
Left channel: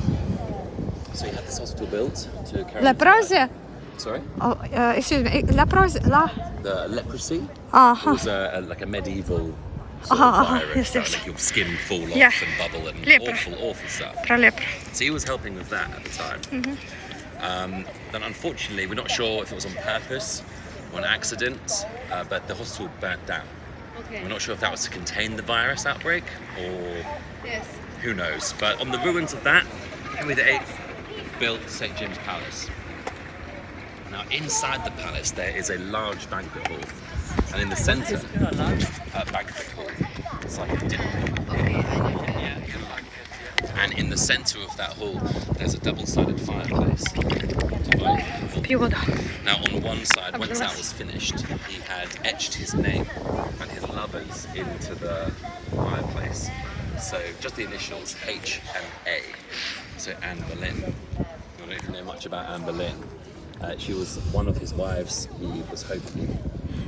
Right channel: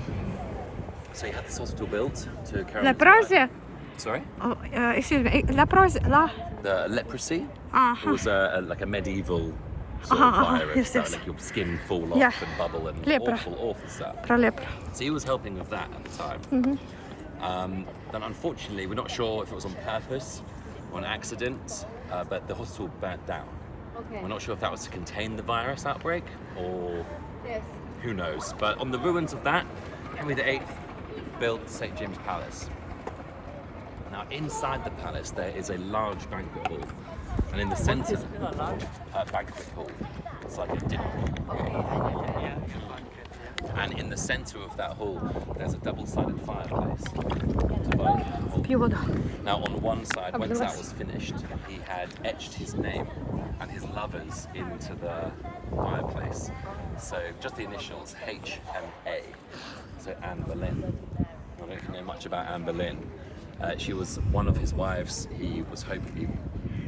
So he had this hospital built to carry Leprozia? Sorry? Oh, excuse me. La. The leprosy. It Uh-huh. was like a medieval sort of virus, yes. like your skin fall off Yeah. and bubble and Lepra. awful stuff. Про лепру. So he was helping with that at the time. Then unfortunately, we're not sure if it was on purpose or an accident, but the hospital burnt down. Okay. We're not sure if that was to contain the virus outbreak or Yes. who knows. But on the ruins of that, Henry VIII built St. James Palace. Now inside the palace there is a large banquet hall, and in the centre, banquet hall. It's like a dinner hall. Okay, I know. Yeah, kind of like it. And in the centre of that hall, there's a double-sided fireplace. Divided the hall. Пью воду. Now on one side, once that was finished, he had etched his name and his lovers into the fireplace. So just the initials H and A. So Anne Boleyn. I don't know if you know much about Anne Boleyn. She was one of his wives. He was hoping,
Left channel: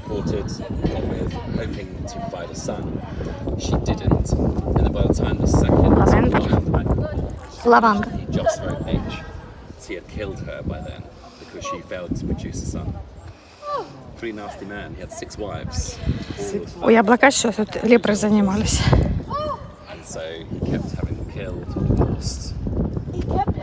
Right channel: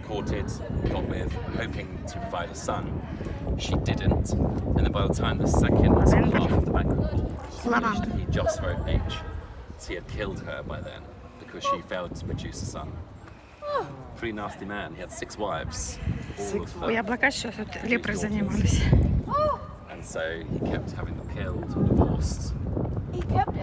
courted, got with, hoping to provide a son. She didn't. And then by the time the second Lavanda. he just wrote H. So he had killed her by then because she failed to produce a son. Pretty nasty man. He had 6 wives. All of У яблока что тут лепрой занимались. And so he kept having them killed or divorced. He kept.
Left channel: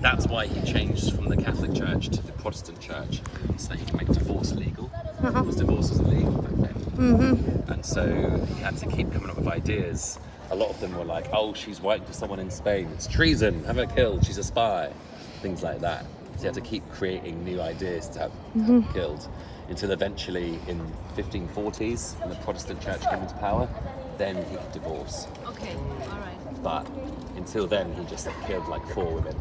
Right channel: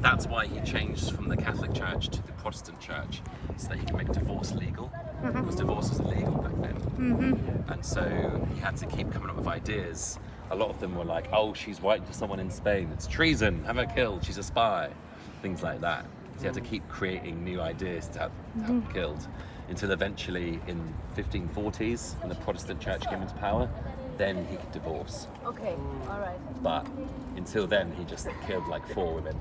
That's why he changed from the Catholic Church to the Protestant Church, so that he could make divorce legal. Because divorce was illegal back then. And so he had to keep coming up with ideas. A lot of them were like, oh, she's writing to someone in Spain, it's treason, have her killed, she's a spy. Things like that. So he had to keep creating new ideas to have her killed. Until eventually in 1540s, when the Protestant Church came into power, then he could divorce. Okay. All right. But until then, he just killed like 4 women.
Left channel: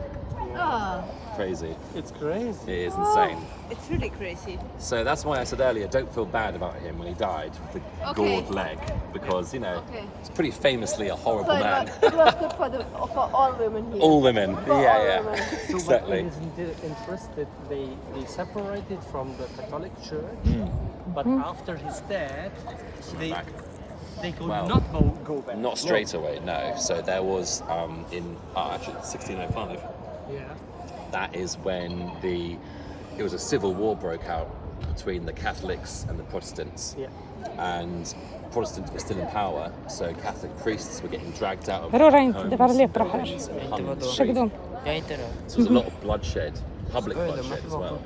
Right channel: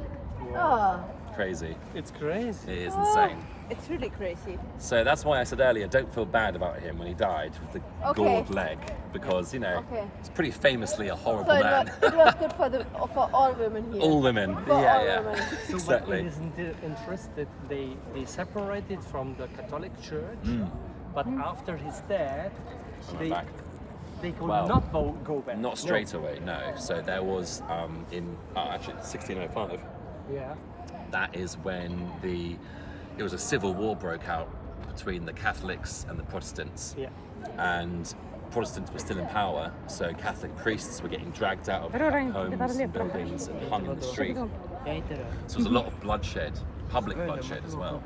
Oh, Crazy. It's crazy. It is insane. it's really crazy. So that's why I said earlier, don't feel bad about him when he died with the Okay. gored leg, because you know Okay. he's pretty famously a horrible So man. it was good for all women here. All women. For all Yeah. women. So Exactly. what is interesting, they separated from the Catholic Church, but after his death, they Back. they could Well, not go back. Not straight away, no. So there was actually 1605. Yeah. That is when it was a civil war broke out between the Catholics and the Protestants. Yeah. And Protestants were still in power, so Catholic priests were getting dragged out of Рорайн, homes давай and лепра buildings and hung in the Что street. So there's a lot of bloodshed, public bloodshed as well.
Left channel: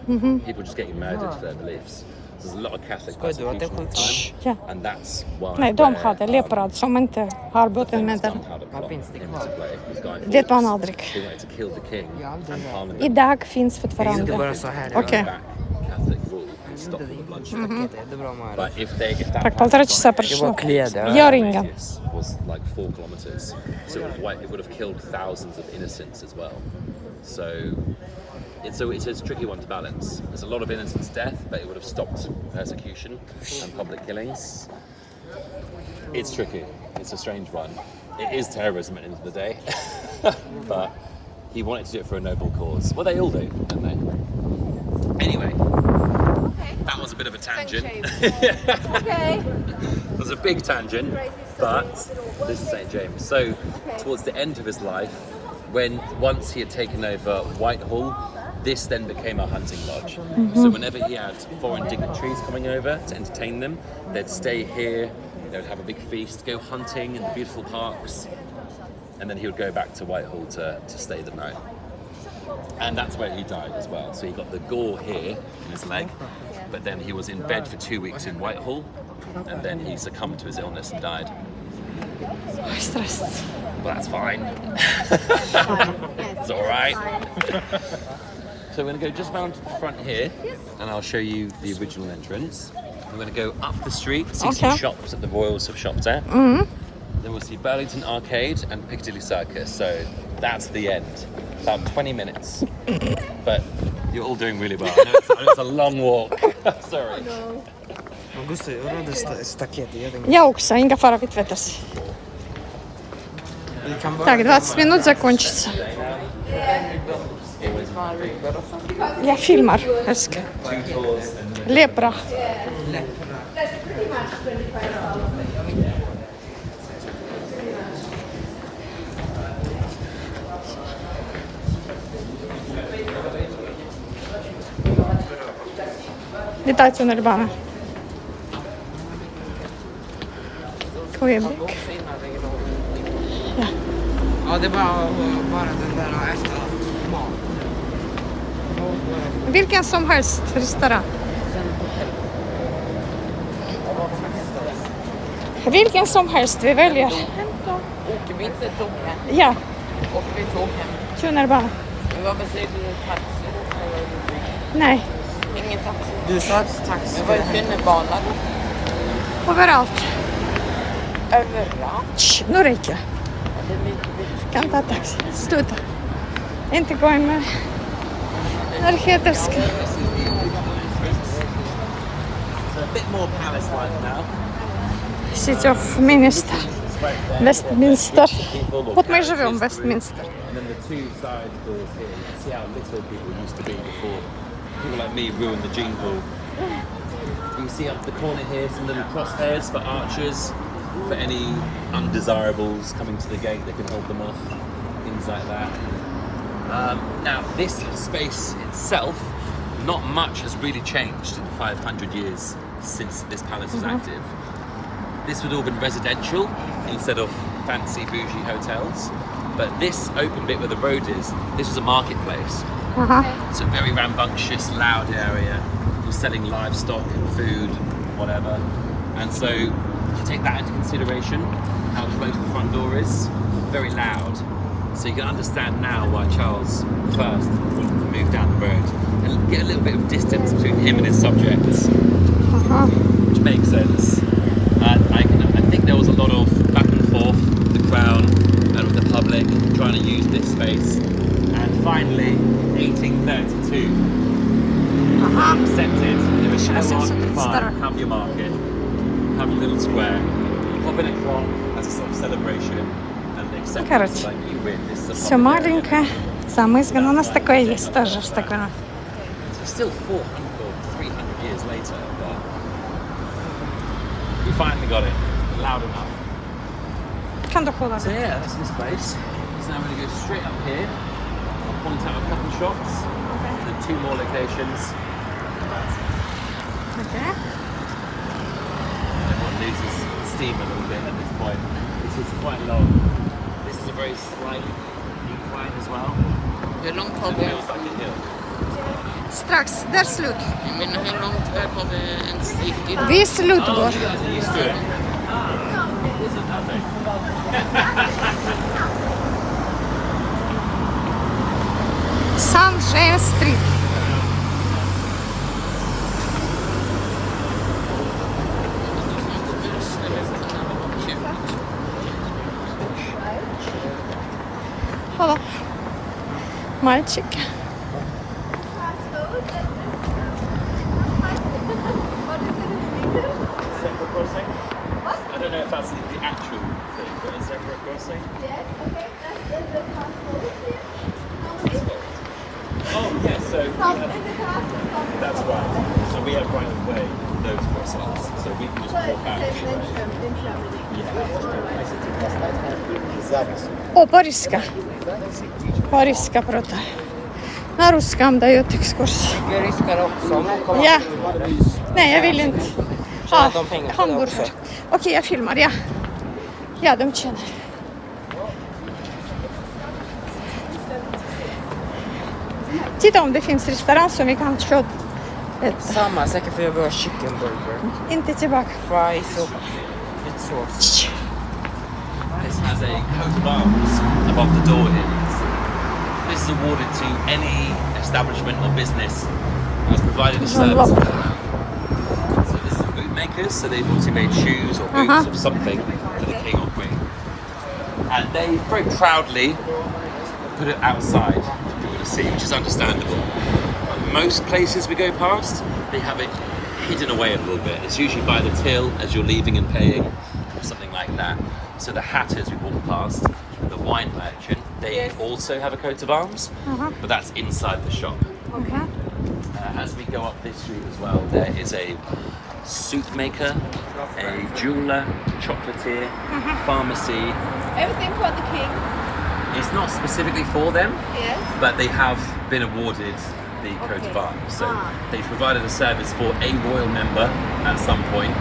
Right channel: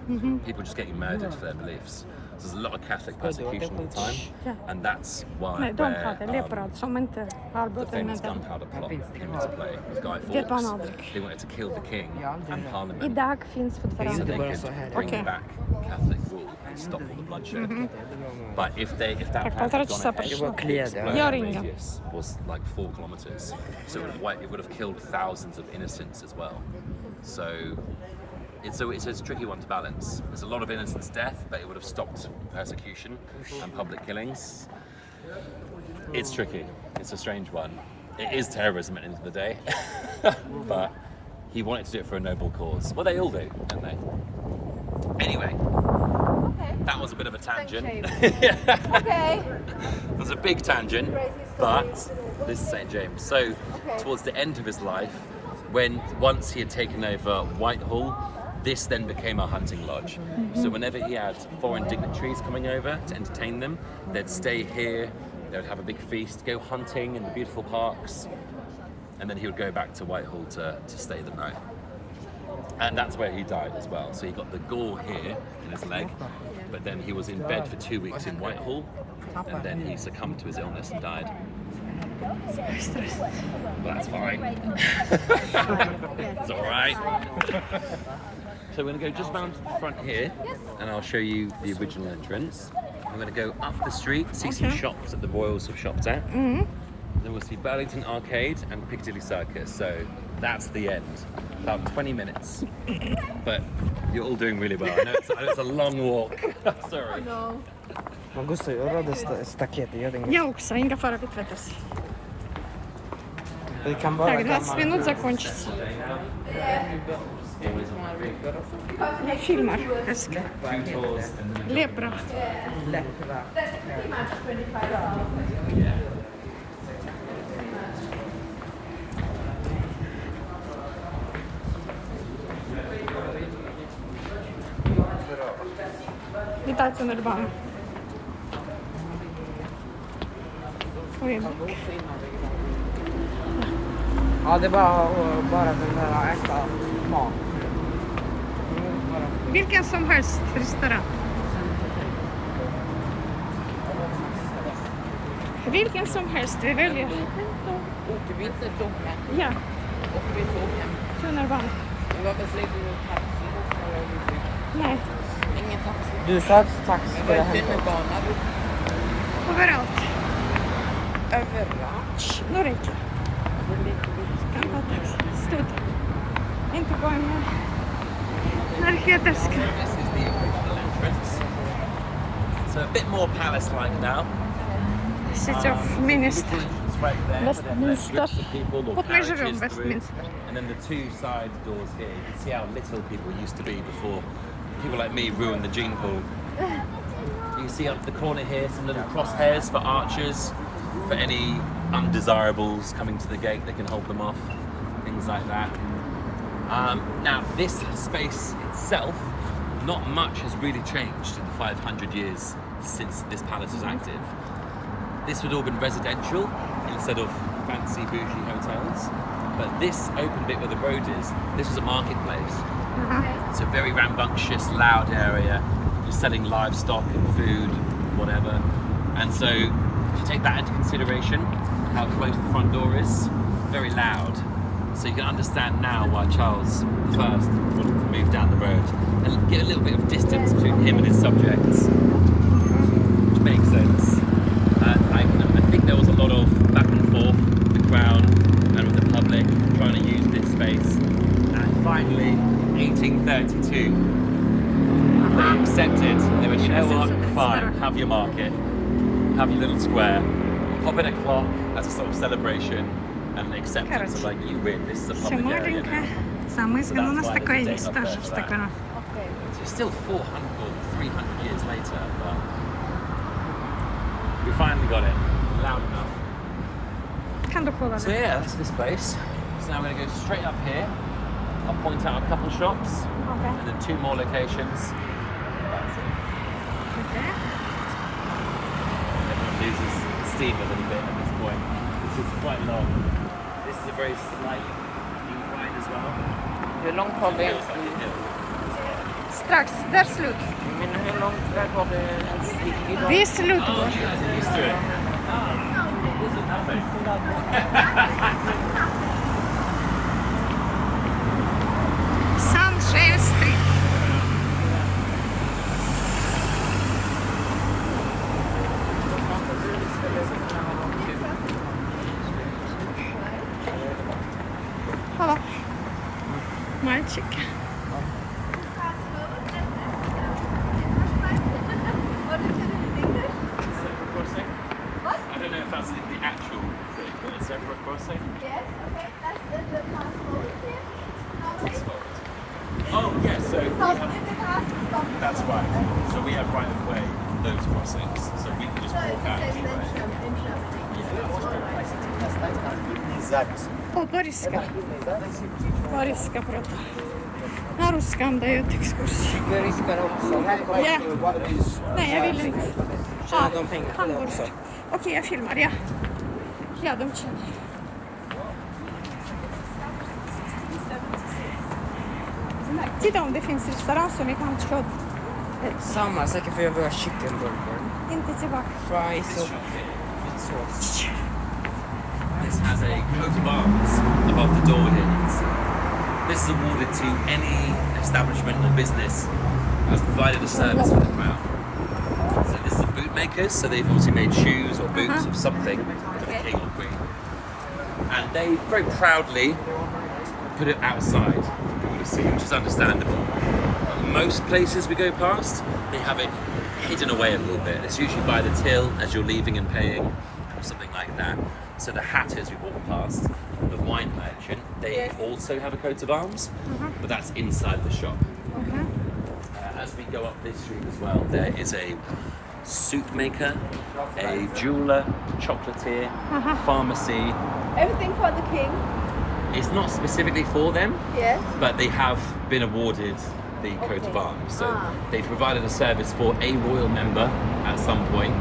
People just getting murdered for their beliefs. So there's a lot of Catholic persecution at the Yeah. time, and that's why Nej, de where, hade lepra som inte har the bott famous med. gunpowder plot came into play with Guy Vet man Fawkes. aldrig. They wanted to kill the king and Parliament. Idag finns So they fortfarande. could Okej. bring back Catholic rule and stop all the bloodshed. But if that Так, 1,5 часа прошло. Я ringa. radius was like 4 kilometers, so it would have killed thousands of innocents as well. So it's a tricky one to balance. There's a lot of innocents' death, but it would have stopped persecution and public killings. It's tricky. It's a strange one. It is terrorism at the end of the day, but he wanted to do it for a noble cause. Well, they all do, don't they? Anyway, that was a bit of a tangent. Okay. It was a big tangent, but this is St. James. So, towards the end of his life, once he had taken over Whitehall, this then became a hunting lodge. So whenever he had foreign dignitaries coming over to entertain them, they'd stay here, they would have a big feast, go hunting in the beautiful parks, and then he would go back to Whitehall to stay the night. And that's where he died as well. So he got the gore here in his leg, but then he was in bed for 2 weeks in Whitehall, and then he succumbed to his illness and died. Страсть. Well, that's fine. It's all right. So we're going to go just round to the front here, and I'll show you the original entrance. We're going to go up the street, see some Okay. shops that the royals have shopped at. Then we'll see Burlington Arcade and Piccadilly Circus. So that's the end. About 20 minutes. But you're all doing really well. I know it's a long walk. Sorry. Я Укса, inga fara vid tvättas. Так, 20 минут закончится. Я фильмар, älskar. Lepra. Vi tar tunnelbana. Quebec. Ja, det är bara den där att äta mat nu. Vilken som helst restaurang. Vilken som helst vi väljer. Åker vi inte token? Ja, Åker vi token? tunnelbana. Varför säger du taxi? Nej, Ingen taxi. Du sa att taxi var tunnelbanan. överallt. Överallt. Shh, nu räcker. Kan ta taxi. Sluta. Inte gå in med narkotiska. So a bit more palace-like now. City of Minister. Westminster. People or Вот мы и живем в couches. Westminster. And then the two side doors here, you can see how little people used to be before people like me ruined the gene pool. You can see up the corner here some little crosshairs for archers, for any undesirables coming to the gate, they can hold them off, things like that. Now this space itself, not much has really changed in the 500 years since this palace was active. This would all been residential instead of fancy bougie hotels. But this open bit where the road is, this was a marketplace. It's a very rambunctious, loud area. People selling livestock and food, whatever. And so if you take that into consideration, how close the front door is, very loud. So you can understand now why Charles I wanted to move down the road and get a little bit of distance between him and his subjects, which makes sense. And I think there was a lot of back and forth, the crown and the public trying to use this space. And finally, 1832, accepted. There was a fine, have your market, have a little square, pop in a clock as a sort of celebration, and accept Короче, like you win. This is a все public area. маленькое, замызгано. У нас такое есть тоже в Стокгольме. It's still 400 or 300 years later, but we finally got it loud enough. Kan du hålla So det? yeah, that's this place. So now we're going to go straight up here. I'll point out a couple of shops. The two more locations. Okej. Loses steam a little bit at this point. This is quite long. This is a very slight incline as well. Hur långt har It vi? feels like a hill. Strax, där slut. Men hur långt väg har vi en stick? Vi slutgår. You guys are used to it. Nothing. Sunshine Street. Hallå. Мальчик. What is it in English? Zebra crossing? I don't know if that's the actual thing, but a zebra crossing? Yes, okay, that's the castle here. How many? Oh, yes, so we Stop have, in the castle, stop. that's right. So we have right of way those crossings, so we can just So walk out it's this the way. same in Germany. О, по-русски. По-русски круто. На русском дают экскурсии. Vi riskar också. Ja. Nej, jag vill inte. Ja, Tjänar de pengar på det hamburgare. också? Okej, jag filmar, ja. Ja, de tjänar. Titta om det finns restaurang som vi kan köpa. Samma, säkert för jag vill ha chicken burger. Inte tillbaka. Fries och lite sås. This has a coat of arms above the door here. This is awarded to any establishment or business that's provided a service. So this is the bootmakers, so they've obviously made shoes or boots of something for the king or queen. And they very proudly put it outside for people to see, which is understandable. But most places we go past, they have it hidden away a little bit. It's usually by the till as you're leaving and paying, or something like that. So the hatters we walk past, the wine merchant, they also have a coat of arms, but that's inside the shop. As we go up this street as well, there is a soup maker, a jeweler, chocolatier, pharmacy. Everything for the king. It's not specifically for them, Yes. but they have been awarded the coat of arms. So they provided a service for a royal member at some point.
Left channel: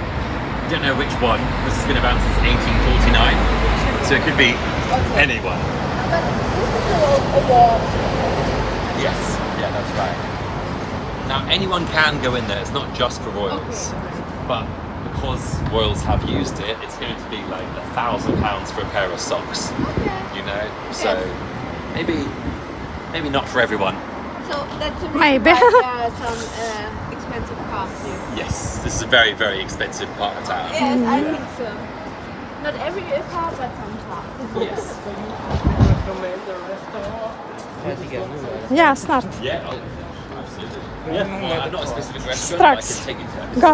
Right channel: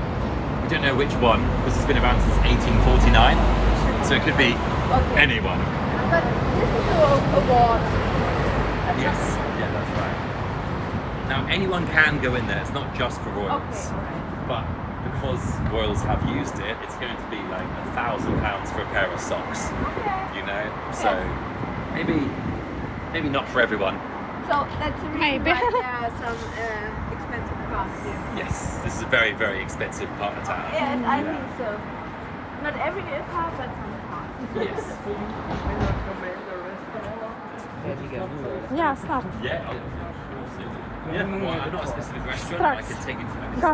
We don't know which one, because it's been around since 1849. So it could be anyone. But this is an award. Yes, yeah, that's right. Now anyone can go in there. It's not just for royals, but because royals have used it, it's going to be like £1,000 for a pair of socks. Okay. You know, so maybe not for everyone. So that's a reason Maybe. why there are some expensive costumes. Yes, this is a very, very expensive part of town. Yes, I think so. Not every car, but some cars. Yes. Recommend the restaurant. Ja, snart. Yeah. Yeah, I'm not a specific restaurant, Strax. but I can take you to Go.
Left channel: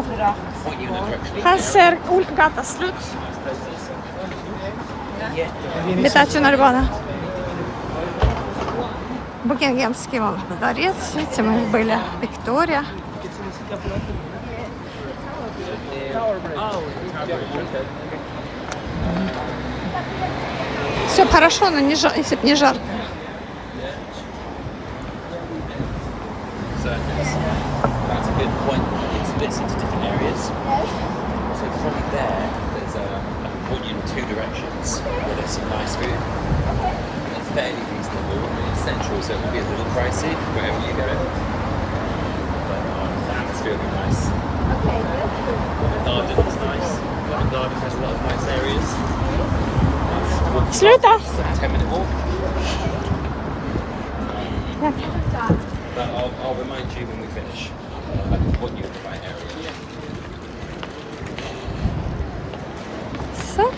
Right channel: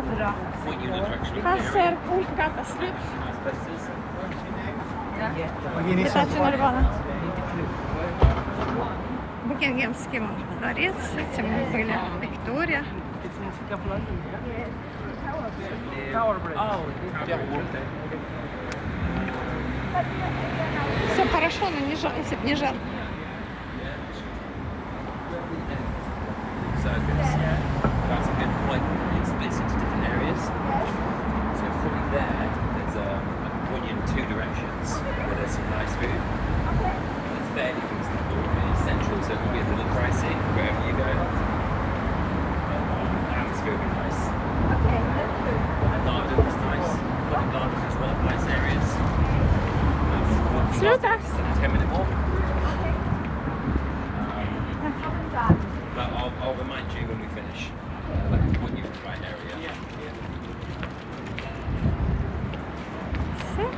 point you in the direction. Här ser gata slut. Летать на Рыбана. Букингемский вон дворец. Видите, мы были. Виктория. Все хорошо, но не жарко, если бы не жарко. So that's a good point. It splits into different areas. So from there, there's I can point you in two directions where there's some nice food. It's fairly reasonable. It's central, so it will be a little pricey wherever you go. But the atmosphere will be nice. Okay, that's good. Narden is nice. Narden has a lot of nice areas. That's Sluta! 10-minute walk. But I'll remind you when we finish. I can point you in the right area. So.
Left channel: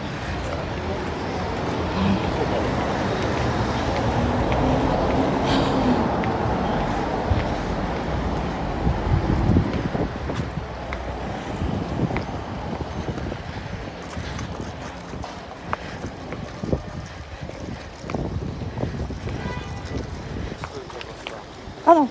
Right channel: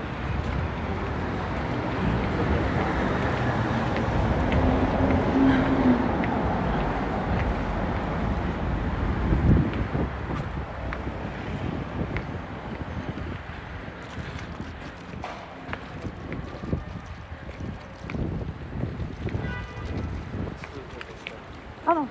Hallå.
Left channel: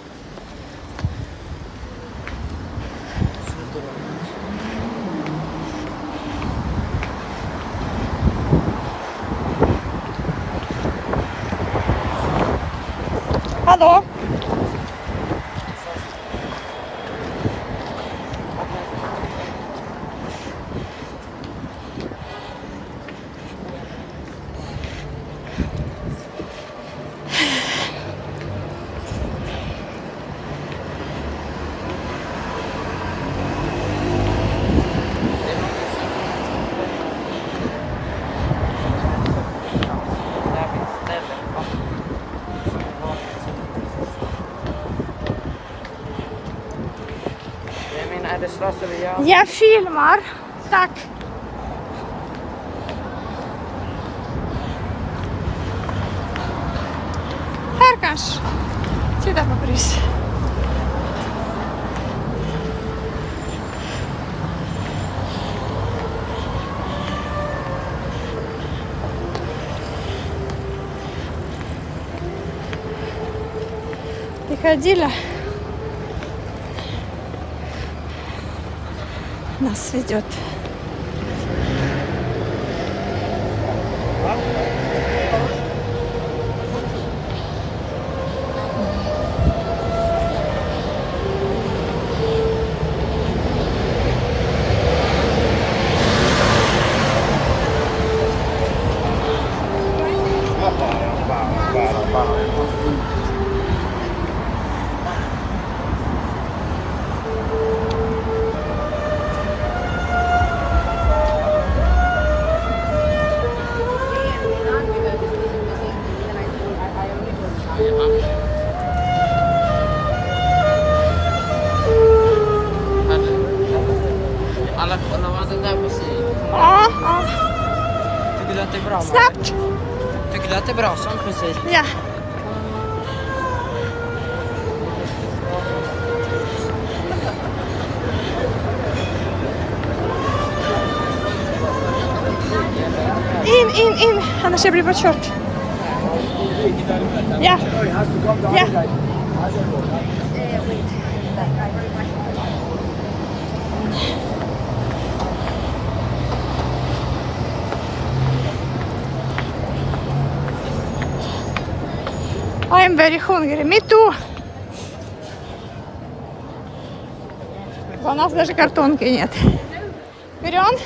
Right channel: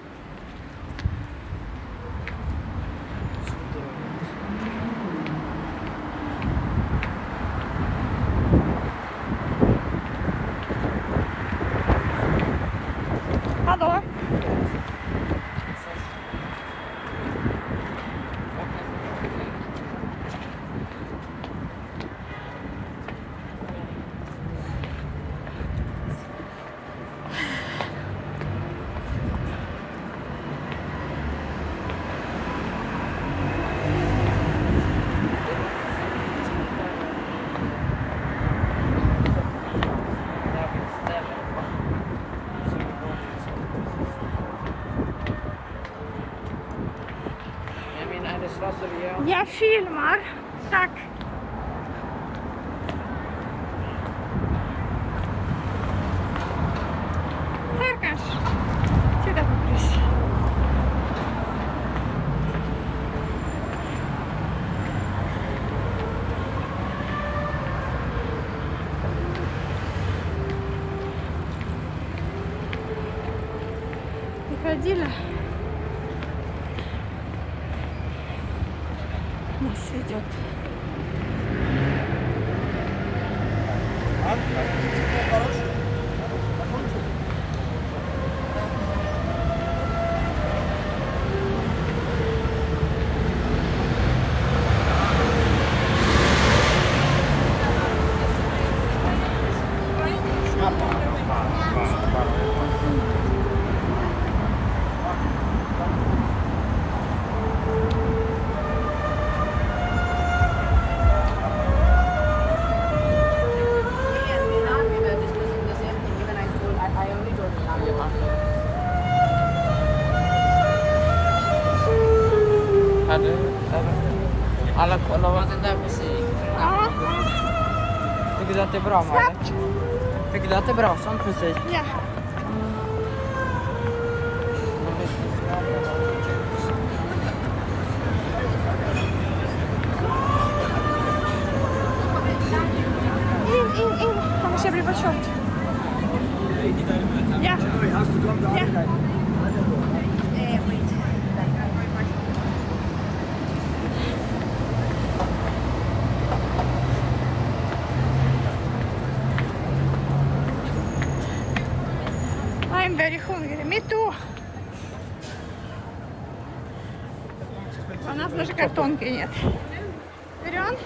Hallå. Jag filmar. Tack. Här kanske. Titta på pris. Приходили. Нас ведет. Alla kollar den där musiken. Ja, Tycker du att det är bra? snabbt. Tycker du att det är bra sånt musik? Ja. In. Annars jag blir bortkört. Ja. Ja. I'm very hungry. Me too. У нас даже картонки нет. Берем?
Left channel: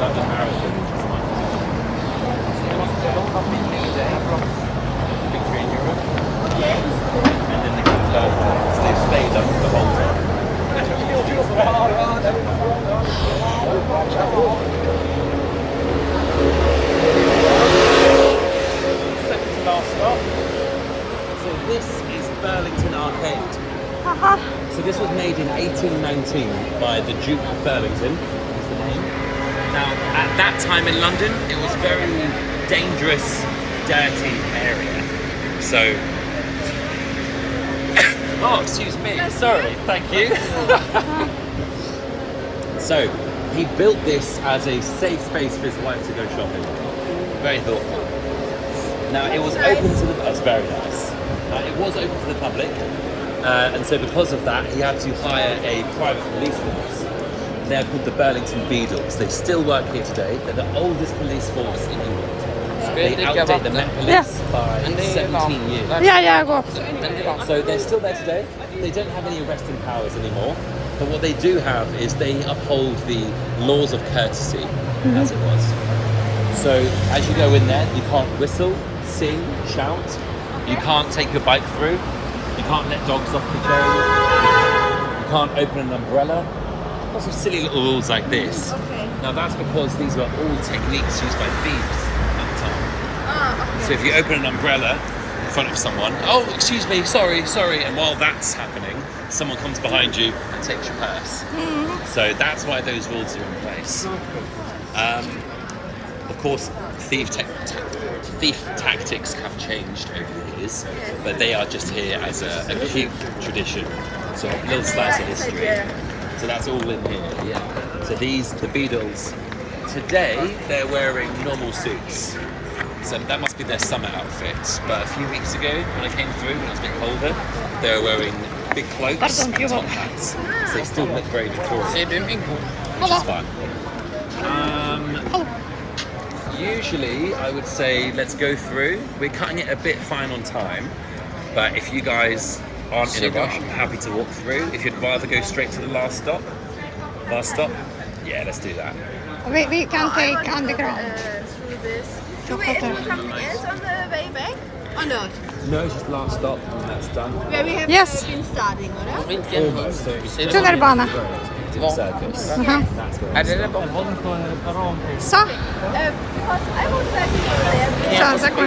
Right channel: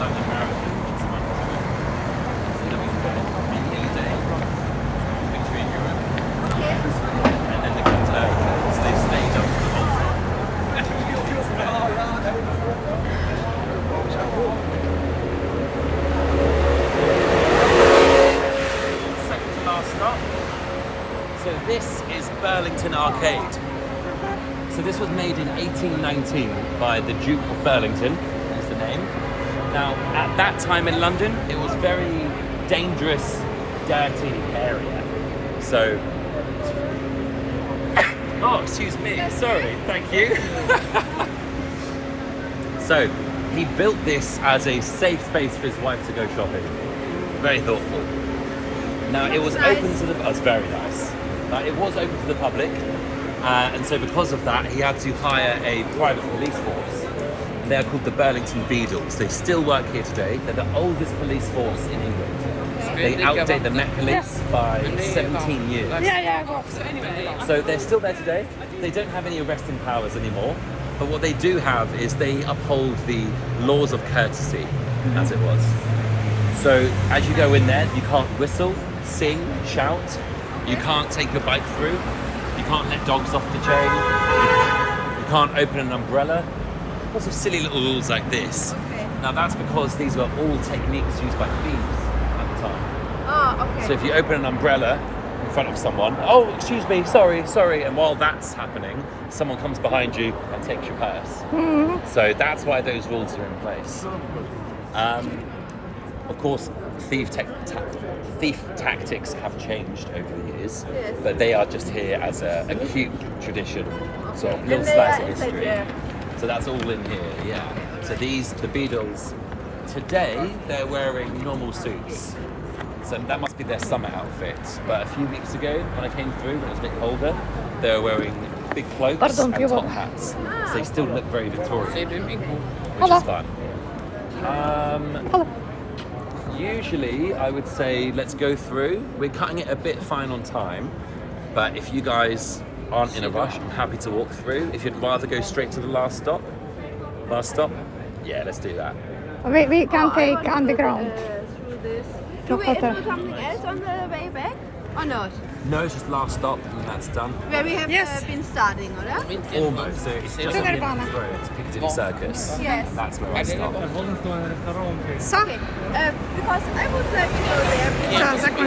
London Marathon is a month ago. That was the day, victory in Europe, and then the King's birthday. So they stayed up the whole time. Second to last stop. So this is Burlington Arcade. So this was made in 1819 by the Duke of Burlington. Now, at that time in London, it was a very dangerous, dirty area. So, oh, excuse me, sorry, thank you. So, he built this as a safe space for his wife to go shopping. Very thoughtful. Now, it was open to the, that's very nice. It was open to the public, and so because of that, he had to hire a private police force. They're called the Burlington Beadles. They still work here today. They're the oldest police force in England. They outdate the Met Police by 17 years. Я го. So they're still there today. They don't have any arresting powers anymore. But what they do have is they uphold the laws of courtesy, as it was. So as you go in there, you can't whistle, sing, shout. You can't take your bike through. You can't let dogs off the chain. You can't open an umbrella. Lots of silly little rules like this. Okay. Now that's because these were all techniques used by thieves at the time. Ah, okay. So if you open an umbrella in front of someone, oh, excuse me, sorry, and while that's happening, someone comes behind you and takes your purse. So that's why those rules are in place. Of course, thief tactics have changed over the years, but they are just here as a cute tradition. So a little slice of history. So that's all in here, yeah. So the Beadles, today they're wearing normal suits. So that must be their summer outfit. But a few weeks ago, when I came through, when it was a bit colder, they were wearing big cloaks and top hats. So they still look very Victorian, which is fun. Usually, I would say let's go through. We're cutting it a bit fine on time, but if you guys aren't in a rush, I'm happy to walk through. If you'd rather go straight to the last stop, yeah, let's do that. We can take underground. Through this. Do we do something else on the way back? Or not? No, it's just last stop and that's done. Where we have Yes. been starting, or? Almost. So it's just Nirvana. it's Piccadilly Circus. Yes. That's where we stop. Все, Because I would like to go there. все, закончили.